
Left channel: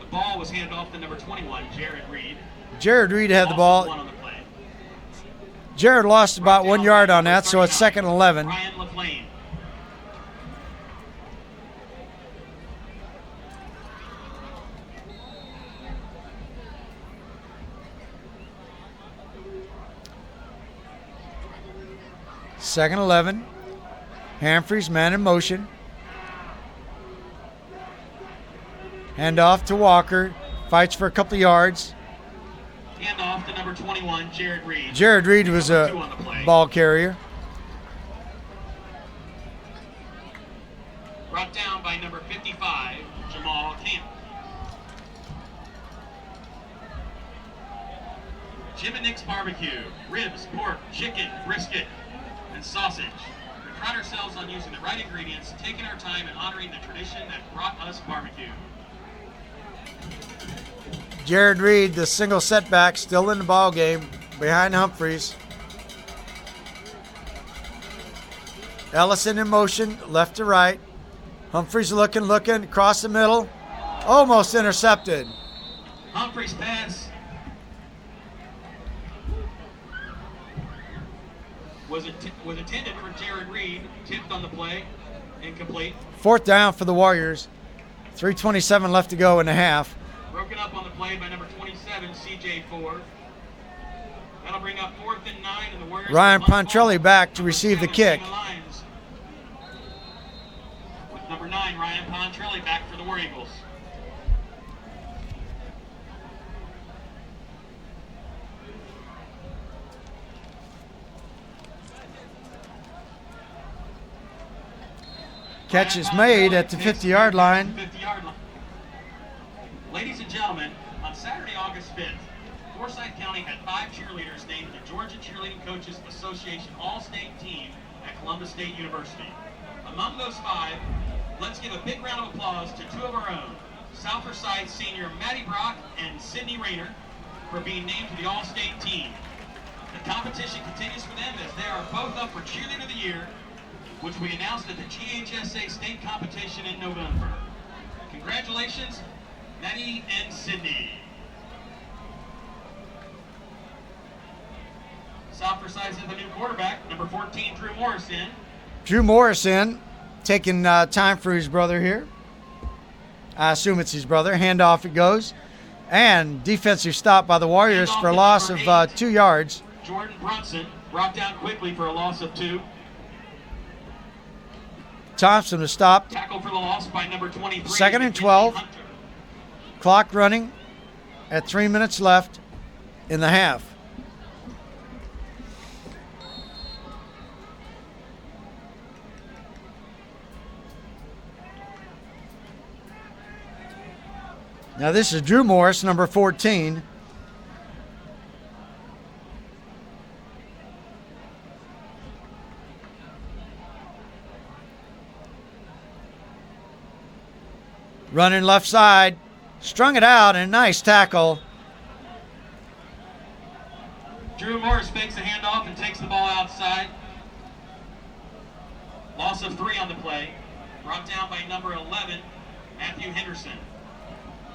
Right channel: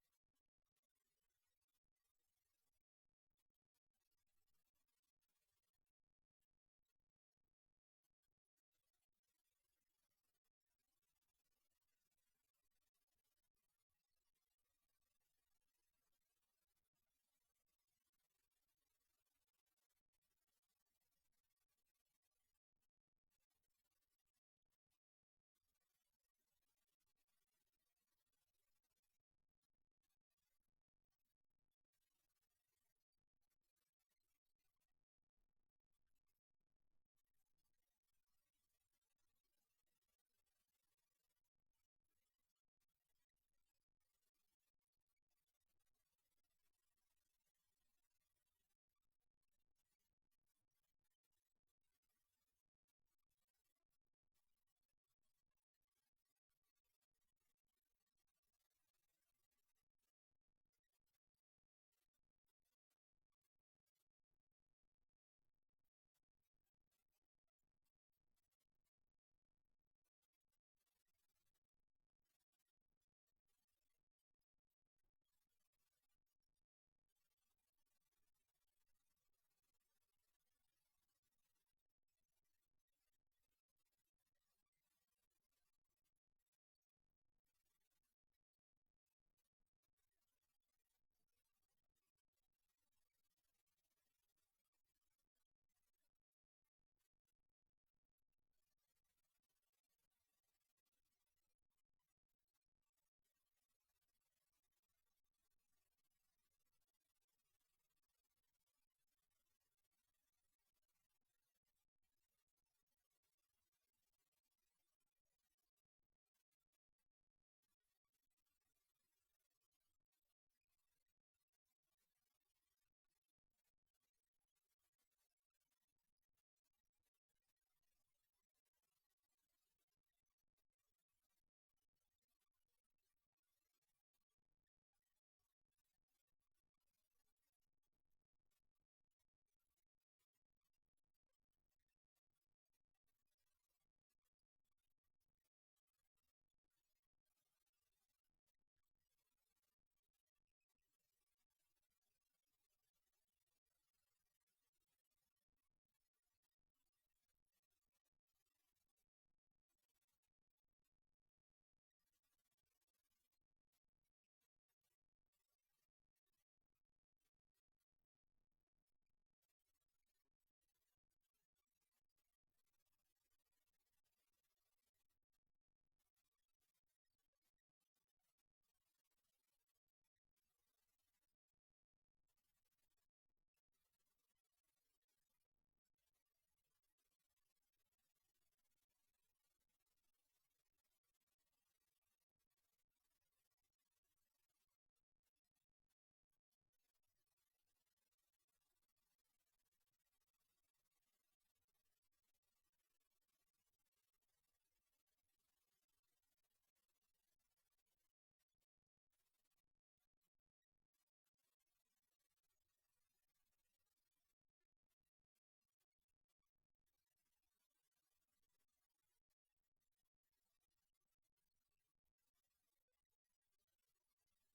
The ball was handed off to number 21, Jared Reed. Jared Reed had the Also ball. won on the play. Jared lost about 1 yard on that, so it's 2nd and 11. Ryan LaFlame. Second 11. Humphreys, man in motion. Hand off to Walker. Fights for a couple of yards. Hand off to number 21, Jared Reed. Jared Reed was Number a 2 on the play. ball carrier. Brought down by number 55, Jamal Camp. Jim and Nick's Barbecue. Ribs, pork, chicken, brisket, and sausage. We pride ourselves on using the right ingredients, taking our time, and honoring the tradition that brought us barbecue. Jared Reed, the single setback, still in the ball game behind Humphreys. Ellison in motion, left to right. Humphreys looking, across the middle. Almost intercepted. Humphreys pass was intended for Jared Reed, tipped on the play, incomplete. 4th down for the Warriors. 3:27 left to go in the half. Broken up on the play by number 27, CJ Ford. That'll bring up 4th and 9, and the Warriors. Ryan will punt Pontrelli ball. back to Number receive the 7, kick. Damon Lyons. With number 9, Ryan Pontrelli back for the War Eagles. Catch is made at the 50-yard line. 50-yard line. Ladies and gentlemen, on Saturday, August 5th, Forsyth County had 5 cheerleaders named the Georgia Cheerleading Coaches Association All-State Team at Columbus State University. Among those 5, let's give a big round of applause to 2 of our own, South Forsyth senior Maddie Brock and Sydney Rayner, for being named to the All-State Team. The competition continues for them as they are both up for Cheerleader of the Year, which we announced at the GHSA State Competition in November. Congratulations, Maddie and Sydney. South Forsyth has a new quarterback, number 14, Drew Morrison. Drew Morrison taking time for his brother here. I assume it's his brother. Handoff it goes. And defensive stop by the Warriors for a loss of 2 yards. Jordan Brunson brought down quickly for a loss of 2. Thompson was stopped. Tackle for the loss by number 23. 2nd and 12. Hunter. Clock running at 3 minutes left in the half. Now this is Drew Morris, number 14. Running left side, strung it out, and a nice tackle. Drew Morris fakes the handoff and takes the ball outside. Loss of 3 on the play. Brought down by number 11, Matthew Henderson.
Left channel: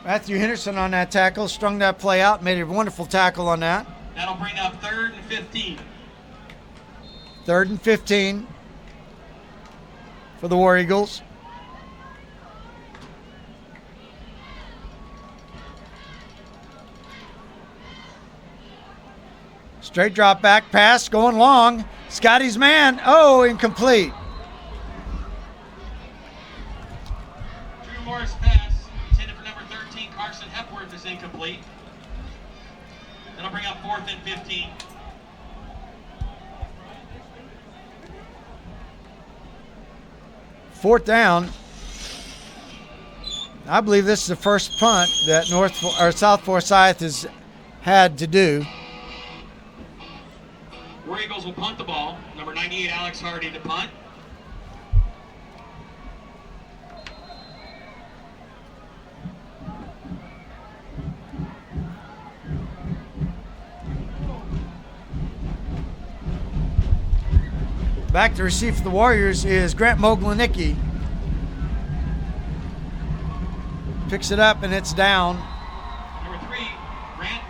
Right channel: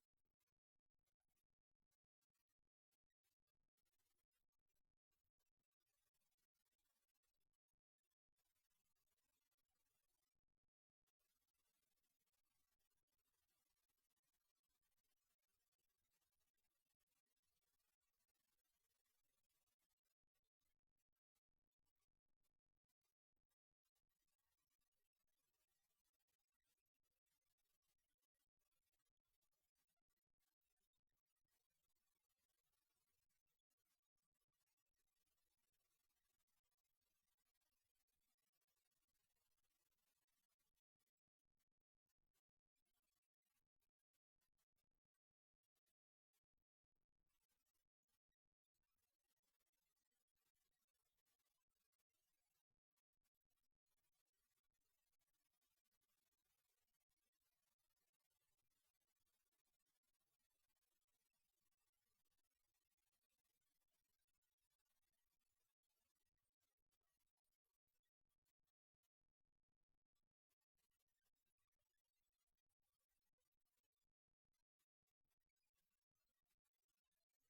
Matthew Henderson on that tackle, strung that play out, made a wonderful tackle on that. That'll bring up 3rd and 15. 3rd and 15 for the War Eagles. Straight drop back pass going long. Scotty's man. Oh, incomplete. Drew Morris pass intended for number 13, Carson Hepworth, is incomplete. That'll bring up 4th and 15. Fourth down. I believe this is the first punt that South Forsyth has had to do. War Eagles will punt the ball. Number 98, Alex Hardy, to punt. Back to receive for the Warriors is Grant Moglanicki. Picks it up and it's down Number 3, Grant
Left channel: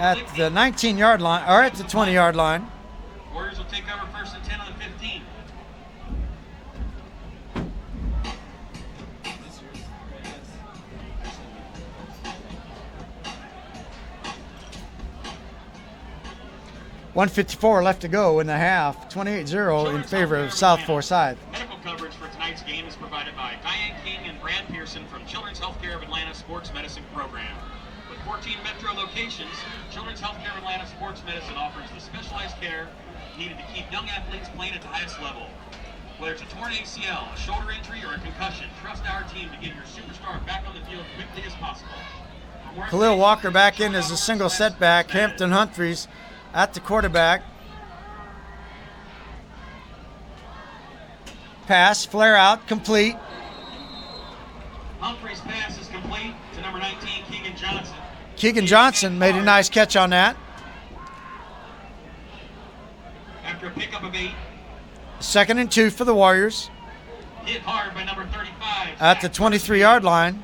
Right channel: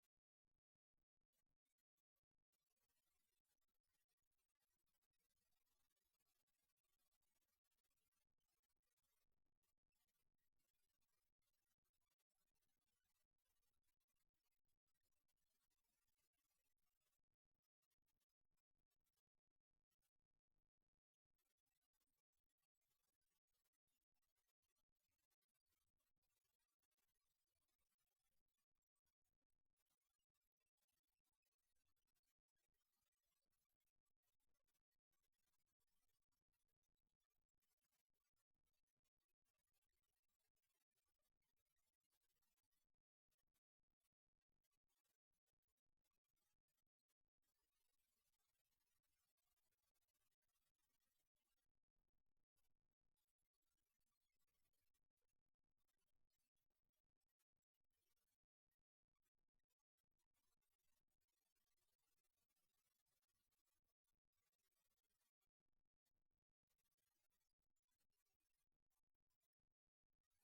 at the 19-yard line, or at the 20-yard line. Warriors will take over 1st and 10 on the 15. .154 left to go in the half. 28-0 in favor of South Forsyth. Medical coverage for tonight's game is provided by Diane King and Brad Pearson from Children's Healthcare of Atlanta Sports Medicine Program. With 14 metro locations, Children's Healthcare of Atlanta Sports Medicine offers the specialized care needed to keep young athletes playing at the highest level. Whether it's a torn ACL, a shoulder injury, or a concussion, trust our team to get your superstar back on the field quickly as possible. Khalil Walker back in as a single setback. Hampton Humphreys at the quarterback. Pass, flare out, complete. Humphreys' pass is complete to number 19, Keegan Johnson. Keegan Johnson made a nice catch on that. After a pickup of 8. 2nd and 2 for the Warriors. Hit hard by number 35. At the 23-yard line.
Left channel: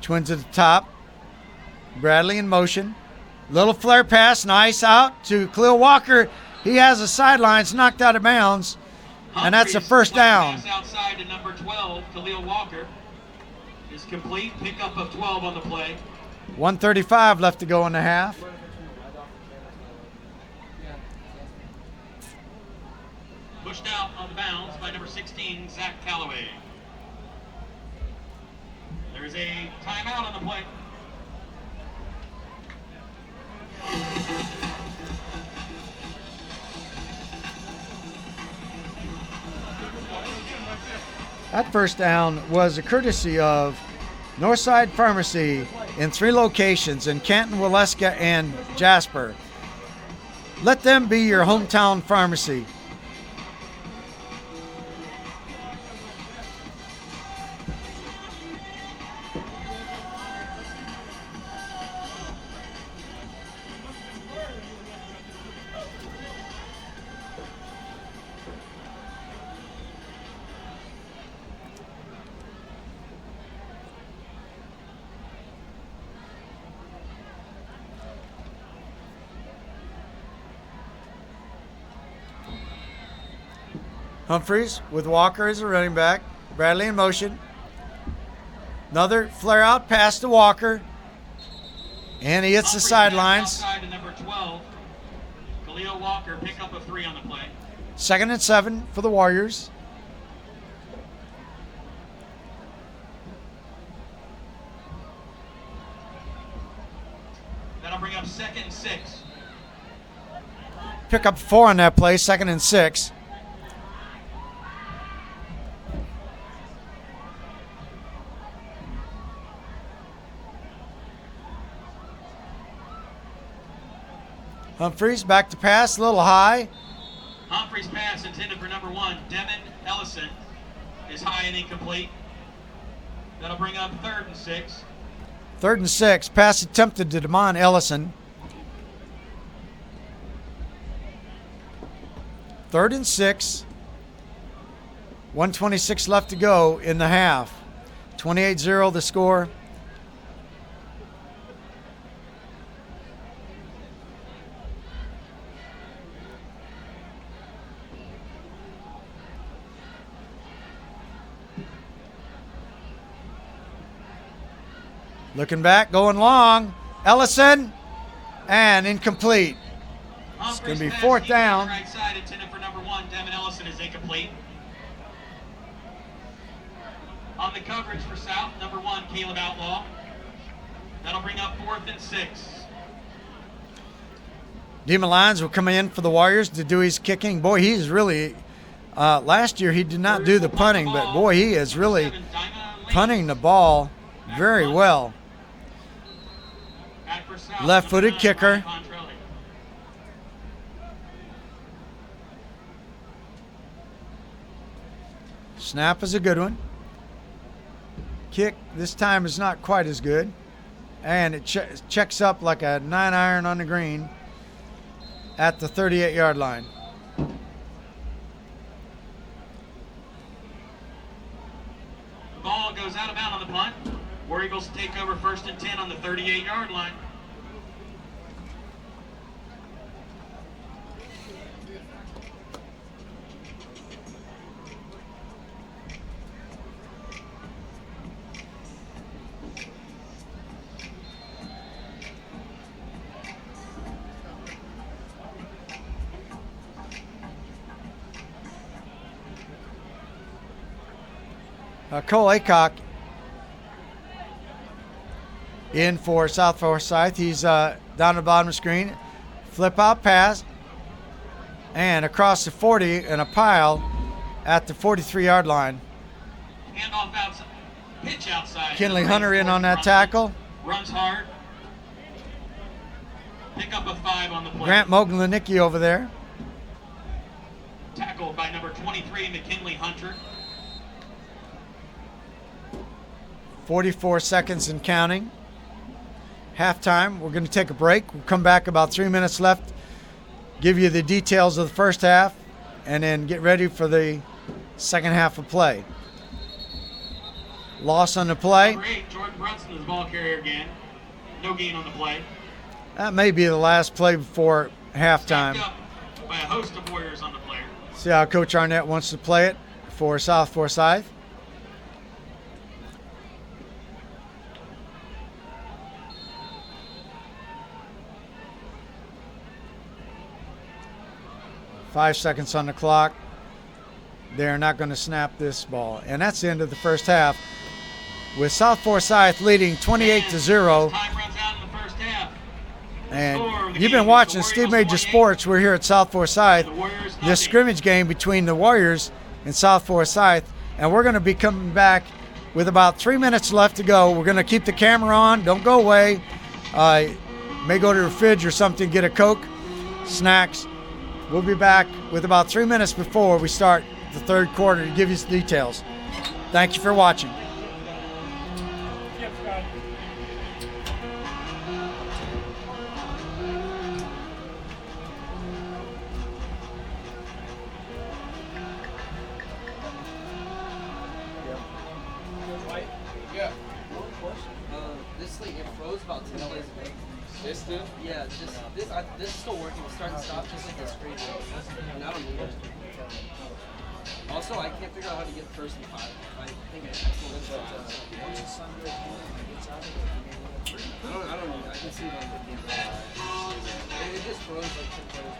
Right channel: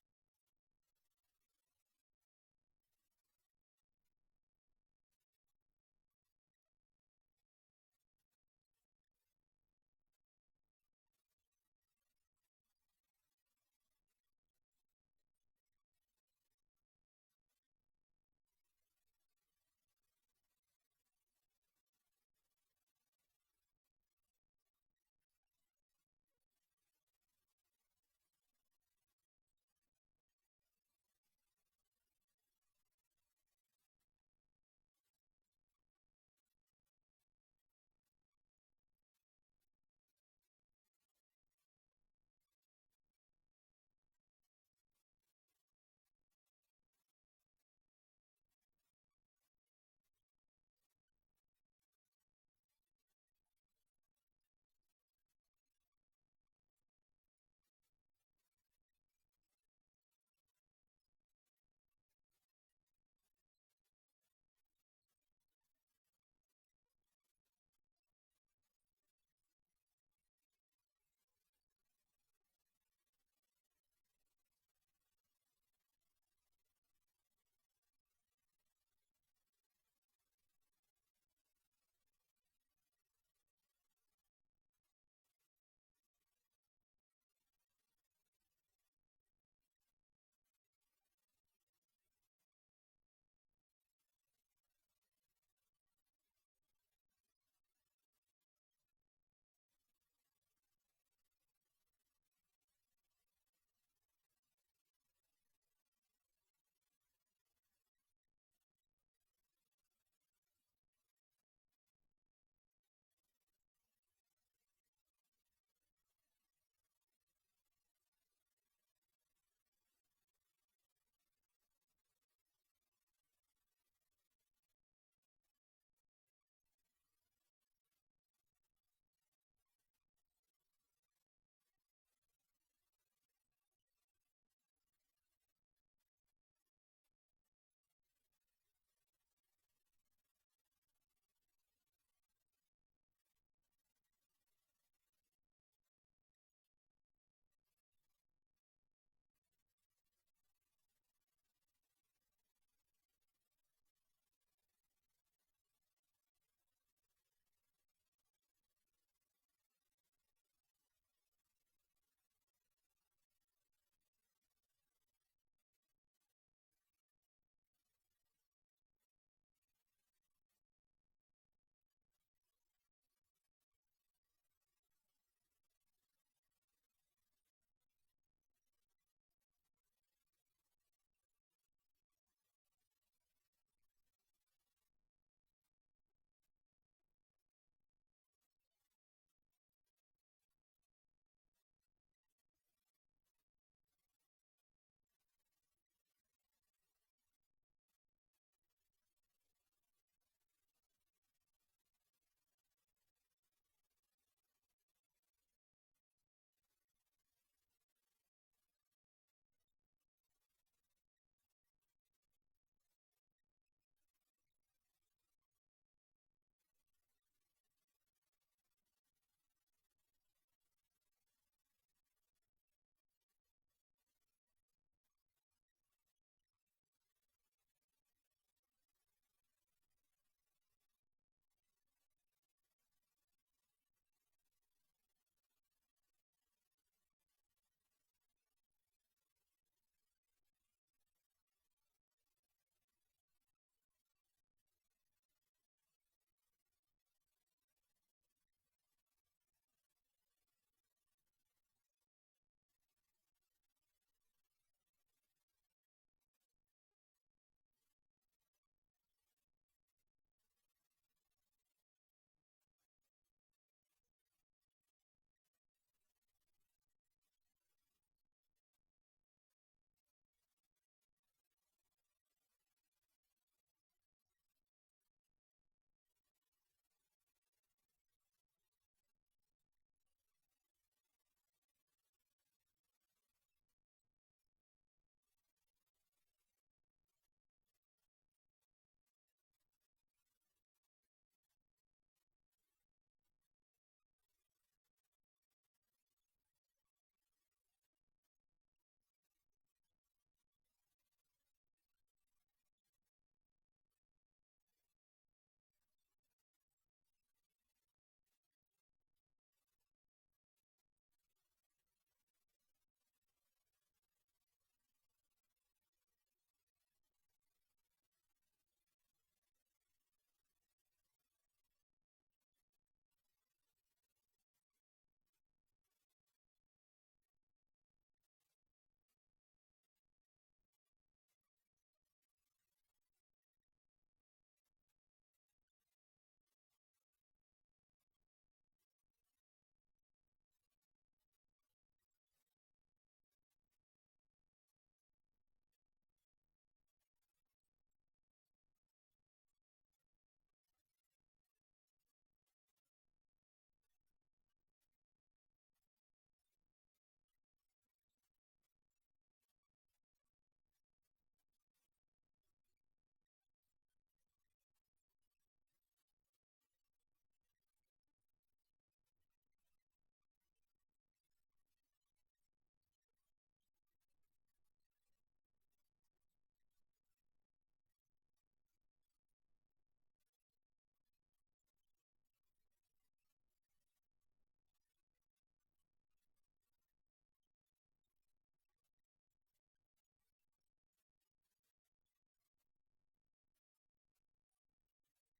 Twins at the top. Bradley in motion. Little flare pass, nice out to Khalil Walker. He has the sidelines knocked out of bounds, and that's a first down. Pass outside to number 12, Khalil Walker, is complete. Pickup of 12 on the play. 1:35 left to go in the half. Pushed out on the bounds by number 16, Zach Calloway. There's a timeout on the play. That first down was a courtesy of Northside Pharmacy in 3 locations in Canton, Waleska, and Jasper. Let them be your hometown pharmacy. Humphreys with Walker as a running back. Bradley in motion. Another flare out pass to Walker. And he hits the sidelines. Outside to number 12. Khalil Walker, pick up a 3 on the play. 2nd and 7 for the Warriors. That'll bring up 2nd and 6. Pick up 4 on that play, 2nd and 6. Humphreys back to pass, a little high. Humphreys pass intended for number 1, Devin Ellison, is high and incomplete. That'll bring up 3rd and 6. 3rd and 6. Pass attempted to Damon Ellison. 3rd and 6. 1:26 left to go in the half. 28-0 the score. Looking back, going long. Ellison, and incomplete. It's going to be 4th down. Right side intended for number 1, Devin Ellison, is incomplete. On the coverage for South, number 1, Caleb Outlaw. That'll bring up 4th and 6. Demon Lyons will come in for the Warriors to do his kicking. Boy, he's really, last year he did not do the punting, but boy, he is really punting the ball very well. Left-footed kicker. Snap is a good one. Kick this time is not quite as good. And it checks up like a 9-iron on the green at the 38-yard line. The ball goes out of bounds on the punt. War Eagles take over 1st and 10 on the 38-yard line. Cole Aycock in for South Forsyth. He's down the bottom of the screen. Flip out pass. And across the 40 in a pile at the 43-yard line. Handoff outside. Pitch outside. Kinley Hunter in on that tackle. Runs hard. Pick up a 5 on the play. Grant Moglanicki over there. Tackled by number 23, McKinley Hunter. 44 seconds and counting. Halftime. We're going to take a break. We'll come back about 3 minutes left. Give you the details of the first half and then get ready for the second half of play. Loss on the play. Number 8, Jordan Brunson is the ball carrier again. No gain on the play. That may be the last play before halftime. Stacked up by a host of Warriors on the player. See how Coach Arnett wants to play it for South Forsyth. Five seconds on the clock. They're not going to snap this ball. And that's the end of the first half, with South Forsyth leading 28-0. Time runs out in the first half. And you've been watching Steve Major Sports. We're here at South Forsyth. This scrimmage game between the Warriors and South Forsyth and we're going to be coming back with about 3 minutes left to go. We're going to keep the camera on. Don't go away. May go to the fridge or something, get a Coke, snacks. We'll be back with about 3 minutes before we start the third quarter to give you the details. Thank you for watching. This thing, it froze about 10 days ago. This did? Yeah, this is still working. It's starting to stop just like the screen. And I don't need it. Also, I can't figure out how to get first and 5. I think I still live I don't know. I can see it on the game. It just froze like 10 days.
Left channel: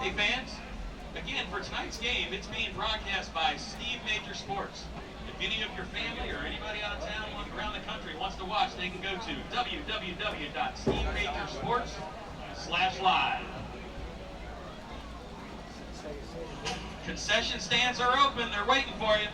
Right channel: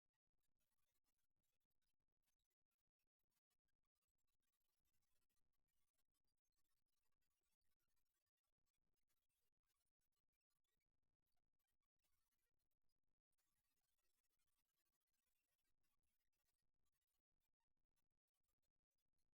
Hey fans, again for tonight's game, it's being broadcast by Steve Major Sports. If any of your family or anybody out of town around the country wants to watch, they can go to www.stevemajorsports.com/live. Concession stands are open, they're waiting for you.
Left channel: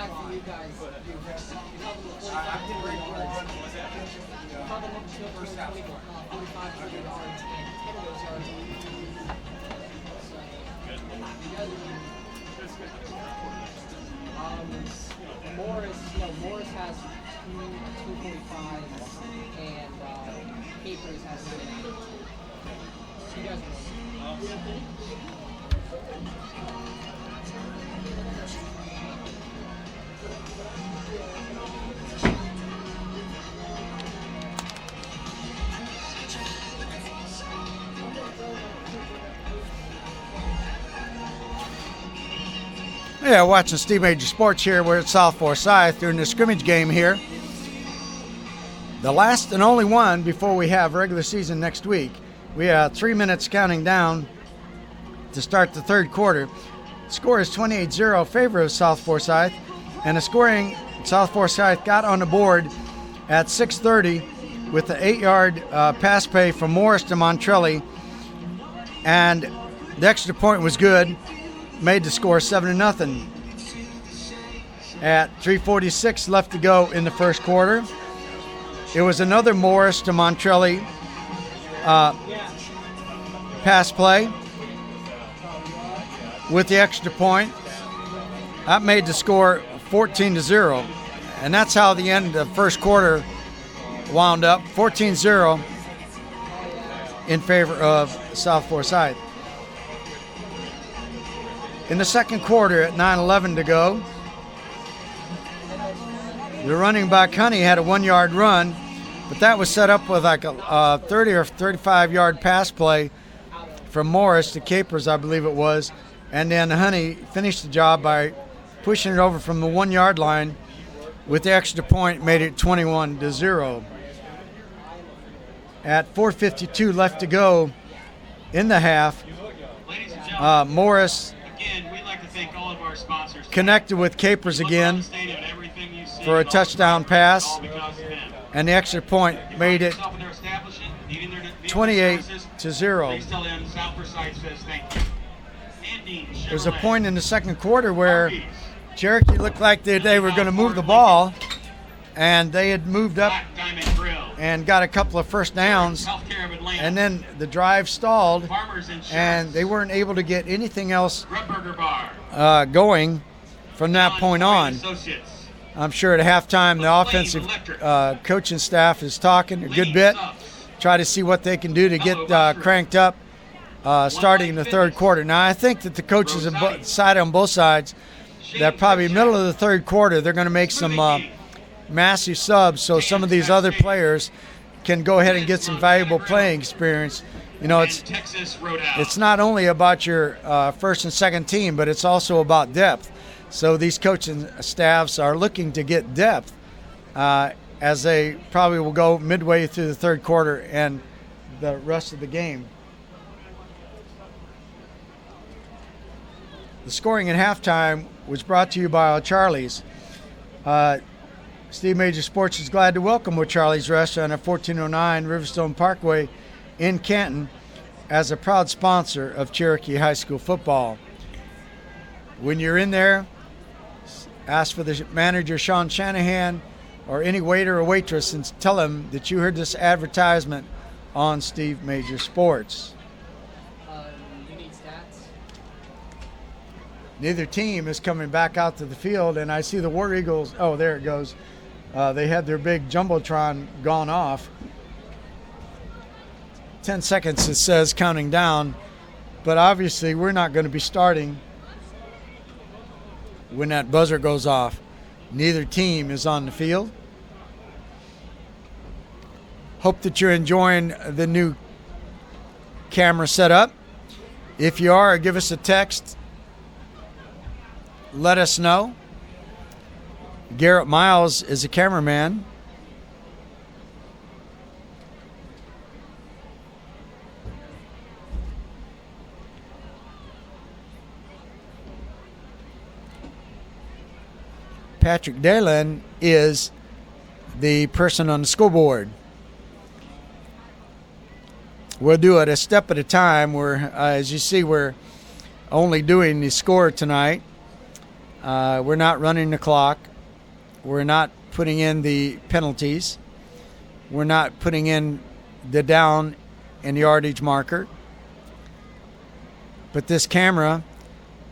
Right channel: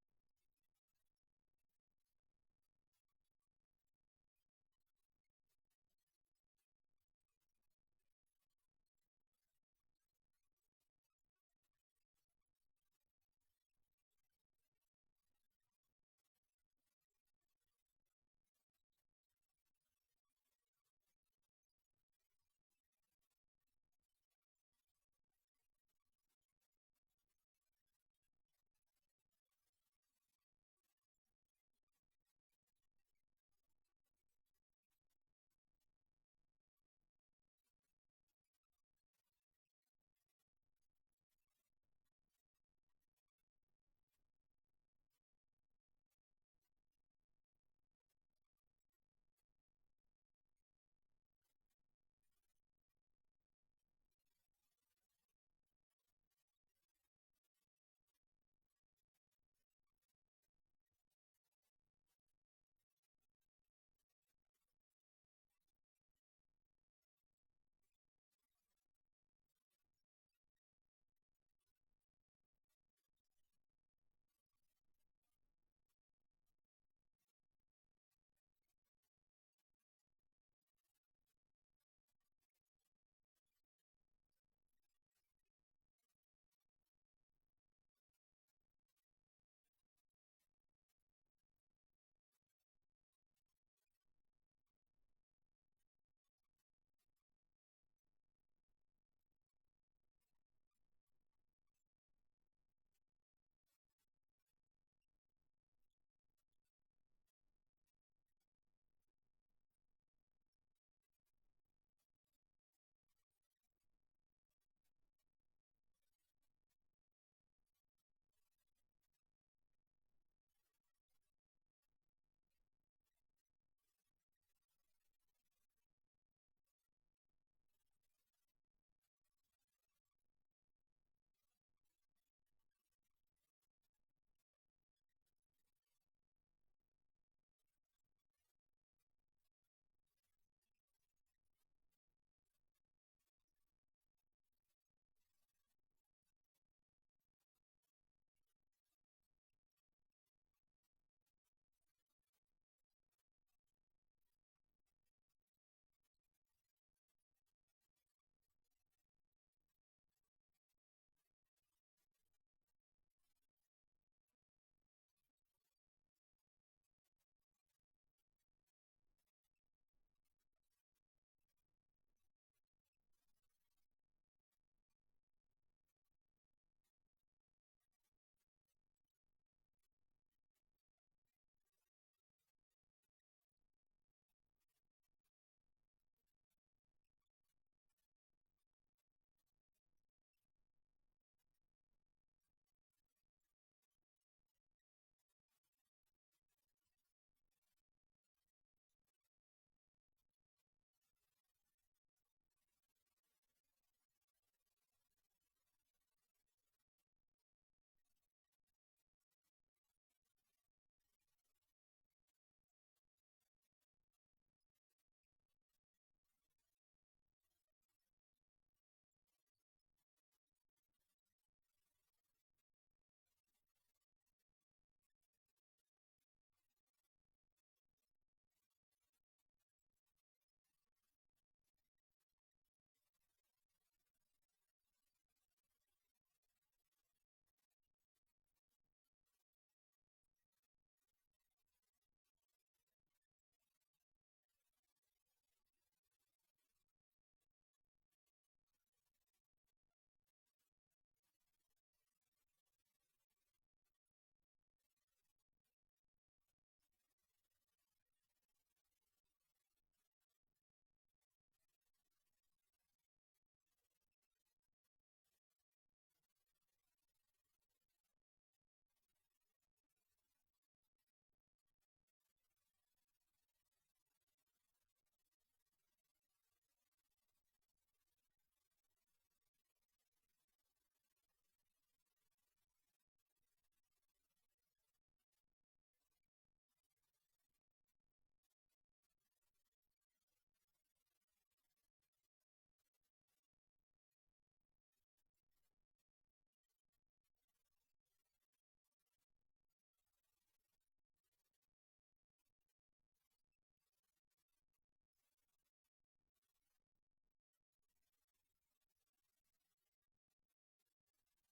fact that you guys held them to 45 yards. You held them up to 4,500 yards, and 10 of those yards were so you guys Morris has 245, and Capers has 99. So you guys won. Yeah, watching Steve Major Sports here. We're at South Forsyth during the scrimmage game here. The last and only one before we have regular season next week. We have 3 minutes counting down to start the third quarter. Score is 28-0 in favor of South Forsyth. And the scoring, South Forsyth got on the board at 6:30 with the 8-yard pass play from Morris to Montrelli. And the extra point was good. Made the score 7-0. At 3:46 left to go in the first quarter. It was another Morris to Montrelli pass play with the extra point. That made the score 14-0. And that's how the end of the first quarter wound up, 14-0 in favor of South Forsyth. In the second quarter at 9:11 to go, the running back Honey had a 1-yard run, but that was set up with like a 30 or 35-yard pass play from Morris to Capers, I believe it was. And then Honey finished the job by pushing it over from the 1-yard line with the extra point, made it 21-0. At 4:52 left to go in the half, Morris connected with Capers again for a touchdown pass, and the extra point made it 28-0. There's a point in the second quarter where Cherokee looked like they were going to move the ball, and they had moved up and got a couple of first downs, and then the drive stalled, and they weren't able to get anything else going from that point on. I'm sure at halftime the offensive coaching staff is talking a good bit, try to see what they can do to get cranked up starting in the third quarter. Now, I think that the coaches have decided on both sides that probably middle of the third quarter they're going to make some massive subs so some of these other players can go ahead and get some valuable playing experience. You know, it's not only about your first and second team, but it's also about depth. So these coaching staffs are looking to get depth as they probably will go midway through the third quarter and the rest of the game. The scoring at halftime was brought to you by Charlie's. Steve Major Sports is glad to welcome Charlie's Restaurant at 1409 Riverstone Parkway in Canton as a proud sponsor of Cherokee High School football. When you're in there, ask for the manager, Sean Shanahan, or any waiter or waitress and tell them that you heard this advertisement on Steve Major Sports. You need stats? Neither team is coming back out to the field, and I see the War Eagles. Oh, there it goes. They had their big Jumbotron gone off. 10 seconds, it says, counting down. But obviously, we're not going to be starting when that buzzer goes off. Neither team is on the field. Hope that you're enjoying the new camera setup. If you are, give us a text. Let us know. Garrett Miles is a cameraman. Patrick Dalen is the person on the school board. We'll do it a step at a time. As you see, we're only doing the score tonight. We're not running the clock. We're not putting in the penalties. We're not putting in the down and yardage marker. But this camera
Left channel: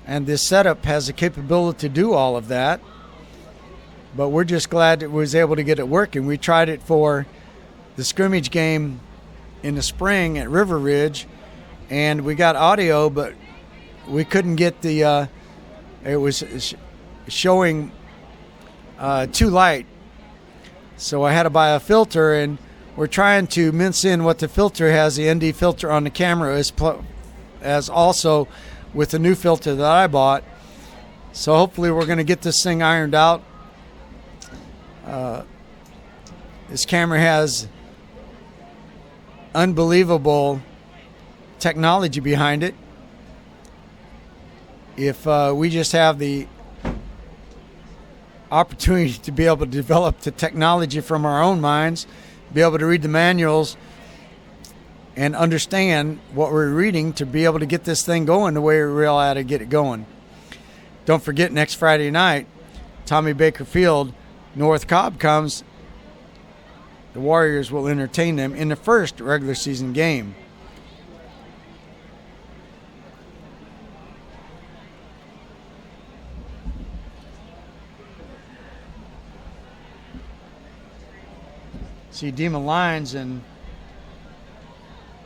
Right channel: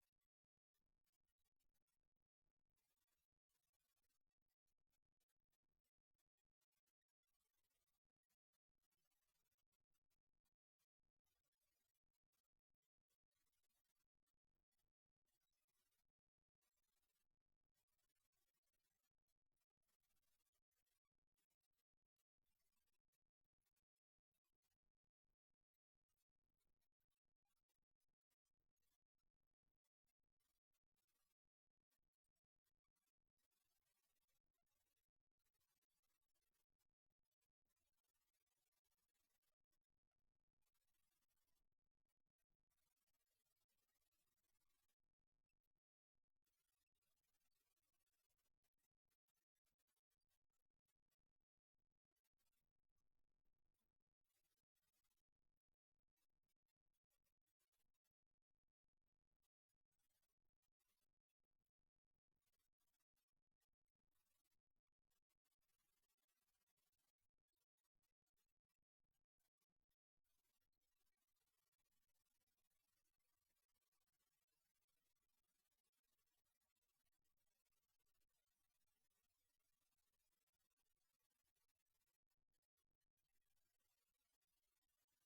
and this setup has the capability to do all of that. But we're just glad it was able to get it working. We tried it for the scrimmage game in the spring at River Ridge, and we got audio, but we couldn't get the, it was showing too light. So I had to buy a filter, and we're trying to mince in what the filter has, the ND filter on the camera, as also with the new filter that I bought. So hopefully we're going to get this thing ironed out. This camera has unbelievable technology behind it. If we just have the opportunity to be able to develop the technology from our own minds, be able to read the manuals and understand what we're reading to be able to get this thing going the way we really ought to get it going. Don't forget, next Friday night, Tommy Baker Field, North Cobb comes. The Warriors will entertain them in the first regular season game. See Demon Lyons and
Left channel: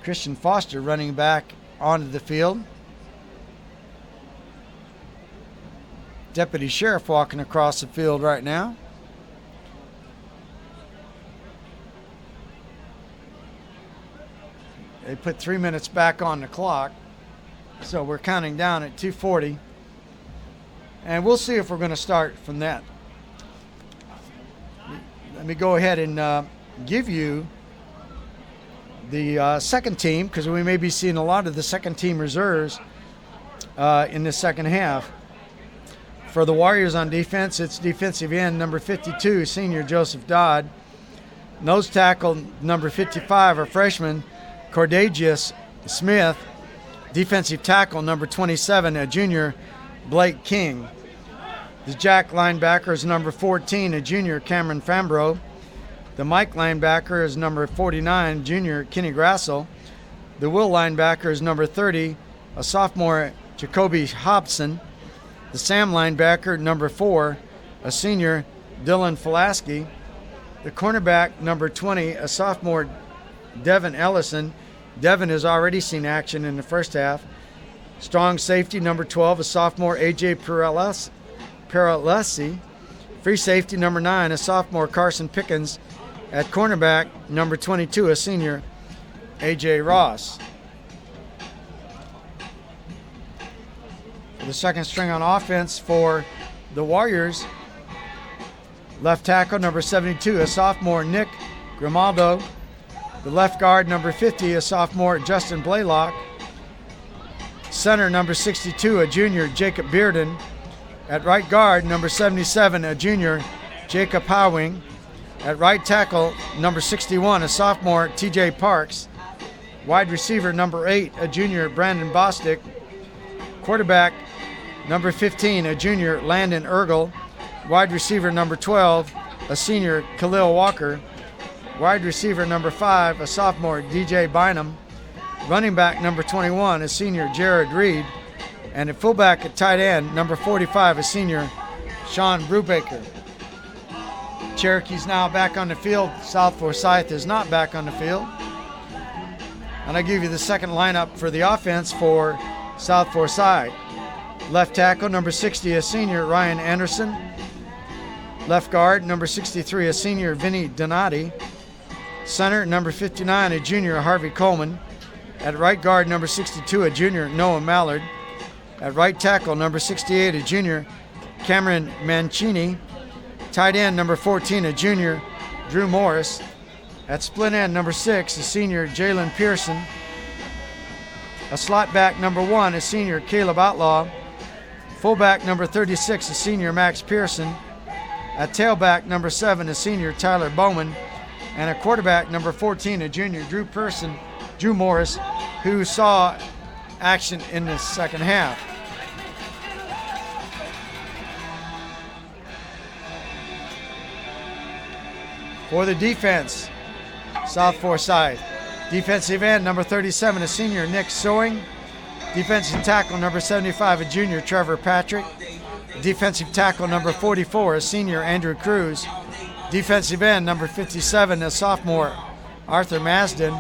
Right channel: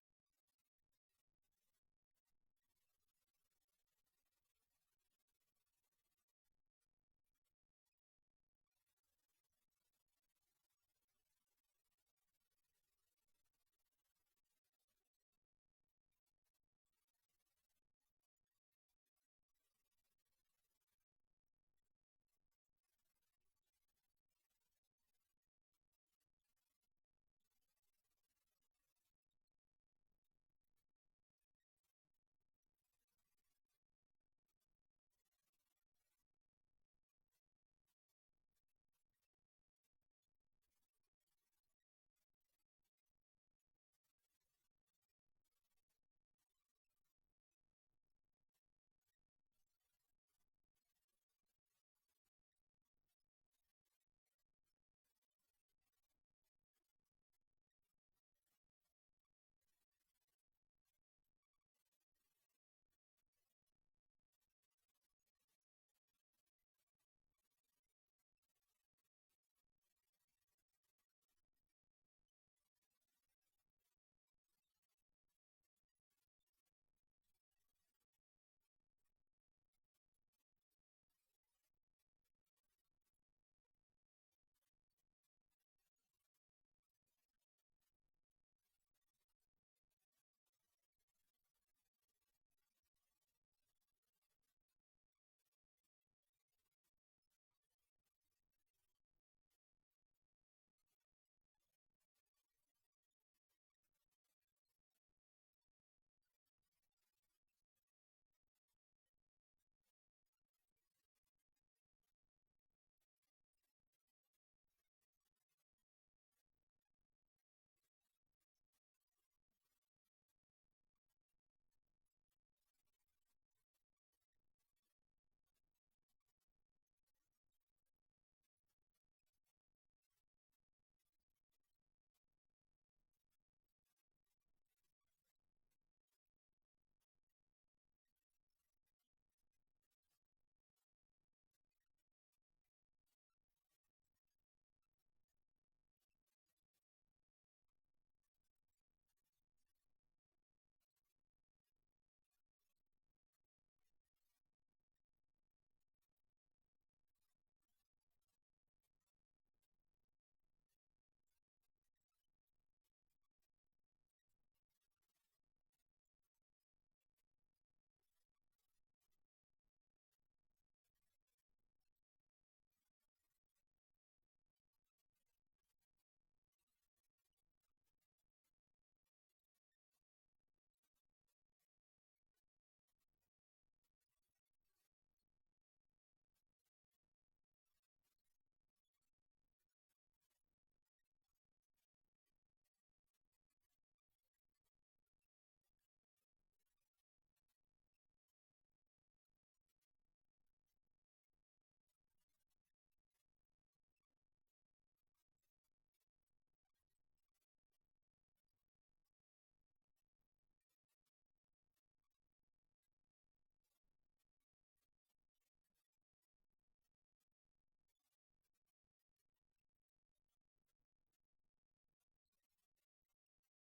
Christian Foster running back onto the field. Deputy Sheriff walking across the field right now. They put 3 minutes back on the clock, so we're counting down at 2:40. And we'll see if we're going to start from that. Let me go ahead and give you the second team, because we may be seeing a lot of the second team reserves in the second half. For the Warriors on defense, it's defensive end number 52, senior Joseph Dodd. Nose tackle number 55, a freshman, Cordagius Smith. Defensive tackle number 27, a junior, Blake King. The jack linebacker is number 14, a junior, Cameron Fambro. The Mike linebacker is number 49, junior, Kenny Grassel. The will linebacker is number 30, a sophomore, Jacoby Hobson. The Sam linebacker, number 4, a senior, Dylan Fulaski. The cornerback, number 20, a sophomore, Devin Ellison. Devin has already seen action in the first half. Strong safety, number 12, a sophomore, A.J. Peralesi. Free safety, number 9, a sophomore, Carson Pickens. At cornerback, number 22, a senior, A.J. Ross. For the second string on offense for the Warriors, left tackle, number 72, a sophomore, Nick Grimaldo. The left guard, number 50, a sophomore, Justin Blaylock. Center, number 62, a junior, Jacob Bearden. At right guard, number 77, a junior, Jacob Howing. At right tackle, number 61, a sophomore, TJ Parks. Wide receiver, number 8, a junior, Brandon Bostic. Quarterback, number 15, a junior, Landon Ergel. Wide receiver, number 12, a senior, Khalil Walker. Wide receiver, number 5, a sophomore, DJ Bynum. Running back, number 21, a senior, Jared Reed. And at fullback at tight end, number 45, a senior, Sean Brubaker. Cherokee's now back on the field. South Forsyth is not back on the field. And I give you the second lineup for the offense for South Forsyth. Left tackle, number 60, a senior, Ryan Anderson. Left guard, number 63, a senior, Vinny Donati. Center, number 59, a junior, Harvey Coleman. At right guard, number 62, a junior, Noah Mallard. At right tackle, number 68, a junior, Cameron Mancini. Tight end, number 14, a junior, Drew Morris. At split end, number 6, a senior, Jalen Pearson. A slot back, number 1, a senior, Caleb Outlaw. Fullback, number 36, a senior, Max Pearson. At tailback, number 7, a senior, Tyler Bowman. And a quarterback, number 14, a junior, Drew Morris, who saw action in the second half. For the defense, South Forsyth. Defensive end, number 37, a senior, Nick Sewing. Defensive tackle, number 75, a junior, Trevor Patrick. Defensive tackle, number 44, a senior, Andrew Cruz. Defensive end, number 57, a sophomore, Arthur Masden.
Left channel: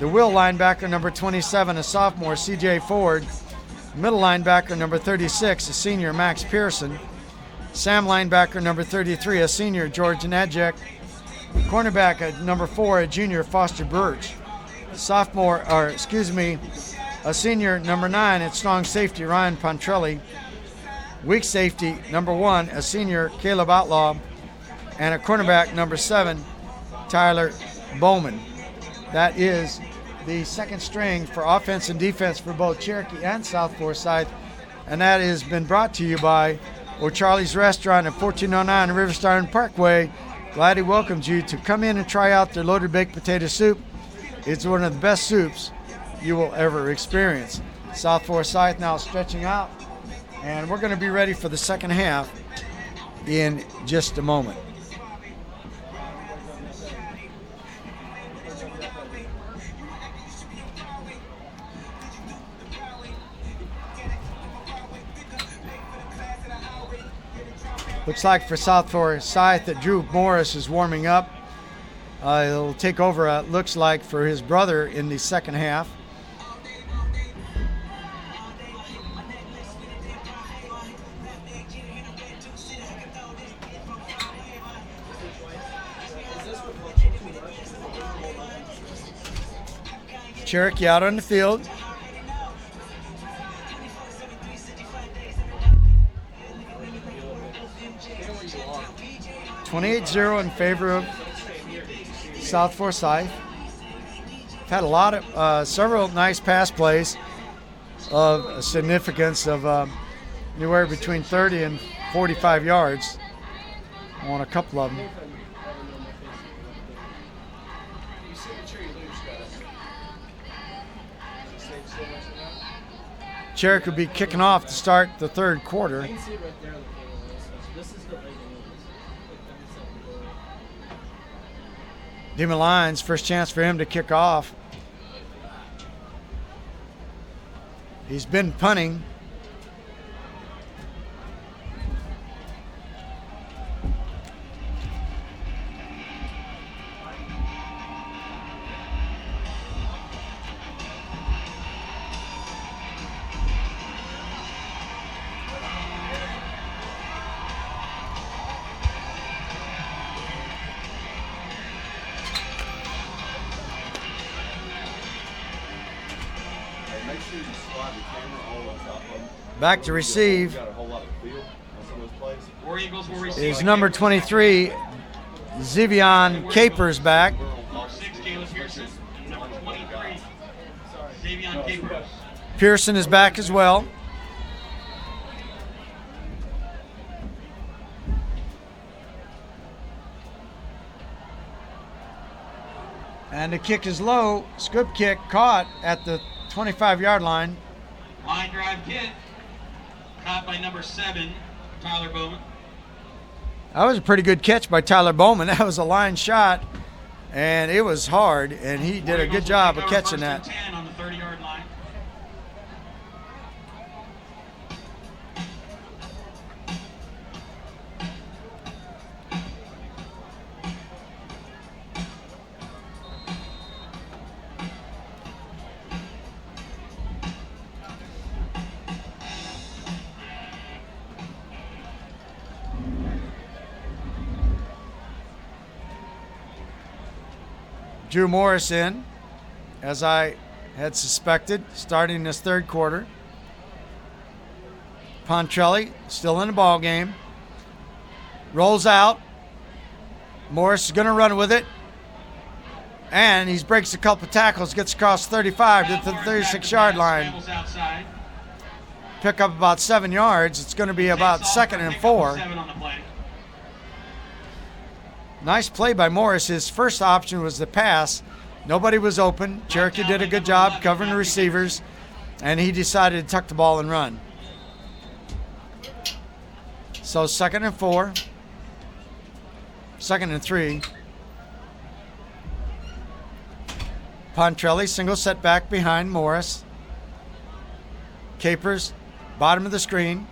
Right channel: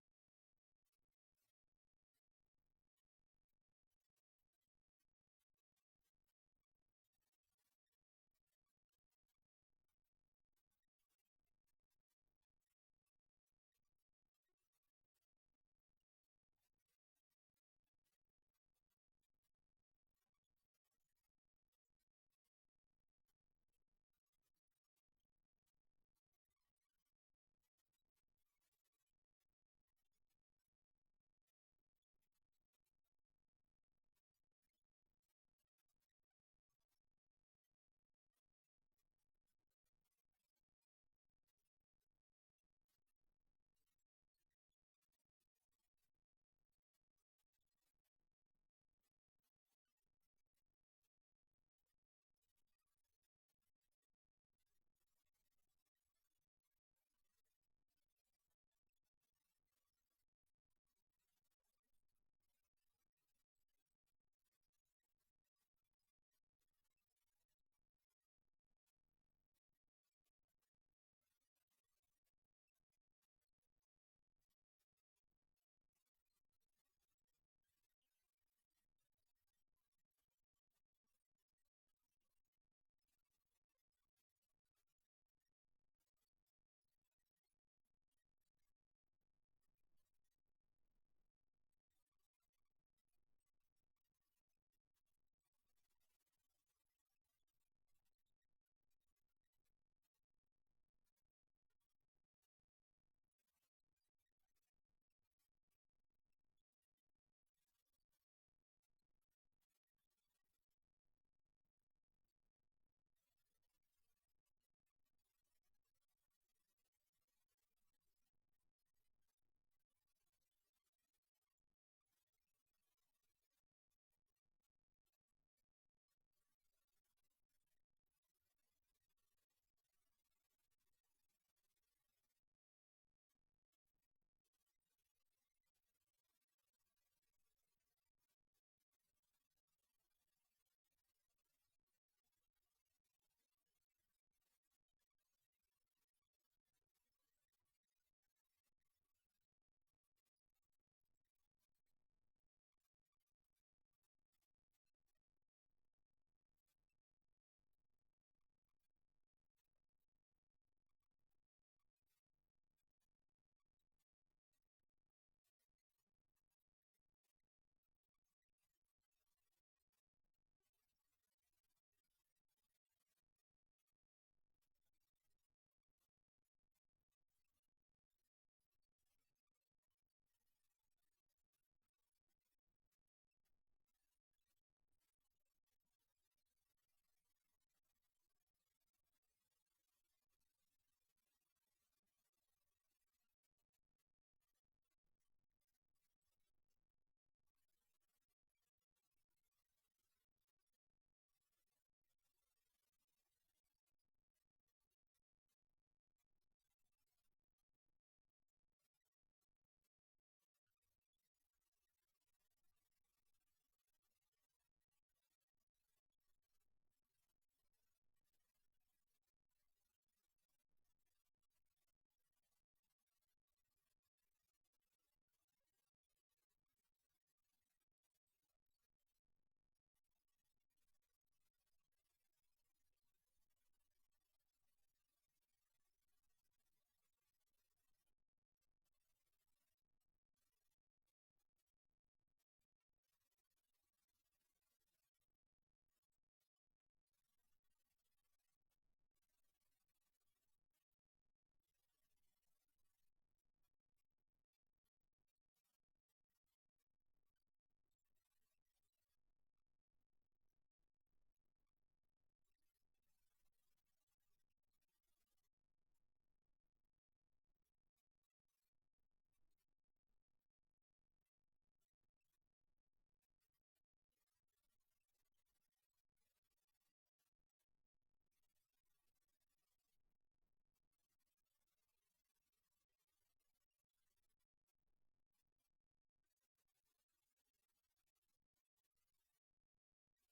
The will linebacker, number 27, a sophomore, C.J. Ford. Middle linebacker, number 36, a senior, Max Pearson. Sam linebacker, number 33, a senior, George Nadjek. Cornerback, number 4, a junior, Foster Birch. A senior, number 9, at strong safety, Ryan Pontrelli. Weak safety, number 1, a senior, Caleb Outlaw. And a cornerback, number 7, Tyler Bowman. That is the second string for offense and defense for both Cherokee and South Forsyth. And that has been brought to you by O'Charlie's Restaurant at 1409 Riverside Parkway. Glad he welcomes you to come in and try out their loaded baked potato soup. It's one of the best soups you will ever experience. South Forsyth now stretching out, and we're going to be ready for the second half in just a moment. Looks like for South Forsyth that Drew Morris is warming up. He'll take over, looks like, for his brother in the second half. Cherokee out on the field. (28-0) in favor of South Forsyth. Had a lot of several nice pass plays of significance of anywhere between 30 and 45 yards on a couple of them. Cherokee will be kicking off to start the third quarter. Demon Lyons, first chance for him to kick off. He's been punting. Back to receive is number 23, Zivion Capers back. Pearson is back as well. And the kick is low. Scoop kick caught at the 25-yard line. Line drive kick. Caught by number 7, Tyler Bowman. That was a pretty good catch by Tyler Bowman. That was a line shot, and it was hard, and he did a good job of catching that. 10 on the 30-yard line. Drew Morris in, as I had suspected, starting this third quarter. Pontrelli still in the ball game. Rolls out. Morris is going to run with it. And he breaks a couple tackles, gets across 35 to the 36-yard line. Pick up about 7 yards. It's going to be about 2nd and 4. Nice play by Morris. His first option was the pass. Nobody was open. Cherokee did a good job covering the receivers, and he decided to tuck the ball and run. So 2nd and 4. 2nd and 3. Pontrelli, single setback behind Morris. Capers, bottom of the screen.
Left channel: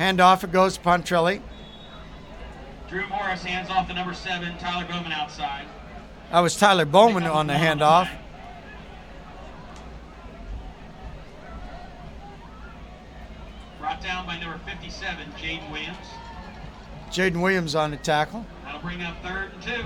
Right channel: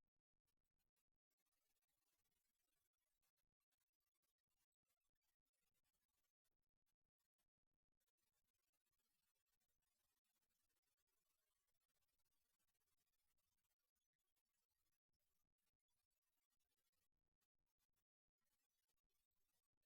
Handoff, it goes to Pontrelli. Drew Morris hands off to number 7, Tyler Bowman outside. That was Tyler Bowman on the handoff. Brought down by number 57, Jaden Williams. Jaden Williams on the tackle. That'll bring up 3rd and 2.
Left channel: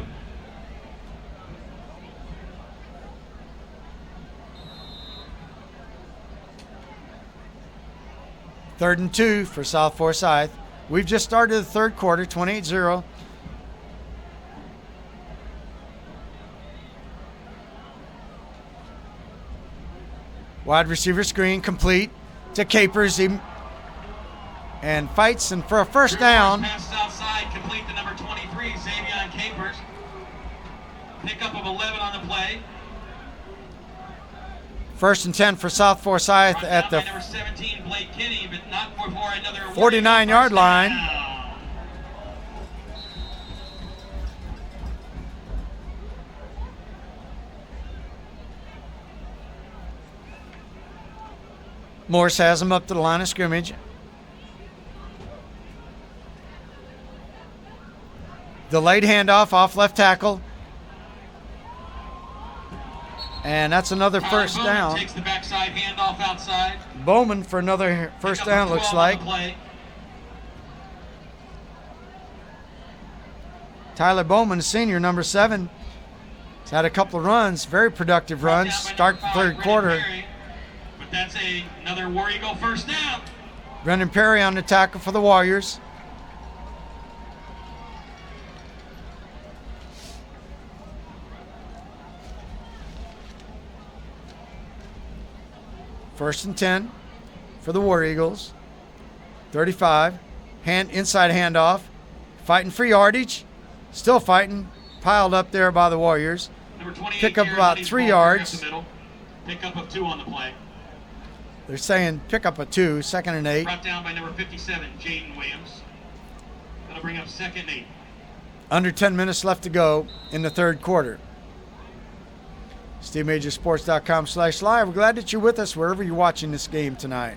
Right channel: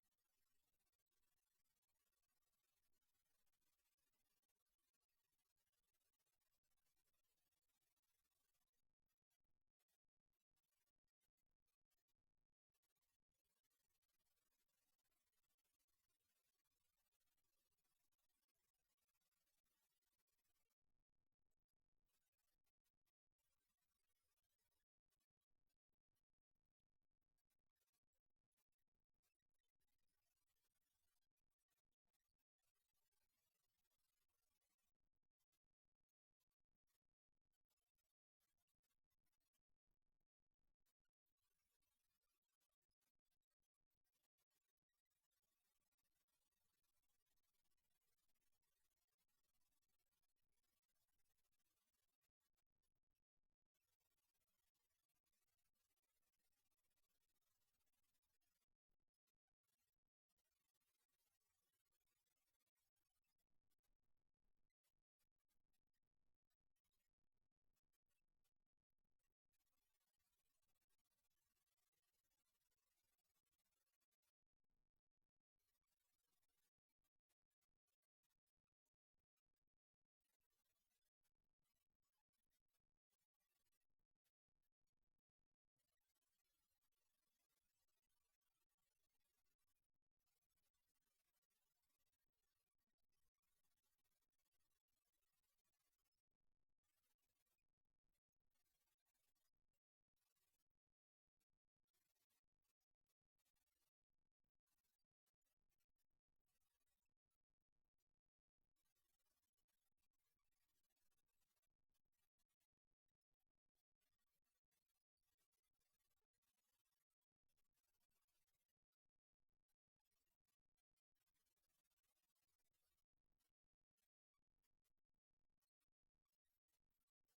Third and 2 for South Forsyth. We've just started the third quarter, 28-0. Wide receiver screen complete to Capers. And fights and for a first down. Passes outside, complete to number 23, Xavier Capers. Pickup of 11 on the play. First and 10 for South Forsyth at the number 17, Blake Kinney, but not before another 49-yard line. Morris has him up to the line of scrimmage. Delayed handoff off left tackle. And that's another first down. Takes the backside handoff outside. Bowman for another first down, looks like. Tyler Bowman, senior, number 7. He's had a couple of runs, very productive runs. Start the third quarter. But that's another War Eagle first down. Brendan Perry on the tackle for the Warriors. First and 10 for the War Eagles. 35. Inside handoff. Fighting for yardage. Still fighting. Piled up there by the Warriors. Pick up about 3 yards. Pick up of 2 on the play. They're saying pick up a 2, 2nd and 8. Brought down by number 57, Jaden Williams. That'll bring up 2nd and 8. Under 10 minutes left to go in the third quarter. SteveMajorSports.com/live. We're glad that you're with us wherever you're watching this game tonight.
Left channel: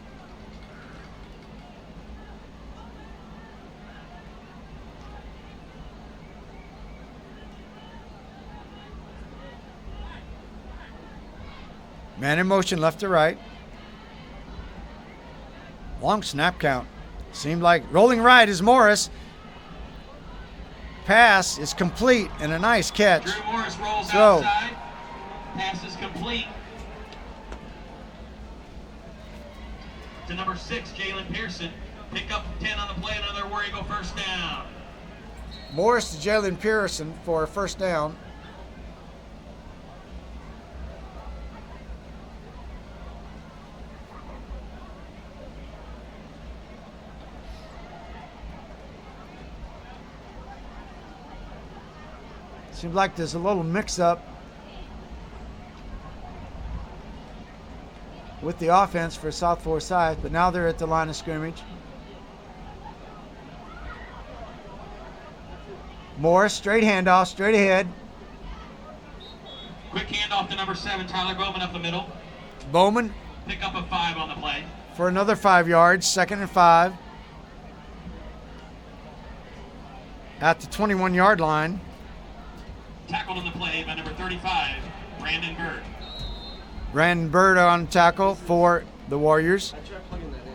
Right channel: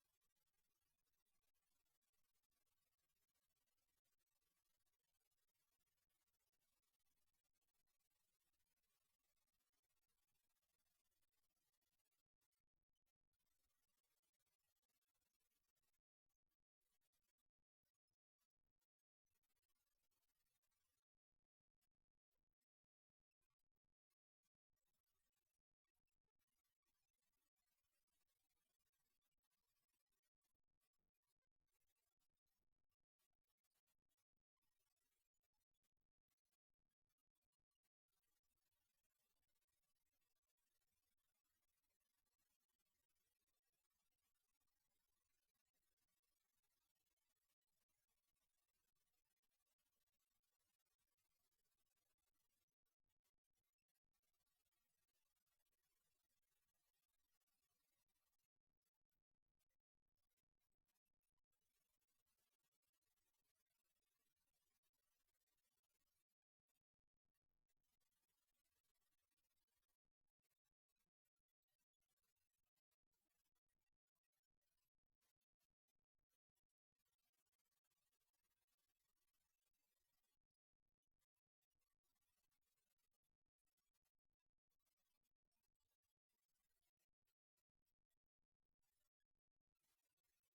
Man in motion left to right. Long snap count. Seemed like rolling right is Morris. Pass is complete and a nice catch. Drew Morris rolls Throw. outside. Pass is complete to number 6, Jalen Pearson. Pick up 10 on the play, another War Eagle first down. Morris to Jalen Pearson for a first down. Seems like there's a little mix-up with the offense for South Forsyth, but now they're at the line of scrimmage. Morris, straight handoff, straight ahead. Quick handoff to number 7, Tyler Bowman up the middle. Bowman Pick up of 5 on the play. for another 5 yards, 2nd and 5. At the 21-yard line. Tackled on the play by number 35, Brandon Bird. Brandon Bird on tackle for the Warriors. I tried plugging that in.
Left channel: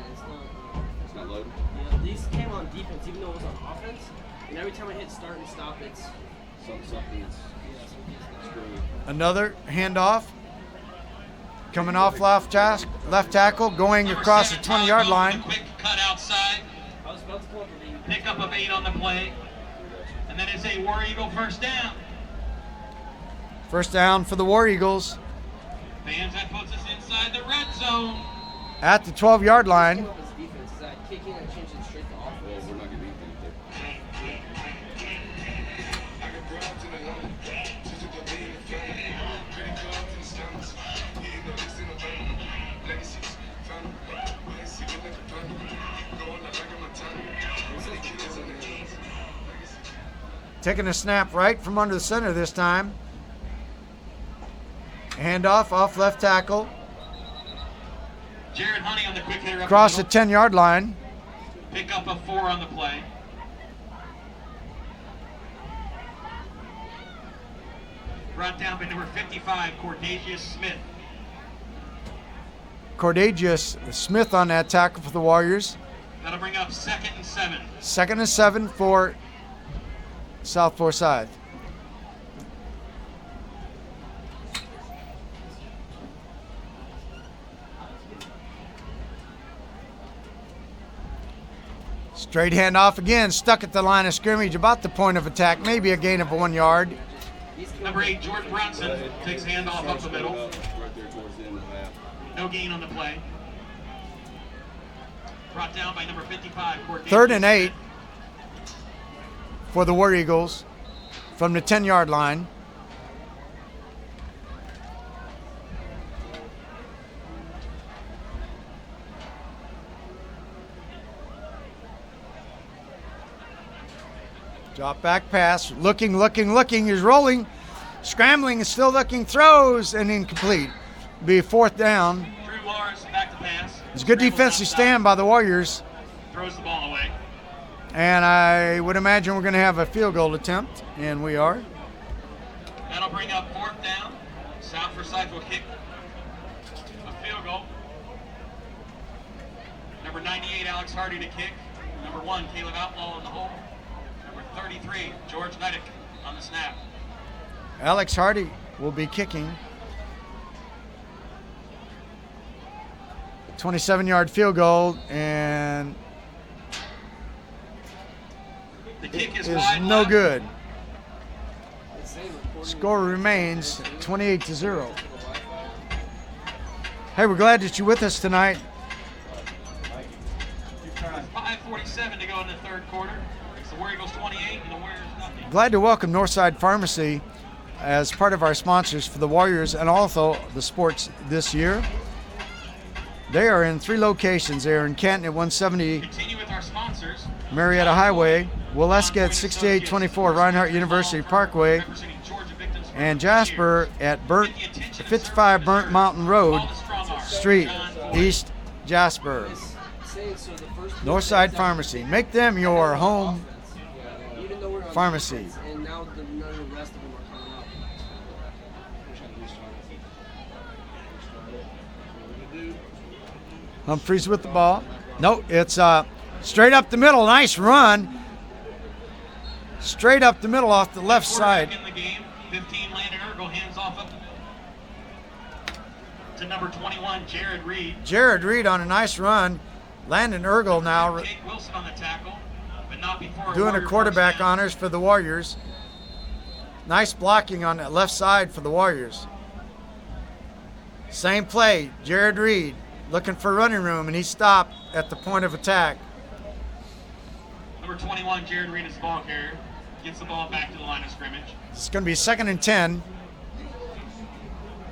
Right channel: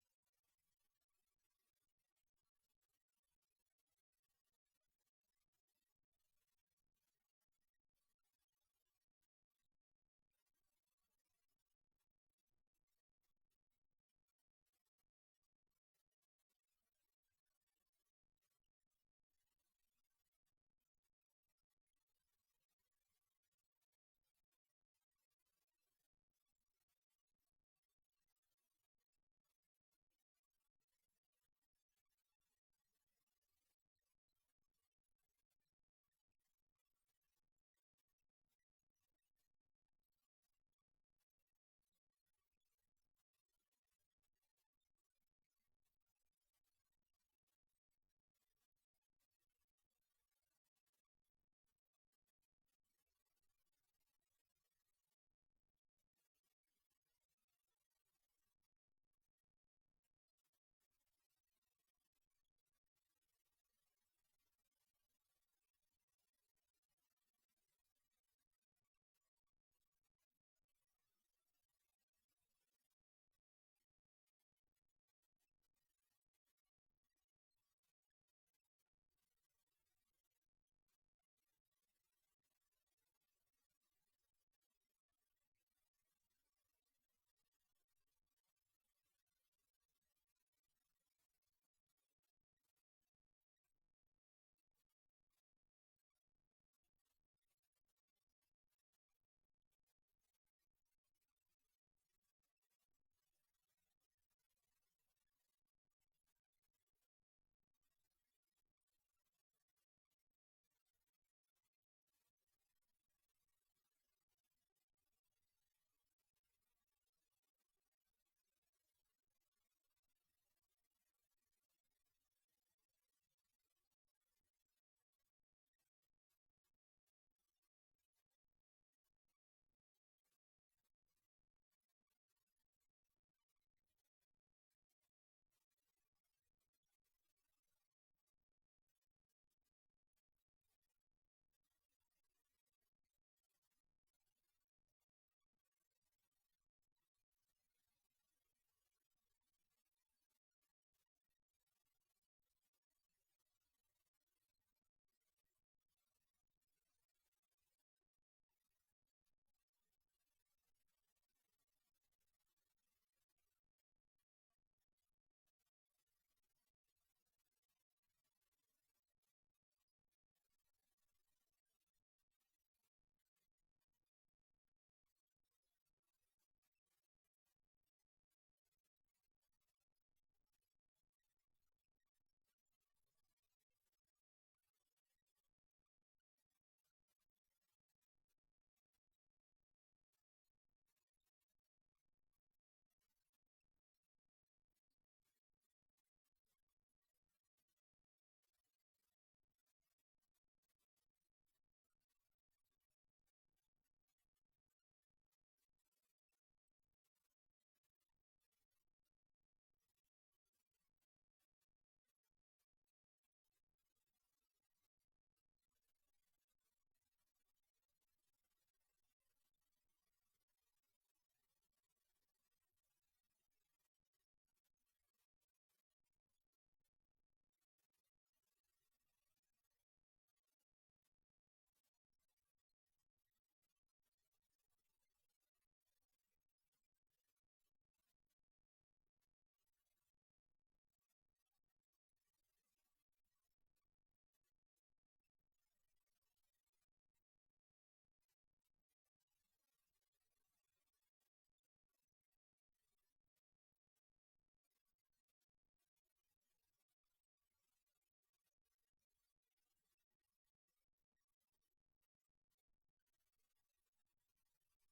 It's not loading. Yeah, these came on defense, even though it was on offense. And every time I hit start and stop, it's something. Another handoff. Coming off left tackle, going Number across 7, the 20-yard Tyler line. Bowman, quick cut outside. I was about to pull up for the Pick up of 8 on the play. And then it's a War Eagle first down. First down for the War Eagles Fans, that puts us inside the red zone. at the 12-yard line. came up as defense. Is that kicking and changing straight to offense? We're not getting anything Taking a snap right from under the center this time. Handoff off left tackle. Jared Honey on the quick hitter up Across the the middle. 10-yard line. Pick up a 4 on the play. Brought down by number 55, Cordacious Smith. Cordacious Smith on that tackle for the Warriors. That'll bring up 2nd and 7. 2nd and 7 for South Forsyth. Straight handoff again, stuck at the line of scrimmage, about the point of attack, maybe a gain of 1 yard. Number 8, Jordan Brownson, takes handoff up the middle. No gain on the play. Brought down by number 55, Cordacious 3rd and 8 Smith. for the War Eagles from the 10-yard line. Drop back pass, looking, he's rolling, scrambling, and still looking, throws, and incomplete. Be 4th down. Drew Lars back to pass. It's a good Scrambles defensive outside. stand by the Warriors, Throws the ball away. and I would imagine we're going to have a field goal attempt, and we are. That'll bring up 4th down. South Forsyth will kick a field goal. Number 98, Alex Hardy to kick. Number 1, Caleb Outlaw in the hole. Number 33, George Nidek on the snap. Alex Hardy will be kicking. 27-yard field goal, and The kick is is wide no left. good. Score remains 28-0. Hey, we're glad that you're with us tonight. 5:47 to go in the 3rd quarter. It's the War Eagles 28 and the Warriors nothing. Glad to welcome Northside Pharmacy as part of our sponsors for the Warriors and also the sports this year. They are in 3 locations. They are in Canton at 170 Continue with our sponsors. Marietta Highway, Waleska at 6824 Reinhardt University Parkway, Representing Georgia victims for and 50 Jasper years. at Get the attention of 55 Sir Burnt Mountain Road Paul the Strong Arm. Street, John Ford. East Jasper. Northside Pharmacy. Make them your home Even though we're on pharmacy. defense, and now none of the rest of them are coming up. Humphreys with the ball. No, it's straight up the middle. Nice run. Straight up the middle off the left side. Quarterback in the game. 15, Landon Ergel, hands off up to number 21, Jared Reed. Jared Reed on a nice run. Landon Ergel now Jake Wilson on the tackle, but not before doing a Warrior quarterback first down. honors for the Warriors. Nice blocking on that left side for the Warriors. Same play, Jared Reed looking for running room, and he stopped at the point of attack. Number 21, Jared Reed is the ball carrier. Gets the ball back to the line of scrimmage. It's going to be 2nd and 10.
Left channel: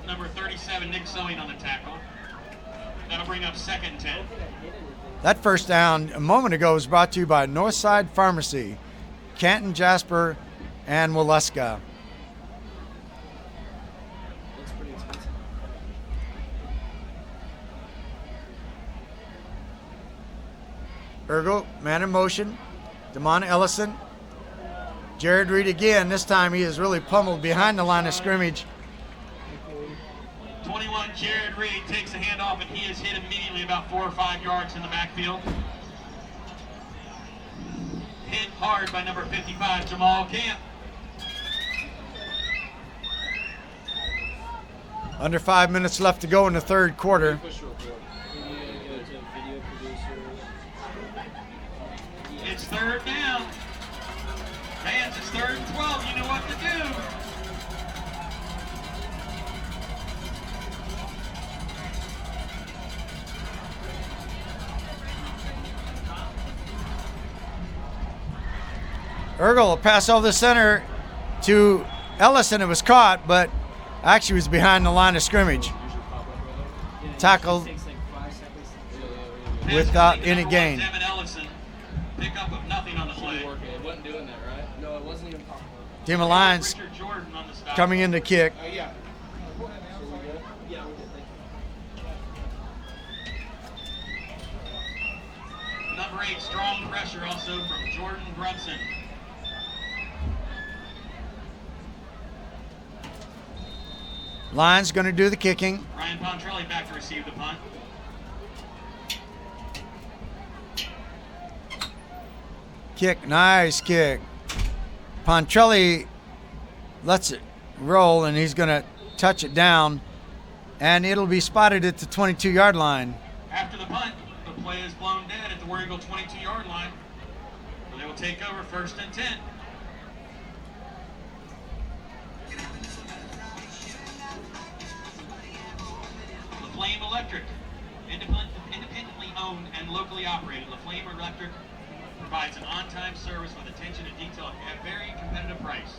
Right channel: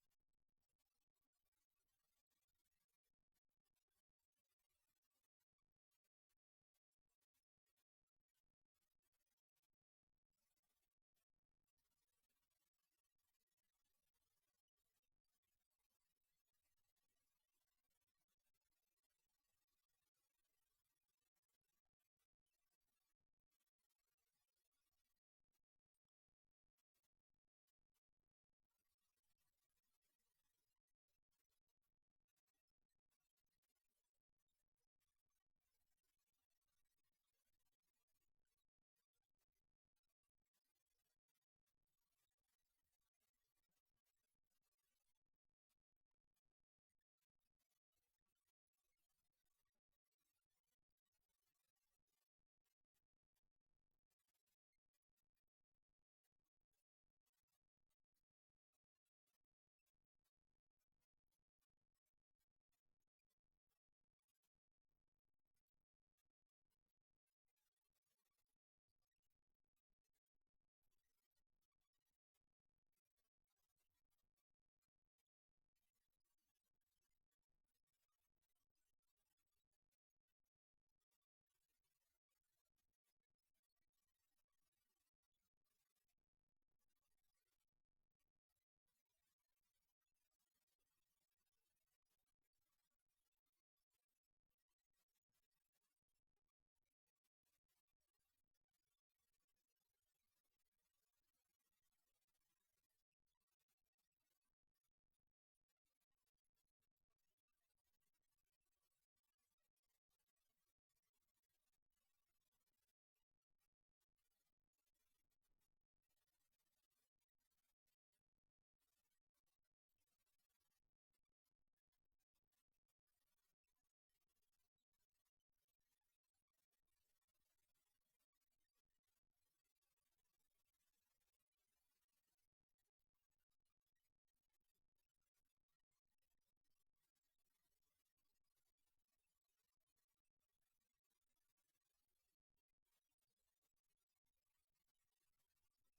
Number 37, Nick Sewing on the tackle. That'll bring up 2nd and 10. That first down a moment ago was brought to you by Northside Pharmacy, Canton, Jasper, and Waleska. Looks pretty expensive. Ergo, man in motion. Damon Ellison. Jared Reed again. This time he is really pummeled behind the line of scrimmage. 21, Jared Reed takes a handoff, and he is hit immediately about 4 or 5 yards in the backfield. Hit hard by number 55, Jamal Camp. Under 5 minutes left to go in the 3rd quarter. It's 3rd down. Fans, it's 3rd and 12. You know what to do. Ergel will pass over the center to Ellison. It was caught, but actually was behind the line of scrimmage. Tackled without any gain. Devin Ellison, pick up of nothing on the play. No, it wasn't even possible. Team of Lions Richard Jordan on the stop. coming in to kick. pressure also from Jordan Brunson. Lions going to do the kicking. Ryan Pontrelli back to receive the punt. Kick, nice kick. Pontrelli lets it roll, and he's going to touch it down, and it'll be spotted at the 22-yard line. After the punt, the play is blown dead at the War Eagle 22-yard line. So they will take over 1st and 10. LaFlame Electric, independently owned and locally operated. LaFlame Electric provides an on-time service with attention to detail at a very competitive price.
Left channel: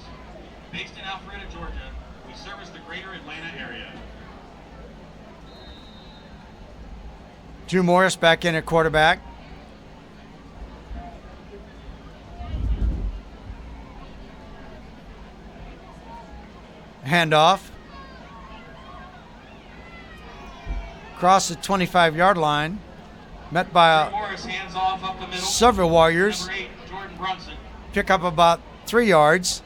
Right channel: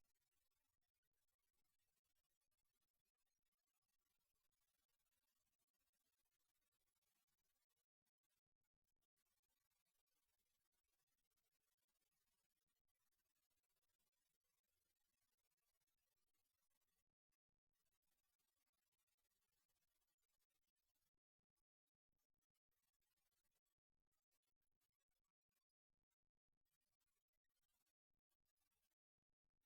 Based in Alpharetta, Georgia, we service the greater Atlanta area. Drew Morris back in at quarterback. Handoff. Across the 25-yard line. Met by Morris hands off up the middle. several Warriors. Number 8, Jordan Brunson. Pick up about 3 yards.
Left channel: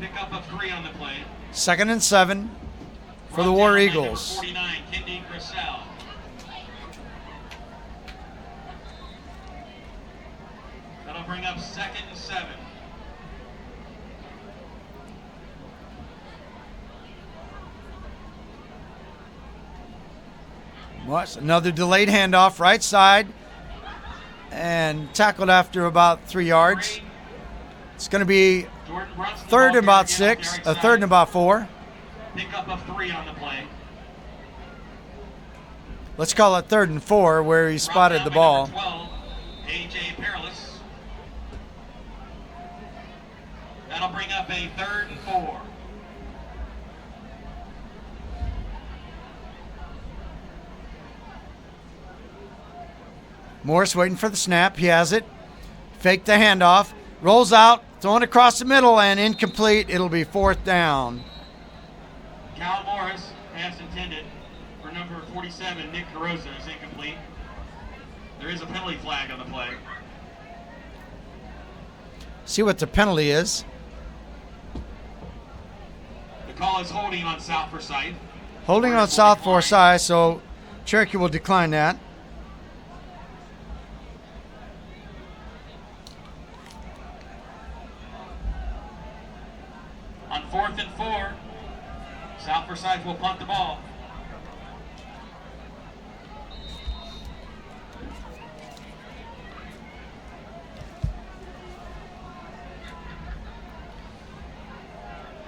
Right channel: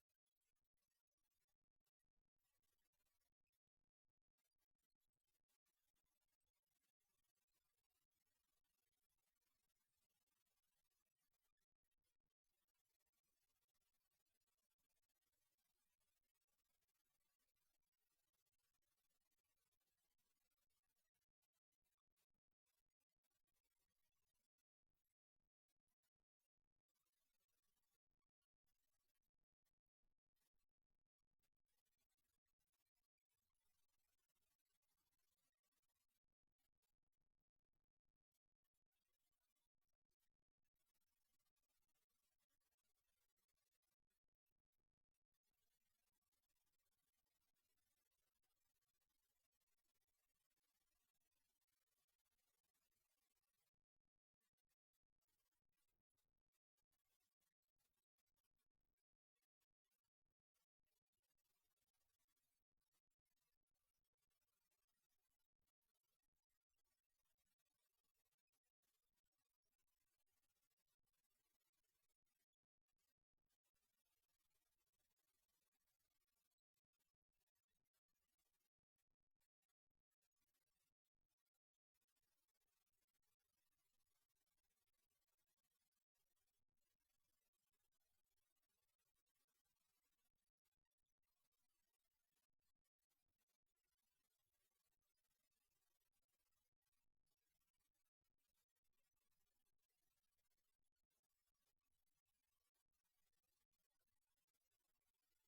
Pick up of 3 on the play. 2nd and 7 for the Brought War down by Eagles. Number 49, Kendi Grissel. That'll bring up 2nd and 7. Watch another delayed handoff, right side, and tackled after about 3 yards. It's going to be Jordan Brunson, the 3rd ball and about carrier again 6, off the right 3rd and side. about 4. Pick up of 3 on the play. Let's call it 3rd and 4, where he Brought spotted down the by ball. number 12, A.J. Perilous. That'll bring up a 3rd and 4. Morris waiting for the snap. He has it. Fake the handoff. Rolls out. Throwing across the middle and incomplete. It'll be 4th down. Cal Morris, pass intended for number 47, Nick Carosa, is incomplete. There is a penalty flag on the play. See what the penalty is. The call is holding on South Forsyth. Holding on Forsyth will South decline. Forsyth, so Cherokee will decline that. On 4th and 4, South Forsyth will punt the ball.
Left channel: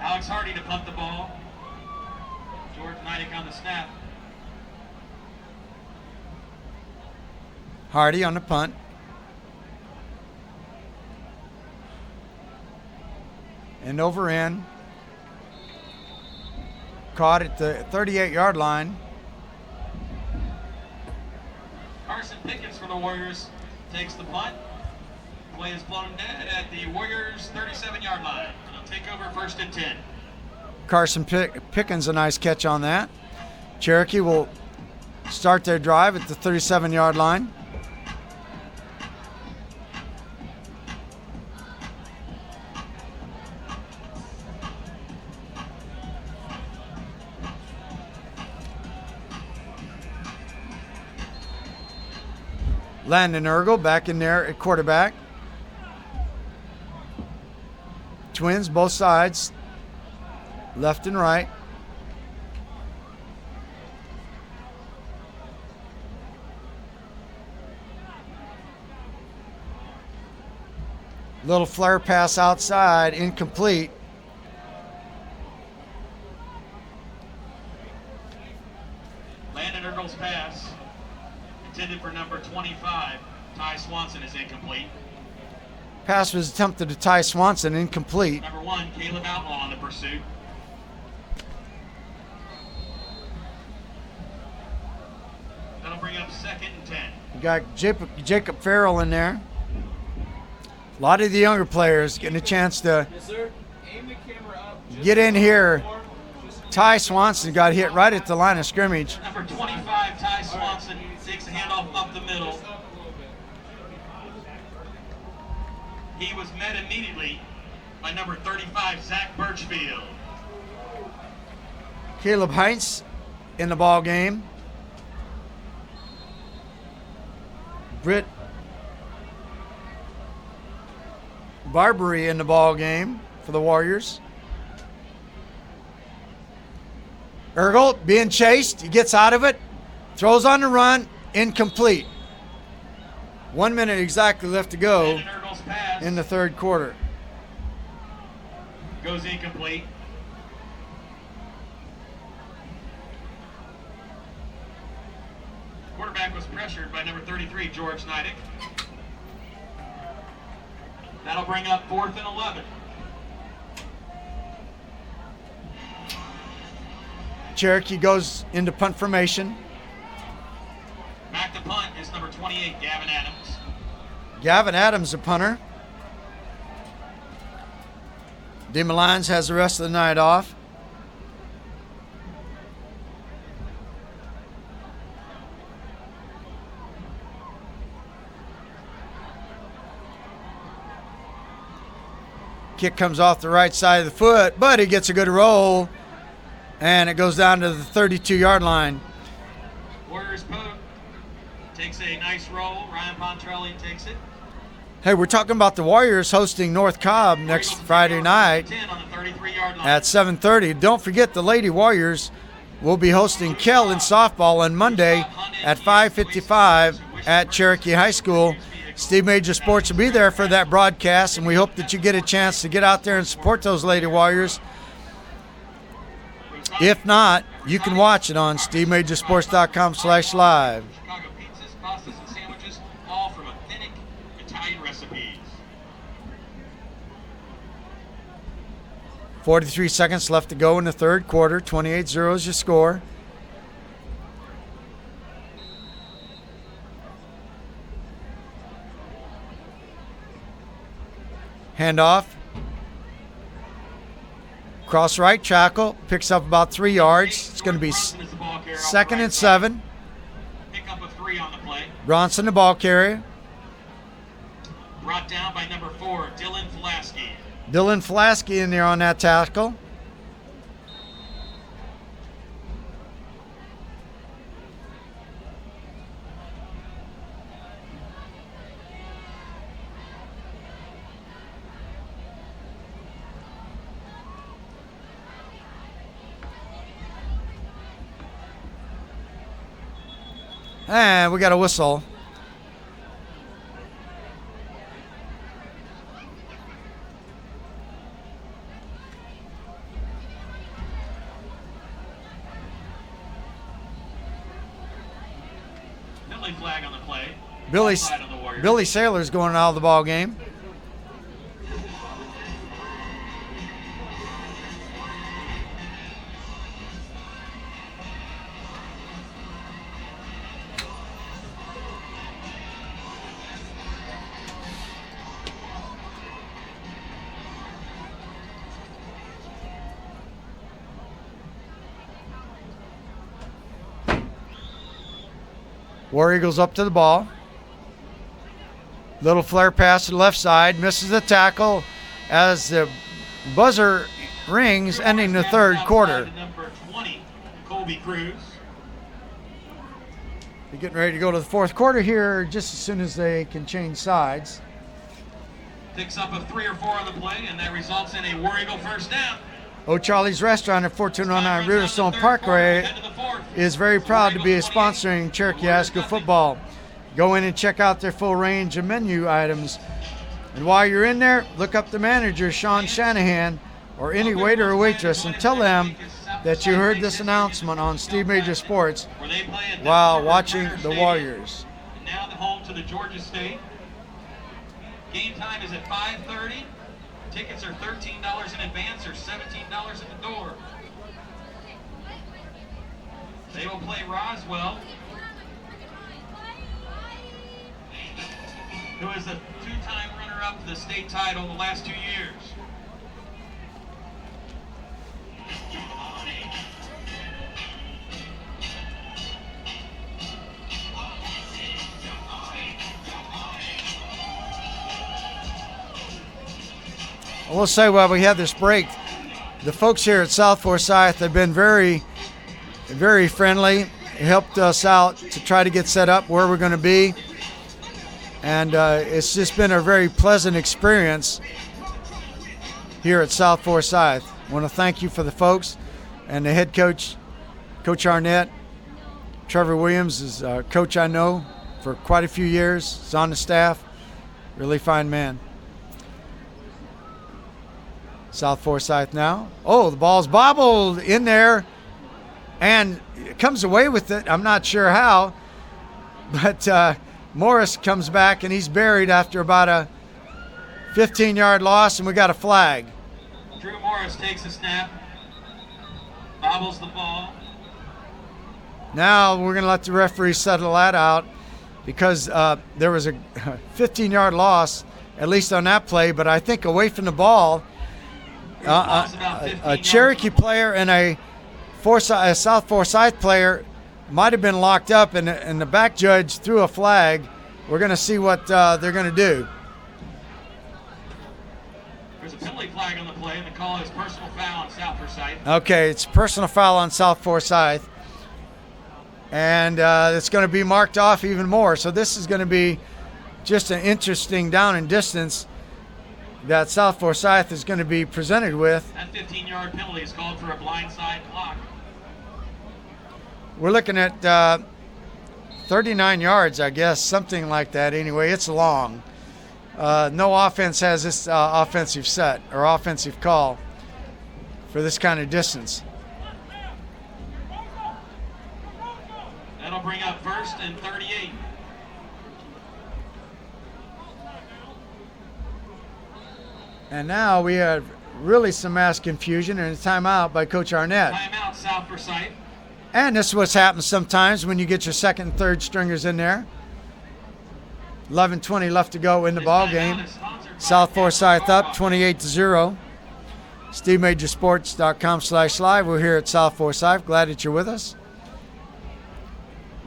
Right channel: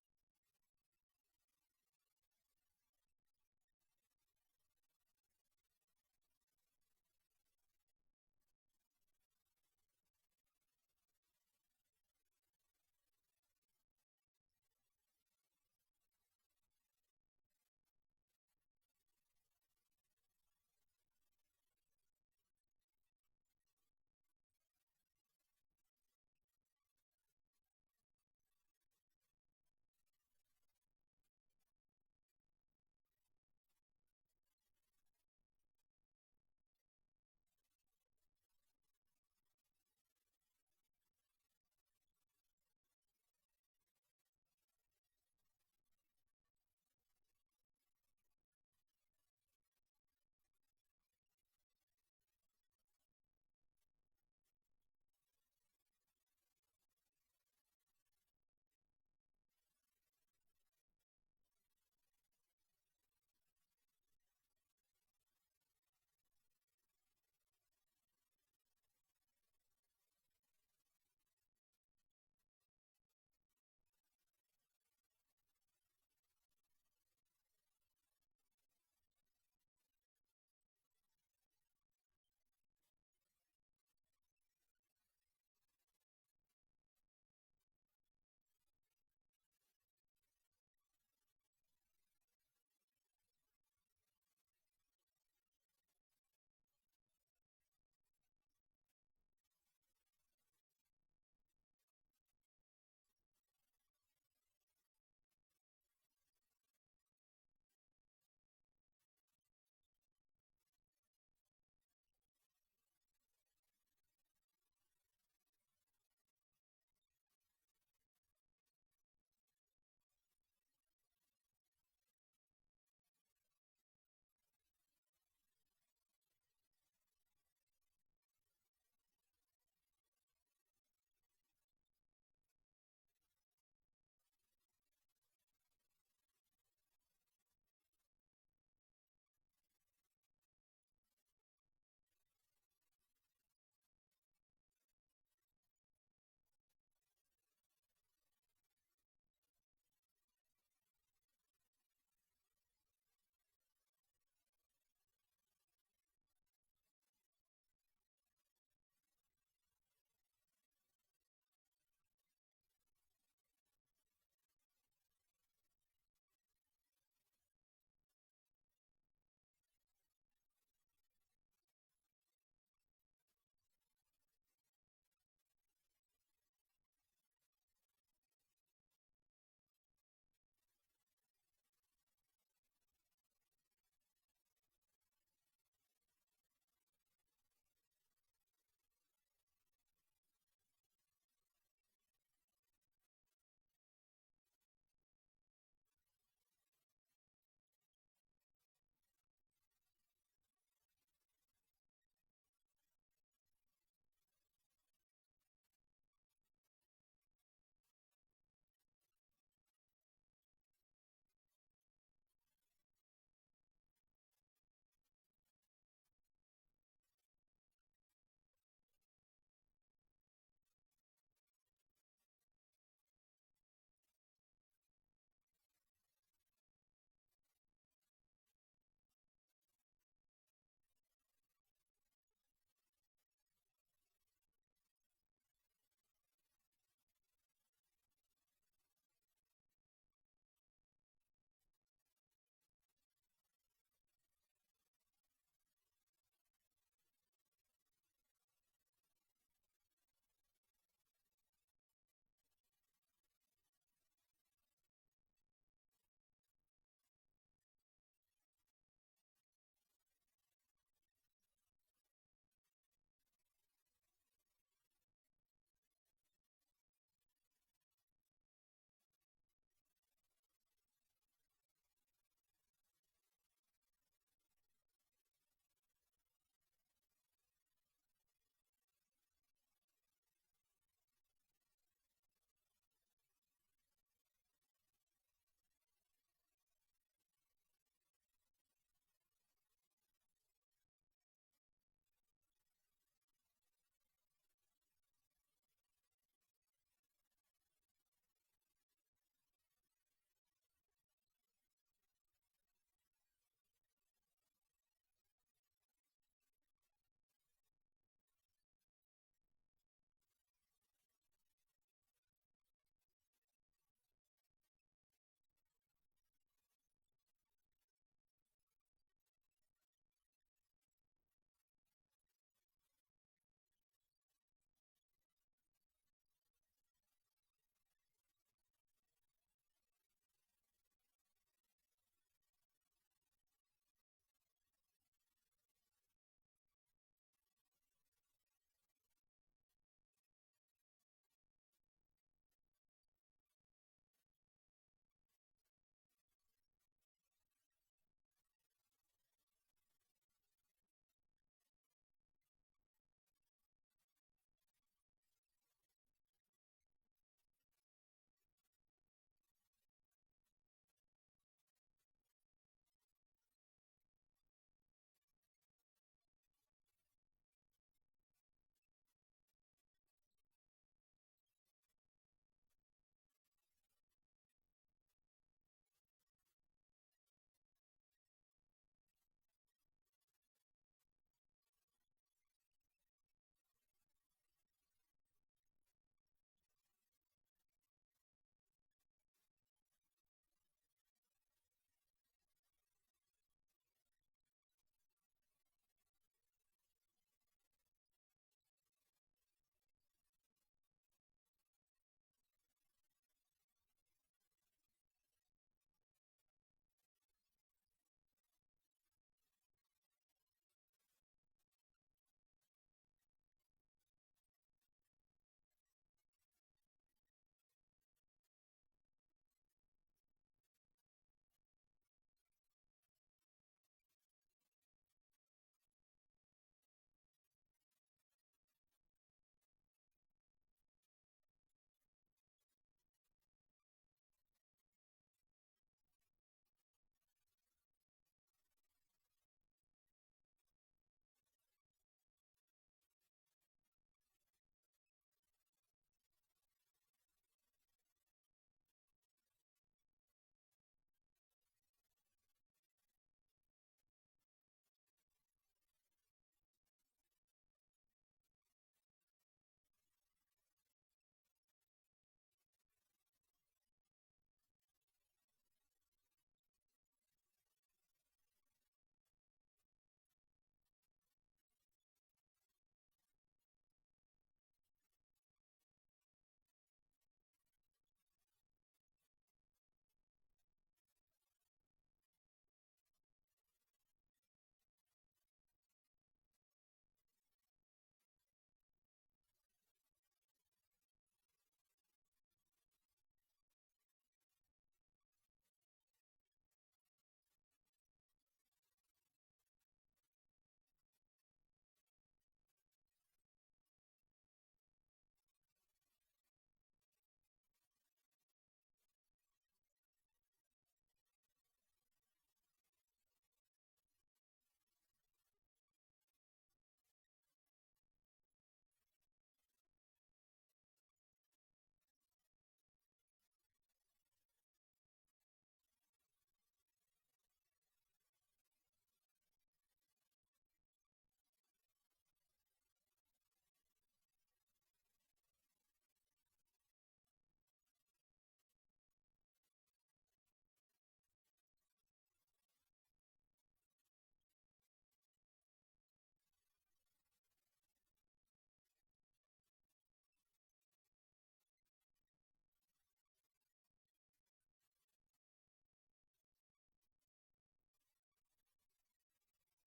Alex Hardy to punt the ball. George Neidick on the snap. Hardy on the punt. End over end. Caught at the 38-yard line. Carson Pickens for the Warriors takes the punt. Play is blown dead at the Warriors' 37-yard line. It'll take over 1st and 10. Carson Pickens, a nice catch on that. Cherokee will start their drive at the 37-yard line. Landon Ergel back in there at quarterback. Twins, both sides, left and right. Little flare pass outside, incomplete. Landon Ergel's pass, intended for number 25, Ty Swanson, is incomplete. Pass was attempted to Ty Swanson, incomplete. Number 1, Caleb Outlaw on the pursuit. That'll bring up 2nd and 10. You got Jacob Farrell in there. A lot of the younger players getting a chance to get in here. Ty Swanson got hit right at the line of scrimmage. Number 25, Ty Swanson, takes a handoff up the middle. He was met immediately by number 35, Zach Birchfield. Caleb Heinz in the ball game. Britt Barbary in the ball game for the Warriors. Ergel being chased. He gets out of it. Throws on the run. Incomplete. 1 minute exactly left to go in the third quarter. Goes incomplete. Quarterback was pressured by number 33, George Neidick. That'll bring up 4th and 11. Cherokee goes into punt formation. Back to punt is number 28, Gavin Adams. Gavin Adams, the punter. DeMalines has the rest of the night off. Kick comes off the right side of the foot, but he gets a good roll, and it goes down to the 32-yard line. Warriors Pope takes a nice roll. Ryan Pontrelli takes it. Hey, we're talking about the Warriors hosting North Cobb next Friday night at 7:30. Don't forget the Lady Warriors will be hosting Kell in softball on Monday at 5:55 at Cherokee High School. Steve Major Sports will be there for that broadcast, and we hope that you get a chance to get out there and support those Lady Warriors. If not, you can watch it on SteveMajorSports.com/live. Chicago pizzas, pastas, and sandwiches, all from authentic Italian recipes. 43 seconds left to go in the third quarter. 28-0 is your score. Handoff. Cross right tackle. Picks up about 3 yards. It's going to be 2nd and 7. Pick up a 3 on the play. Bronson, the ball carrier. Brought down by number 4, Dylan Flasky. Dylan Flasky in there on that tackle. And we got a whistle. Penalty flag on the play. Billy Offside on the Warriors. Billy Saylor's going out of the ball game. War Eagles up to the ball. Little flare pass to the left side. Misses the tackle as the buzzer rings, ending the third quarter. Number 20, Colby Cruz. They're getting ready to go to the fourth quarter here just as soon as they can change sides. Picks up a 3 or 4 on the play, and that results in a War Eagle first down. O'Charlie's Restaurant at 1409 Riverstone Parkway is very proud to be sponsoring Cherokee High School football. Go in and check out their full range of menu items. And while you're in there, look up the manager, Sean Shanahan, or any waiter or waitress, and tell them that you heard this announcement on Steve Major Sports while watching the Warriors. And now the home to the Georgia State. Game time is at 5:30. Tickets are $13 in advance or $17 at the door. They will play Roswell, who is a 2-time runner-up to the state title the last 2 years. I will say while we have this break, the folks here at South Forsyth have been very, very friendly, helped us out to try to get set up where we're going to be. And it's just been a very pleasant experience here at South Forsyth. I want to thank you for the folks and the head coach, Coach Arnett. Trevor Williams is a coach I know for quite a few years. He's on the staff. Really fine man. South Forsyth now. Oh, the ball's bobbled in there and comes away with it. I'm not sure how, but Morris comes back and he's buried after about a 15-yard loss, and we got a flag. Drew Morris takes a snap, bobbles the ball. Now we're going to let the referee settle that out because there was a 15-yard loss, at least on that play, but I think away from the ball, a Cherokee player and a South Forsyth player might have been locked up, and the back judge threw a flag. We're going to see what they're going to do. There's a penalty flag on the play, and the call is personal foul on South Forsyth. Okay, it's personal foul on South Forsyth, and it's going to be marked off even more. So this is going to be just an interesting down and distance that South Forsyth is going to be presented with. That 15-yard penalty is called for a blindside block. We're looking at 39 yards, I guess, something like that. Anyway, it's long. No offense has this offensive set or offensive call for this kind of distance. That'll bring up 1st and 38. And now we have really some mass confusion and a timeout by Coach Arnett. Timeout, South Forsyth. And this is what's happened sometimes when you get your second and third stringers in there. 11:20 left to go in the ball game. South Forsyth up 28-0. SteveMajorSports.com/live. We're here at South Forsyth. Glad that you're with us.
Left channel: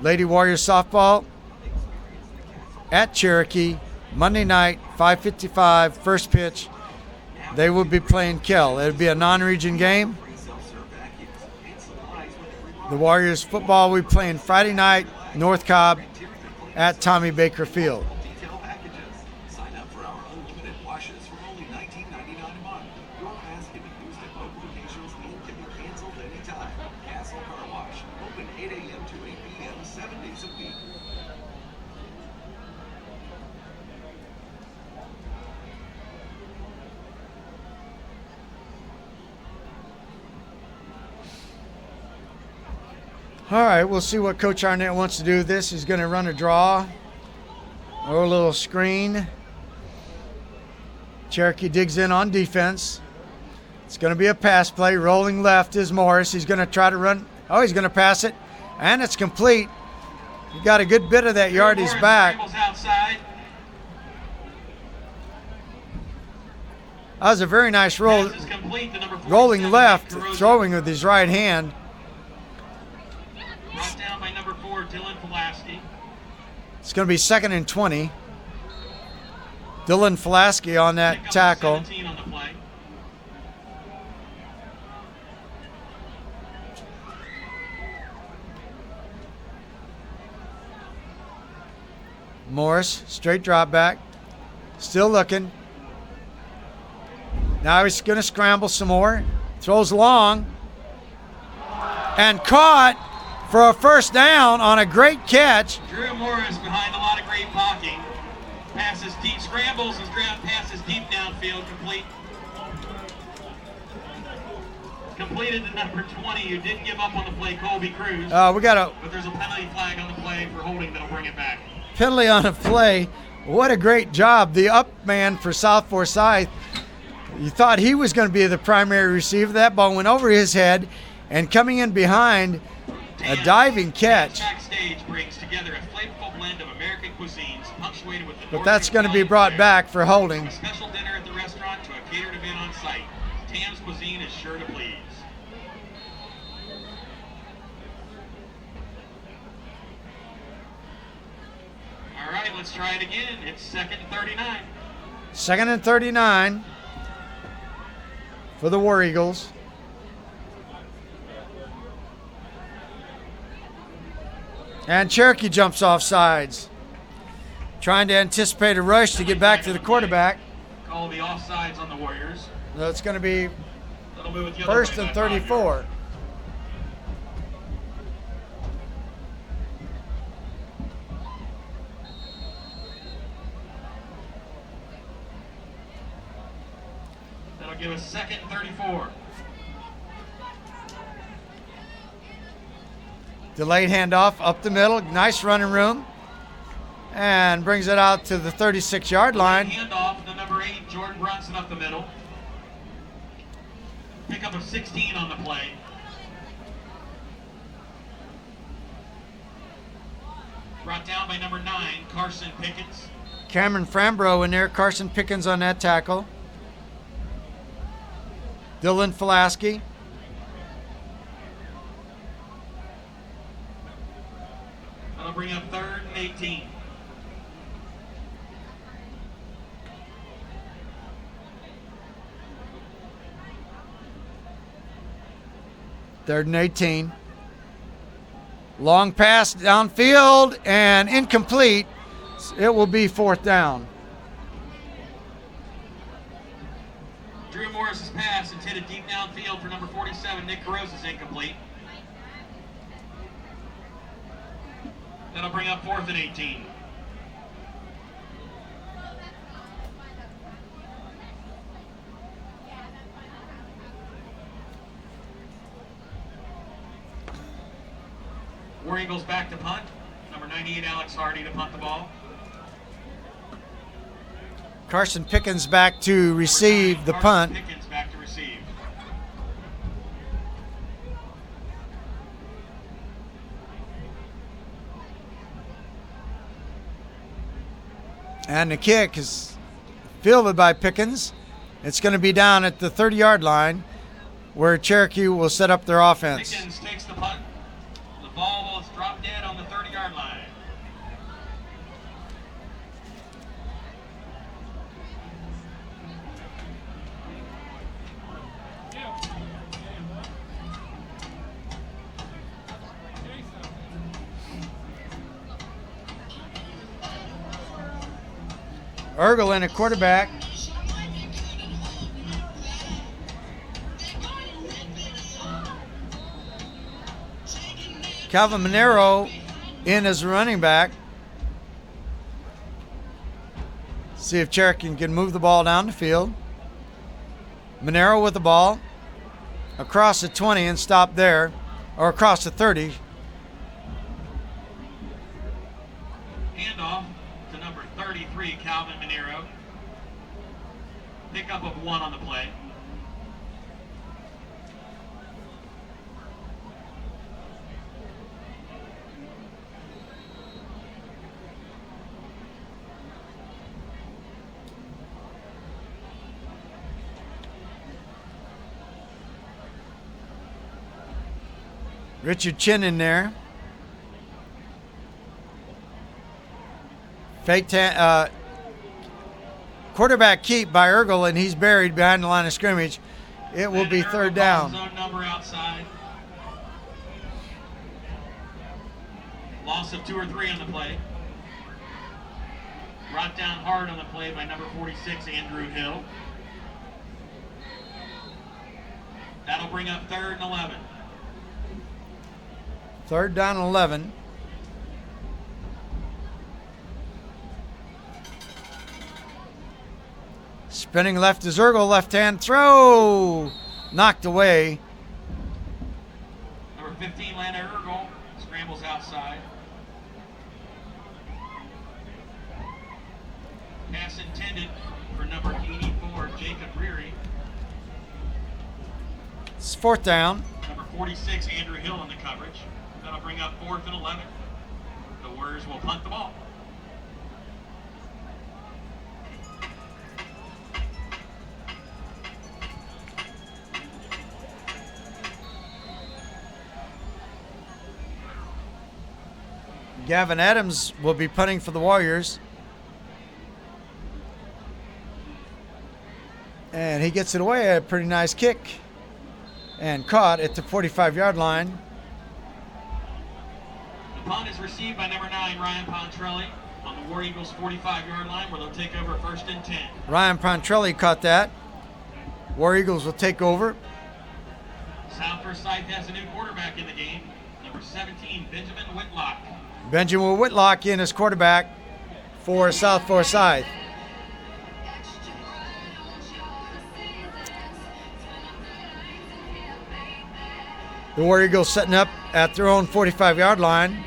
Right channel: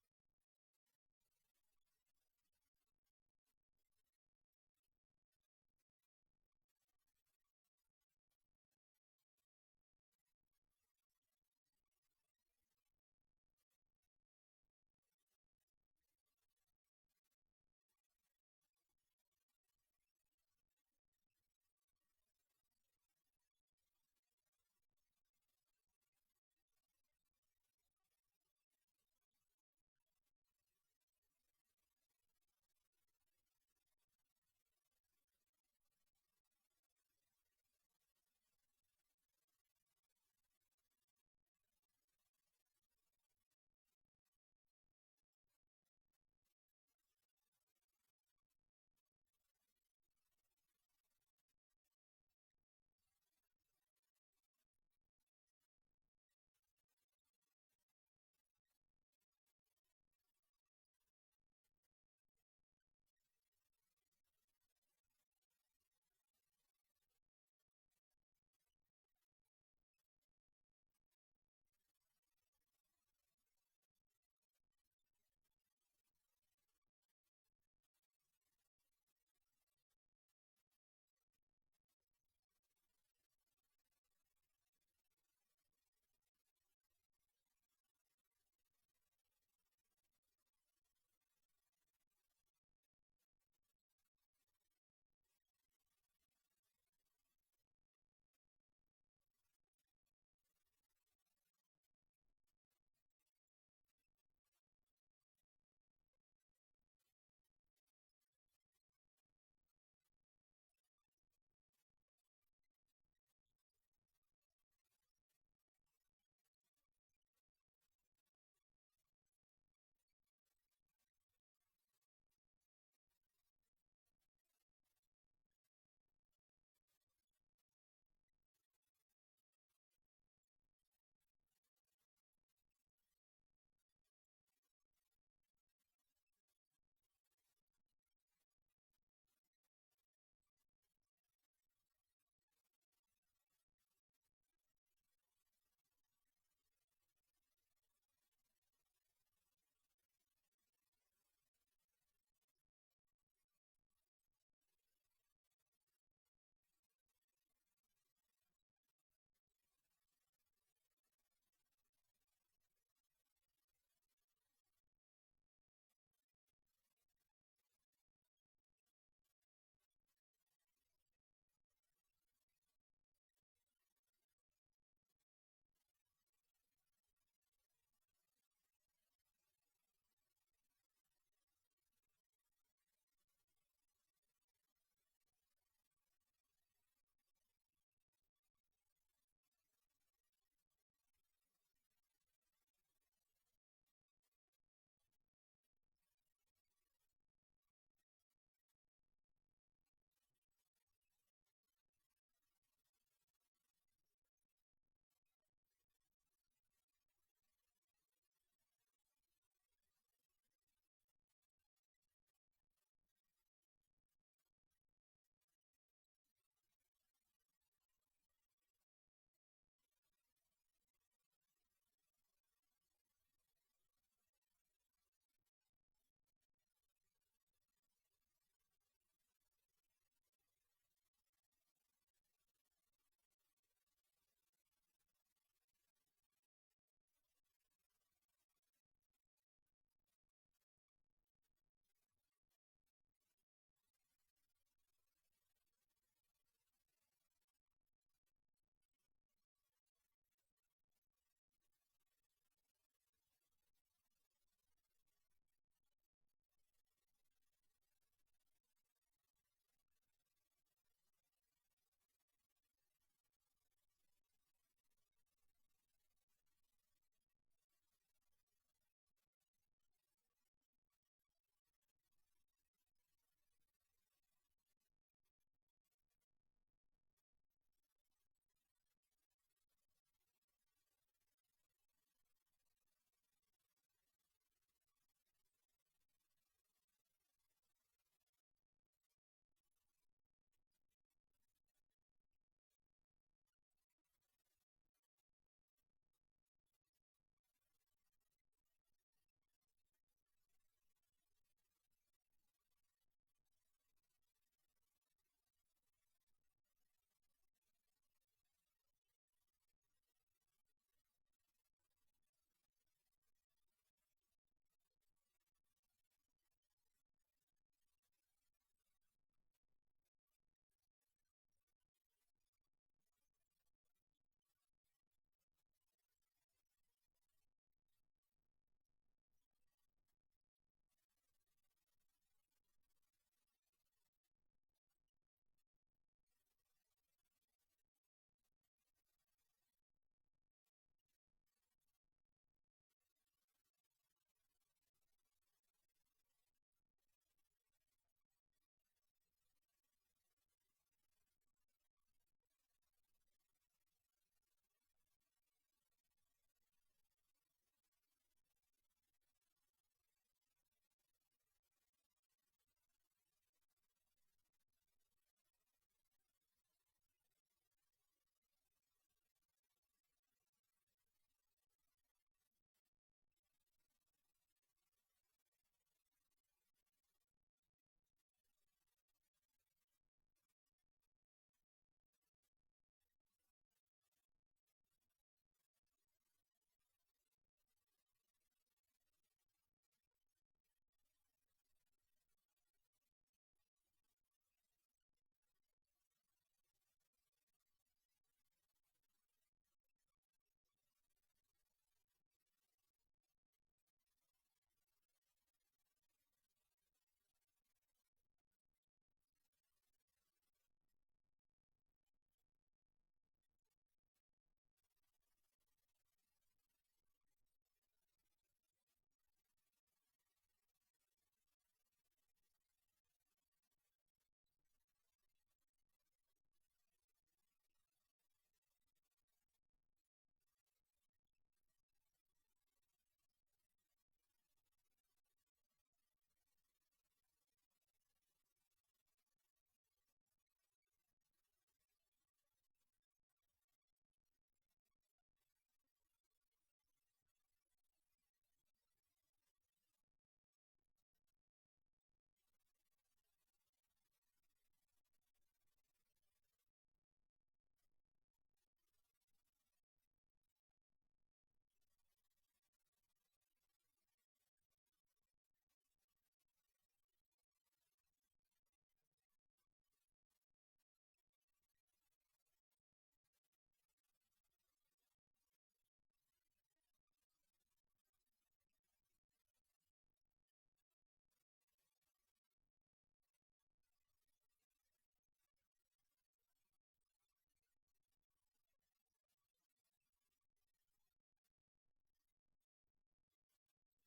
Lady Warriors softball at Cherokee Monday night, 5:55, first pitch. They will be playing Kell. It'll be a non-region game. The Warriors football will be playing Friday night, North Cobb at Tommy Baker Field. Detail packages. Sign up for our unlimited washes for only $19.99 a month. Your pass can be used at both locations and can be canceled anytime. Castle Car Wash. Open 8 a.m. to 8 p.m. 7 days a week. All right, we'll see what Coach Arnett wants to do with this. He's going to run a draw or a little screen. Cherokee digs in on defense. It's going to be a pass play. Rolling left is Morris. He's going to try to run. Oh, he's going to pass it, and it's complete. He got a good bit of that yardage back. Outside. That was a very nice roll. Rolling left, throwing with his right hand. Brought down by number 4, Dylan Pulaski. It's going to be 2nd and 20. Dylan Pulaski on that tackle. 17 on the play. Morris, straight drop back. Still looking. Now he's going to scramble some more. Throws long. And caught for a first down on a great catch. Drew Morris behind a lot of great blocking. Passes deep, scrambles and passes deep downfield, complete. Completed to number 20, who didn't give up on the play, Colby Cruz. We got a But there's a penalty flag on the play for holding that'll bring it back. penalty on a play. What a great job. The up man for South Forsyth. You thought he was going to be the primary receiver. That ball went over his head, and coming in behind, a diving catch. Backstage brings together a flavorful blend of American cuisines, punctuated with the But that's going to be brought back for holding. a special dinner at the restaurant to a catered event on site. Tam's cuisine is sure to please. All right, let's try it again. It's 2nd and 39. 2nd and 39. for the War Eagles. And Cherokee jumps off sides, trying to anticipate a rush to get back to the quarterback. Call the offsides on the Warriors. So it's going to be That'll move it the other first way and by 5 34. yards. That'll give us second and 34. Delayed handoff up the middle. Nice running room. And brings it out to the 36-yard line. Handoff to number 8, Jordan Brunson up the middle. Pickup of 16 on the play. Brought down by number 9, Carson Pickens. Cameron Frambro in there. Carson Pickens on that tackle. Dylan Fulaski. That'll bring up third and 18. Third and 18. Long pass downfield and incomplete. It will be fourth down. Drew Morris's pass intended deep downfield for number 47, Nick Carosa, is incomplete. That'll bring up fourth and 18. War Eagles back to punt. Number 98, Alex Hardy to punt the ball. Carson Pickens back to receive the Carson punt. Pickens back to receive. And the kick is fielded by Pickens. It's going to be down at the 30-yard line where Cherokee will set up their offense. Pickens takes the punt. The ball will drop dead on the 30-yard line. Ergel in a quarterback. Calvin Monero in as a running back. See if Cherokee can move the ball down the field. Monero with the ball. Across the 20 and stop there. Or across the 30. Handoff to number 33, Calvin Monero. Pickup of 1 on the play. Richard Chin in there. Fake quarterback keep by Ergel, and he's buried behind the line of scrimmage. It will be third down. Zone number outside. Loss of 2 or 3 on the play. Brought down hard on the play by number 46, Andrew Hill. That'll bring up third and 11. Third down and 11. Spinning left is Ergel, left hand throw. Knocked away. Number 15, Lana Ergel, scrambles outside. Pass intended for number 84, Jacob Reary. It's fourth down. Number 46, Andrew Hill in the coverage. That'll bring up 4th and 11. The Warriors will punt the ball. Gavin Adams will be punting for the Warriors. And he gets it away. A pretty nice kick. And caught at the 45-yard line. The punt is received by number 9, Ryan Pontrelli, on the War Eagles 45-yard line, where they'll take over 1st and 10. Ryan Pontrelli caught that. War Eagles will take over. South Forsyth has a new quarterback in the game, number 17, Benjamin Whitlock. Benjamin Whitlock in as quarterback for South Forsyth. The War Eagles setting up at their own 45-yard line.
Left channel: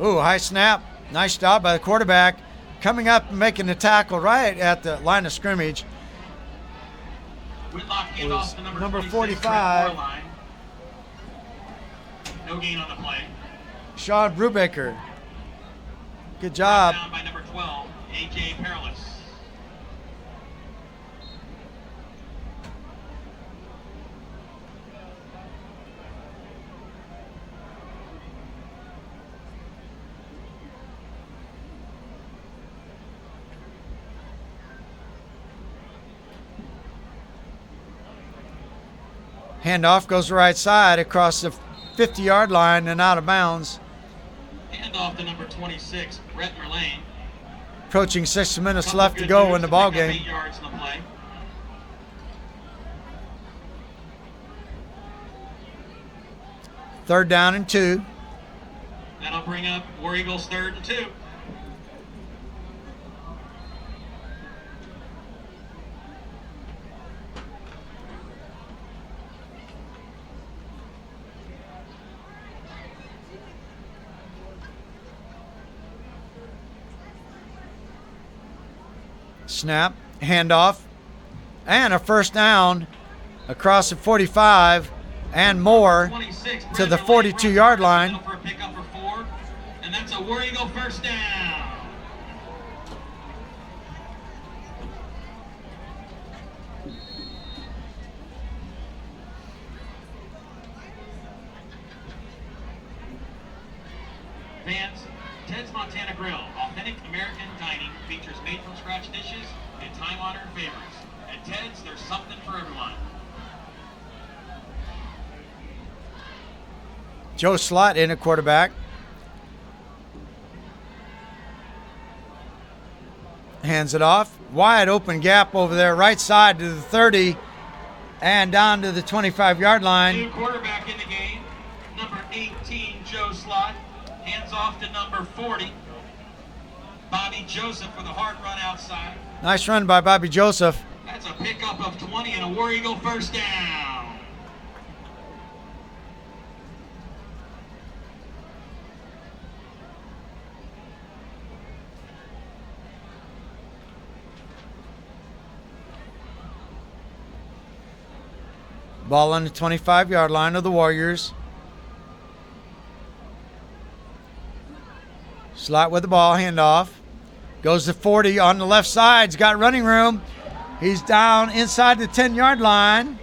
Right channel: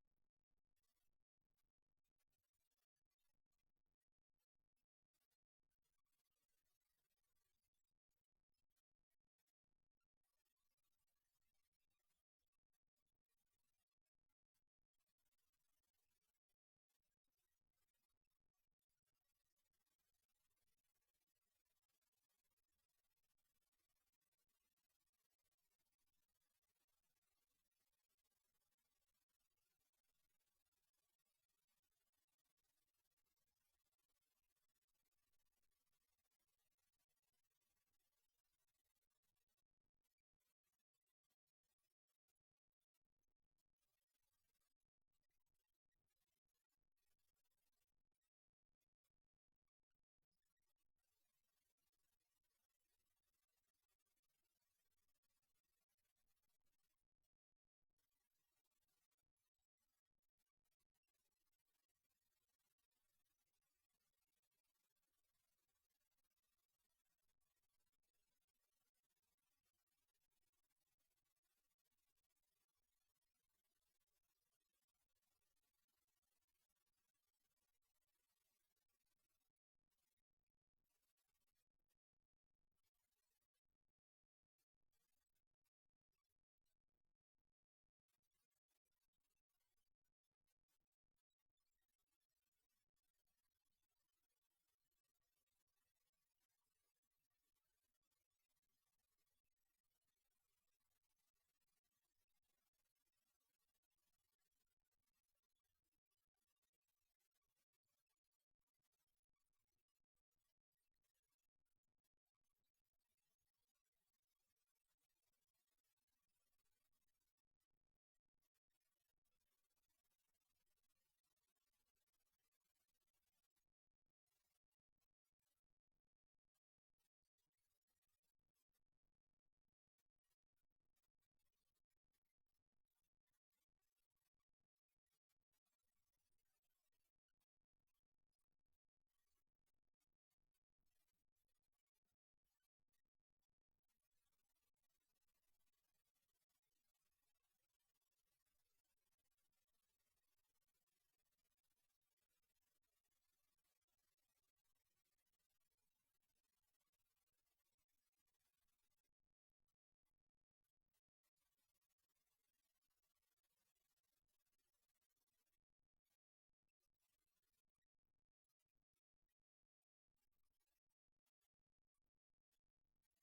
Ooh, high snap. Nice job by the quarterback. Coming up and making the tackle right at the line of scrimmage. Whitlock hand off to Number 26, 45. Trent Moorline. No gain on the play. Sean Brubaker. Good job. Down by number 12, A.J. Perilous. Handoff goes right side across the 50-yard line and out of bounds. Hand off to number 26, Brett Merlane. Approaching 6 minutes Couple left to good go moves in the to ball pick up game. 8 yards in the play. Third down and 2. That'll bring up War Eagles 3rd and 2. Snap, handoff, and a first down across the 45 and more 26, to the Brett Merlane 42-yard line. for a pickup for 4, and that's a War Eagle first down. Fans, Ted's Montana Grill, authentic American dining, features made-from-scratch dishes and time-honored favorites. At Ted's, there's something for everyone. Joe Slott in at quarterback. Hands it off. Wide open gap over there, right side to the 30 and down to the 25-yard line. New quarterback in the game, number 18, Joe Slott. Hands off to number 40, Bobby Joseph with a hard run outside. Nice run by Bobby Joseph. That's a pickup of 20 and a War Eagle first down. Ball on the 25-yard line of the Warriors. Slot with the ball, handoff. Goes to 40 on the left side. He's got running room. He's down inside the 10-yard line.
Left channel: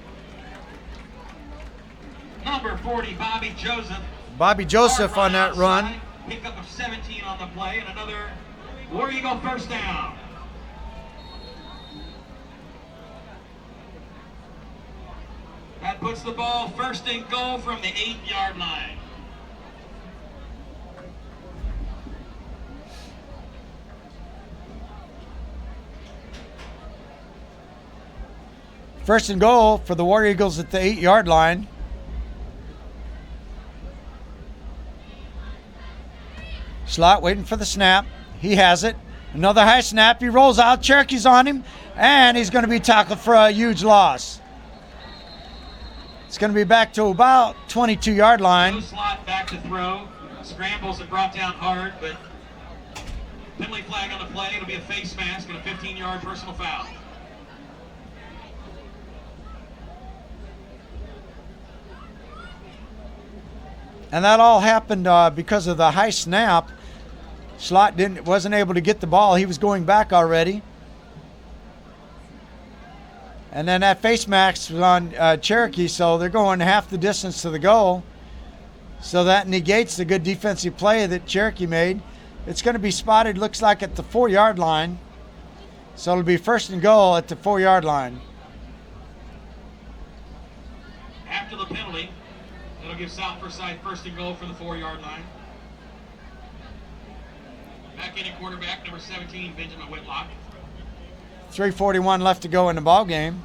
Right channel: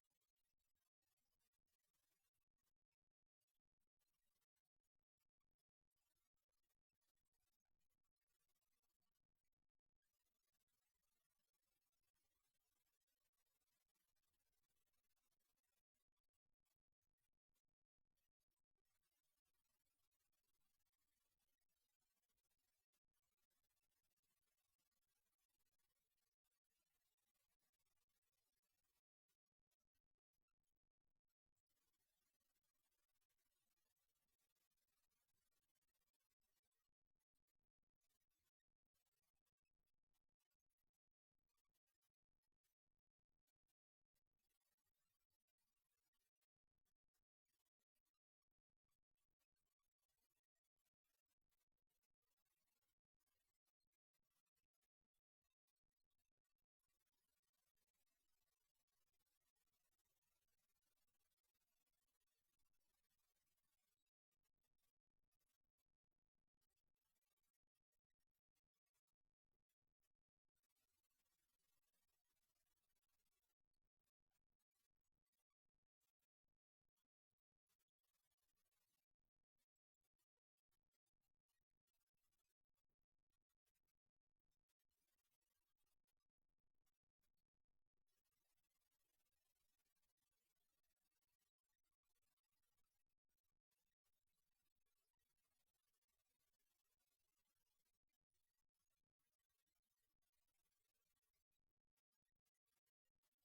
Number 40, Bobby Joseph. Bobby Joseph Hard on that outside. run. Pickup of 17 on the play and another War Eagle first down. That puts the ball first and goal from the 8-yard line. First and goal for the War Eagles at the 8-yard line. Slot waiting for the snap. He has it. Another high snap. He rolls out. Cherokee's on him. And he's going to be tackled for a huge loss. It's going to be back to about 22-yard line. No Slot back to throw. Scrambles and brought down hard, but penalty flag on the play. It'll be a face mask and a 15-yard personal foul. And that all happened because of the high snap. Slot wasn't able to get the ball. He was going back already. And then that face mask was on Cherokee, so they're going half the distance to the goal. So that negates the good defensive play that Cherokee made. It's going to be spotted, looks like, at the 4-yard line. So it'll be first and goal at the 4-yard line. After the penalty, that'll give South Forsyth first and goal from the 4-yard line. Back in at quarterback, number 17, Benjamin Whitlock. 3:41 left to go in the ball game.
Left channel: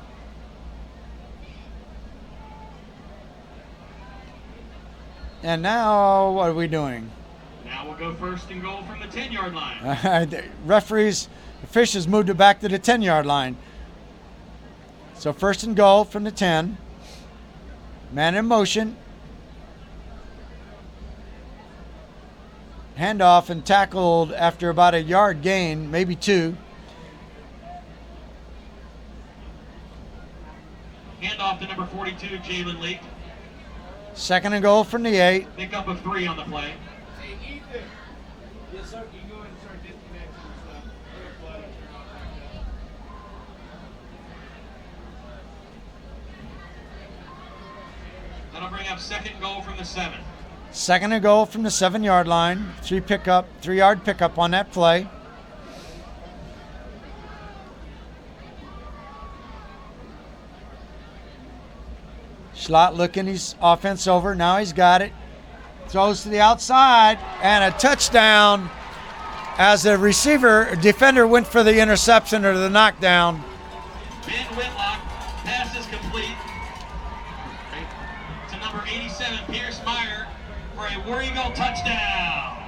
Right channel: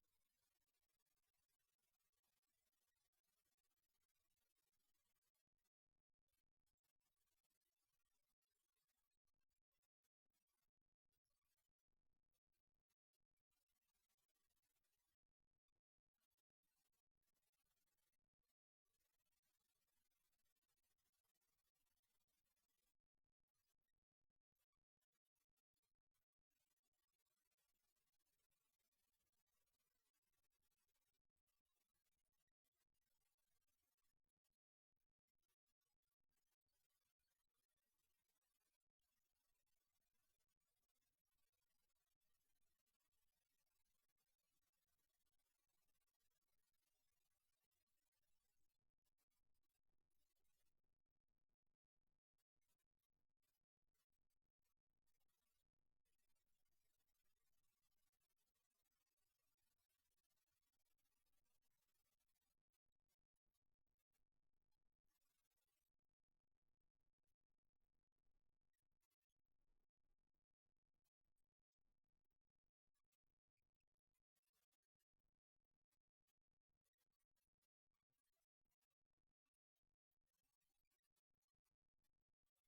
And now, what are we doing? Now we'll go first and goal from the 10-yard line. The referees, officials moved it back to the 10-yard line. So first and goal from the 10. Man in motion. Handoff and tackled after about a yard gain, maybe 2. Handoff to number 42, Jalen Leak. Second and goal from the 8. Pickup of 3 on the play. Hey, Ethan. Yes, sir. You go ahead and start disconnecting and stuff. We're gonna turn off back up. That'll bring up second goal from the 7. Second and goal from the 7-yard line. 3-yard pickup on that play. Schlott looking his offense over. Now he's got it. Throws to the outside and a touchdown as the defender went for the interception or the knockdown. Ben Whitlock, pass is complete to number 87, Pierce Meyer, for a War Eagle touchdown.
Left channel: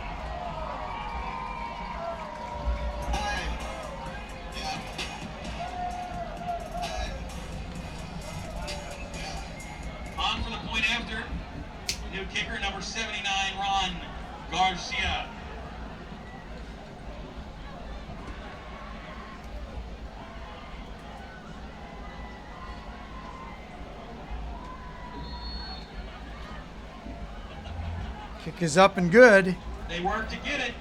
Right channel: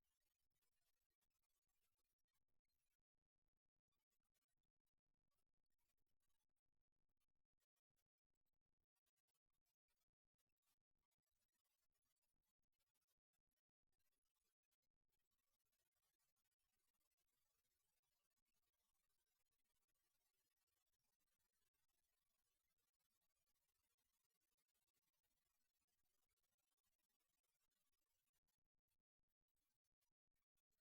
On for the point after, new kicker number 79, Ron Garcia. Kick is up and good. They work to get it,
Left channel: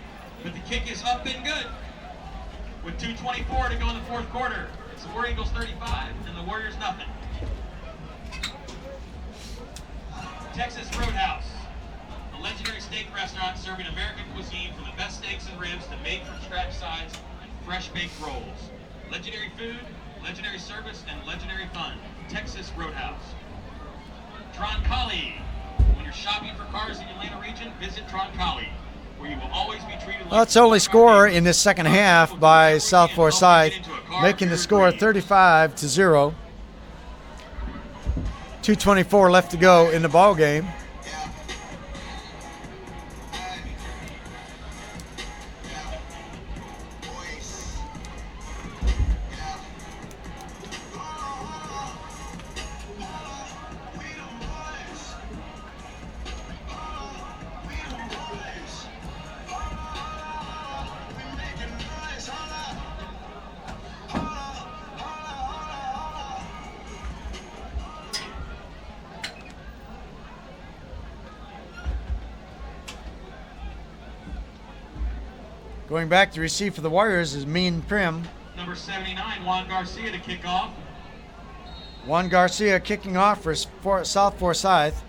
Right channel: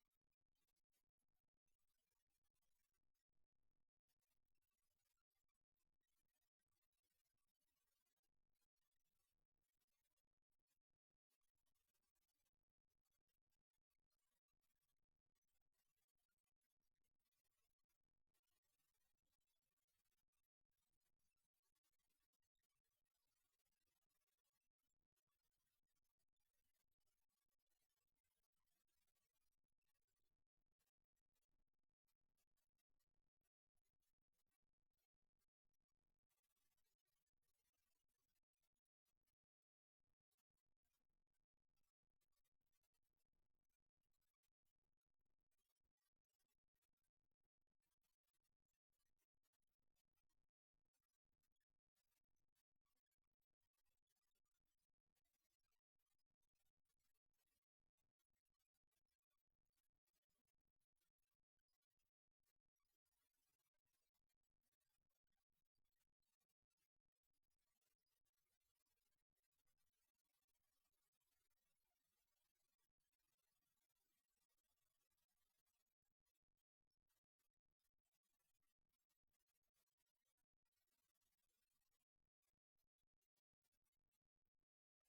but the kick is up and good. With 2:24 to go in the fourth quarter, it's the War Eagles 35 and the Warriors nothing. Texas Roadhouse, a legendary steak restaurant serving American cuisine from the best steaks and ribs to made-from-scratch sides and fresh baked rolls. Legendary food, legendary service, and legendary fun. Texas Roadhouse. Troncalli. When you're shopping for cars in the Atlanta region, visit Troncalli, where you will always be treated like... Well, it's only score in the second half by South Forsyth, making the score 35-0. 2:24 left to go in the ball game. Going back to receive for the Warriors is Mean Prim. Number 79, Juan Garcia to kick off. Juan Garcia kicking off for South Forsyth.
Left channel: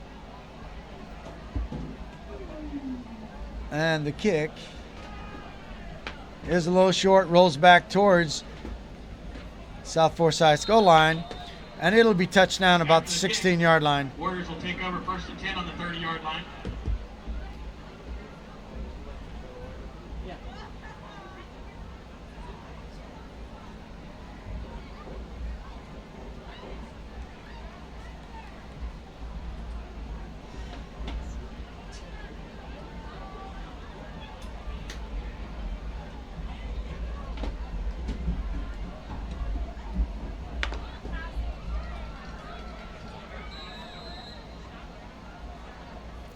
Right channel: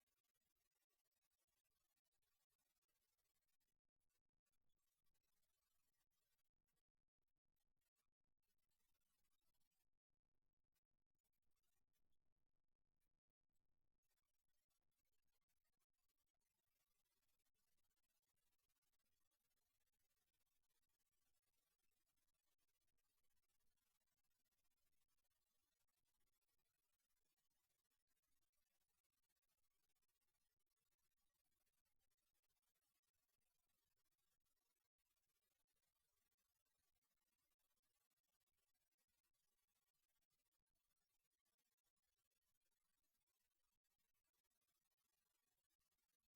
And the kick is a little short, rolls back towards South Forsyth's goal line, and it'll be touchdown about the 16-yard line. Warriors will take over first and 10 on the 30-yard line.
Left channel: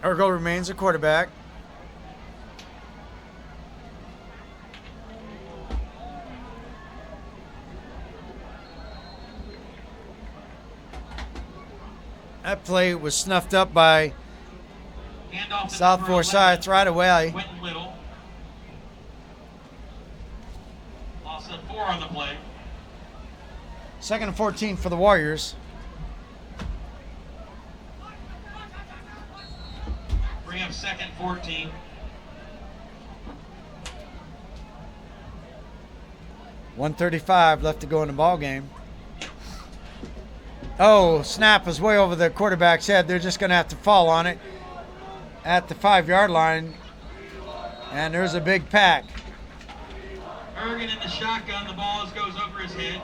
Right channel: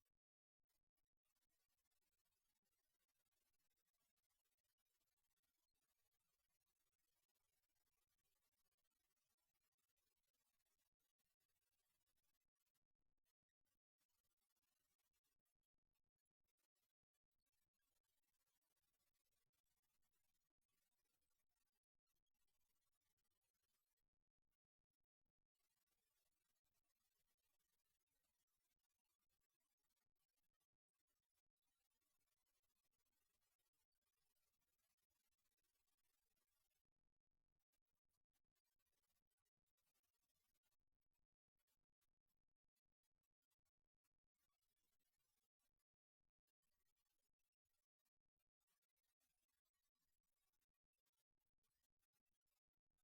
Ergo remains a quarterback. That play was snuffed up by South Forsyth right away. Quentin Little. Loss of 4 on the play. Second and 14 for the Warriors. Bring up second 14. .135 left to go in the ball game. Oh, snap was way over the quarterback's head. They're just going to have to fall on it at the 5-yard line. And there's a big pack. Ergen in the shotgun. The ball goes over his head.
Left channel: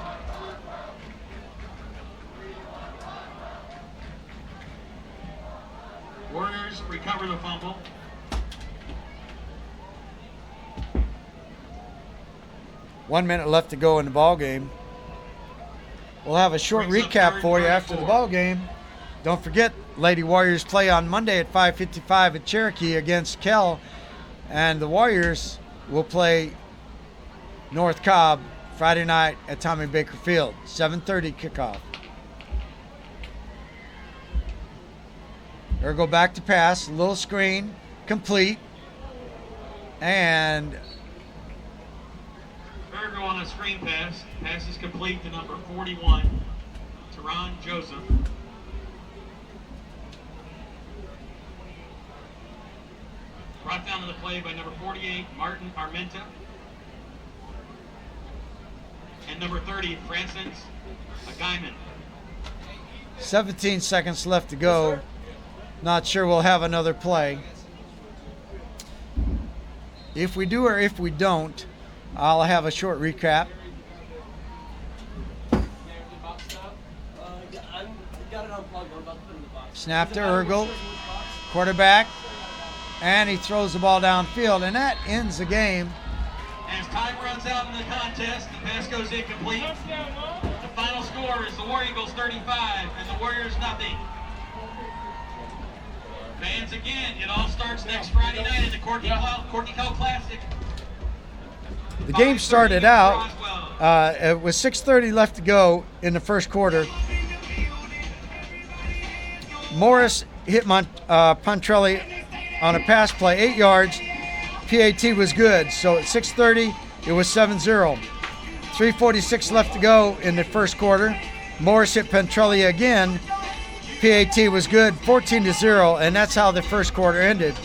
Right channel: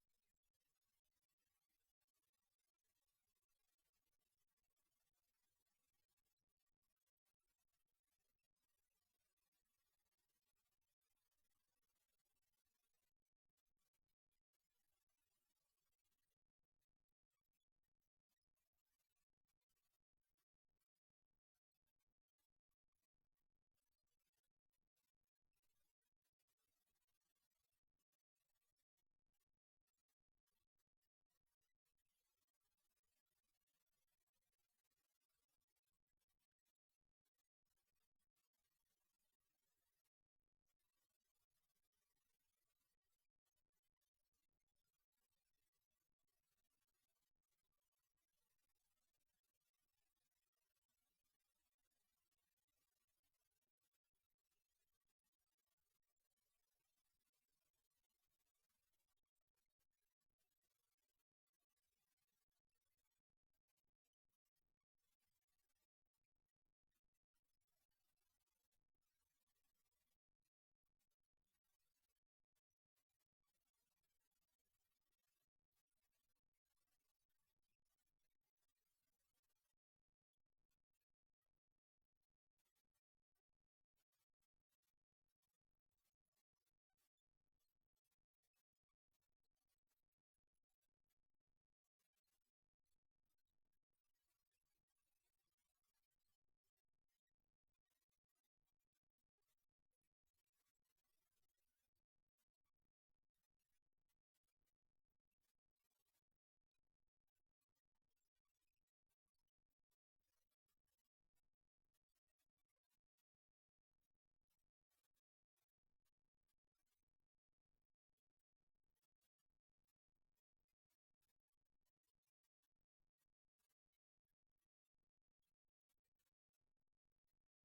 Warriors recover the fumble. One minute left to go in the ball game. We'll have a short recap for you after the ball game. Don't forget, Lady Warriors play on Monday at 5:55 at Cherokee against Kell, and the Warriors will play North Cobb Friday night at Tommy Baker Field, 7:30 kickoff. Ergo back to pass, little screen, complete, and Ergo on a screen pass. Pass is complete to number 41, Teron Joseph. Brought down to the play by number 48, Martin Armenta. And number 30, Francis Agaiman. 17 seconds left to go. Not sure we'll have another play. If we do or if we don't, I'll have a short recap. Snap to Ergel, quarterback, and he throws the ball downfield, and that ends the game. As time runs out in the contest, the pass goes incomplete. The final score is the War Eagles 35 and the Warriors nothing. Fans, again, it all starts next Friday night at the Corky Kell Classic. The game started out with 6:30 left to go in the first quarter. Morris hit Pontrelli on a pass play, 8 yards. PAT was good, so at 6:30 it was 7-0. 3:46 left to go in the first quarter. Morris hit Pontrelli again. PAT was good, 14-0, and that's how the first quarter ended.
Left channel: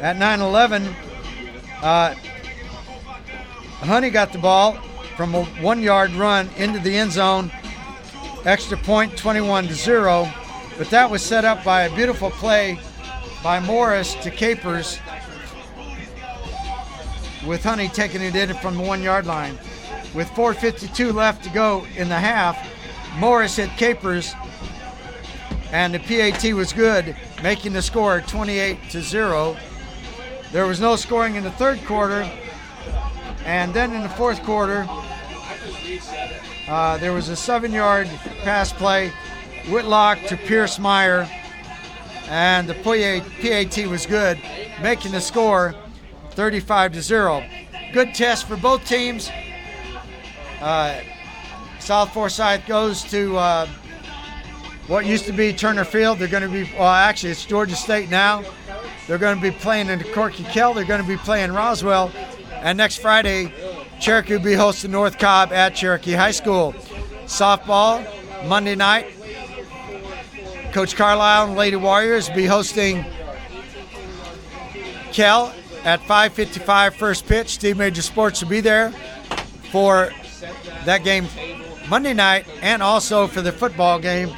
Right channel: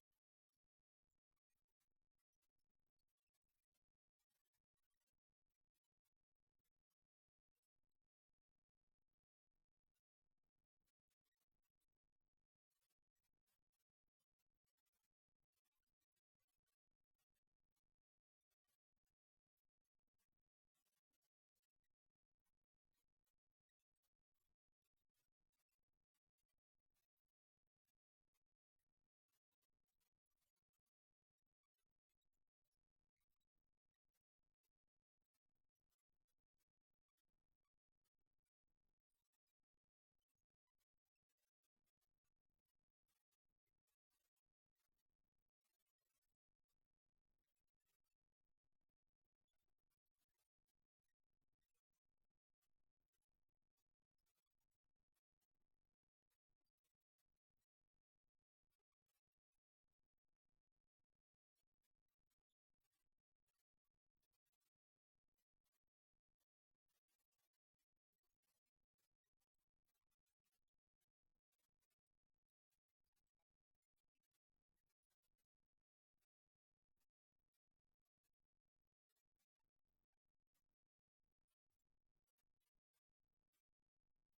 At 9:11, Honey got the ball from a 1-yard run into the end zone. Extra point, 21-0. But that was set up by a beautiful play by Morris to Capers, with Honey taking it in from the 1-yard line. With 4:52 left to go in the half, Morris hit Capers, and the PAT was good, making the score 28-0. There was no scoring in the third quarter, and then in the fourth quarter, there was a 7-yard pass play, Whitlock to Pierce Meyer, and the PAT was good, making the score 35-0. Good test for both teams. South Forsyth goes to what used to be Turner Field. They're going to be, well, actually it's Georgia State now. They're going to be playing in the Corky Kell. They're going to be playing Roswell. And next Friday, Cherokee will be hosting North Cobb at Cherokee High School. Softball, Monday night. Coach Carlisle and Lady Warriors will be hosting Kell at 5:55 first pitch. Steve Major Sports will be there for that game Monday night and also for the football game.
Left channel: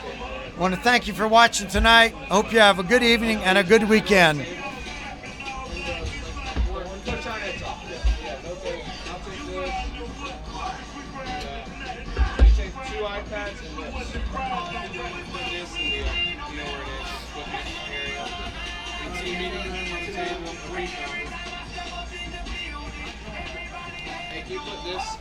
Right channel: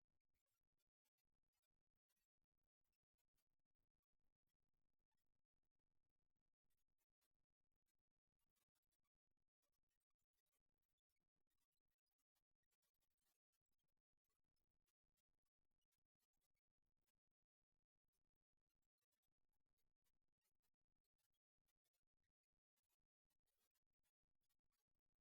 I want to thank you for watching tonight. I hope you have a good evening and a good weekend. Hey, can you put this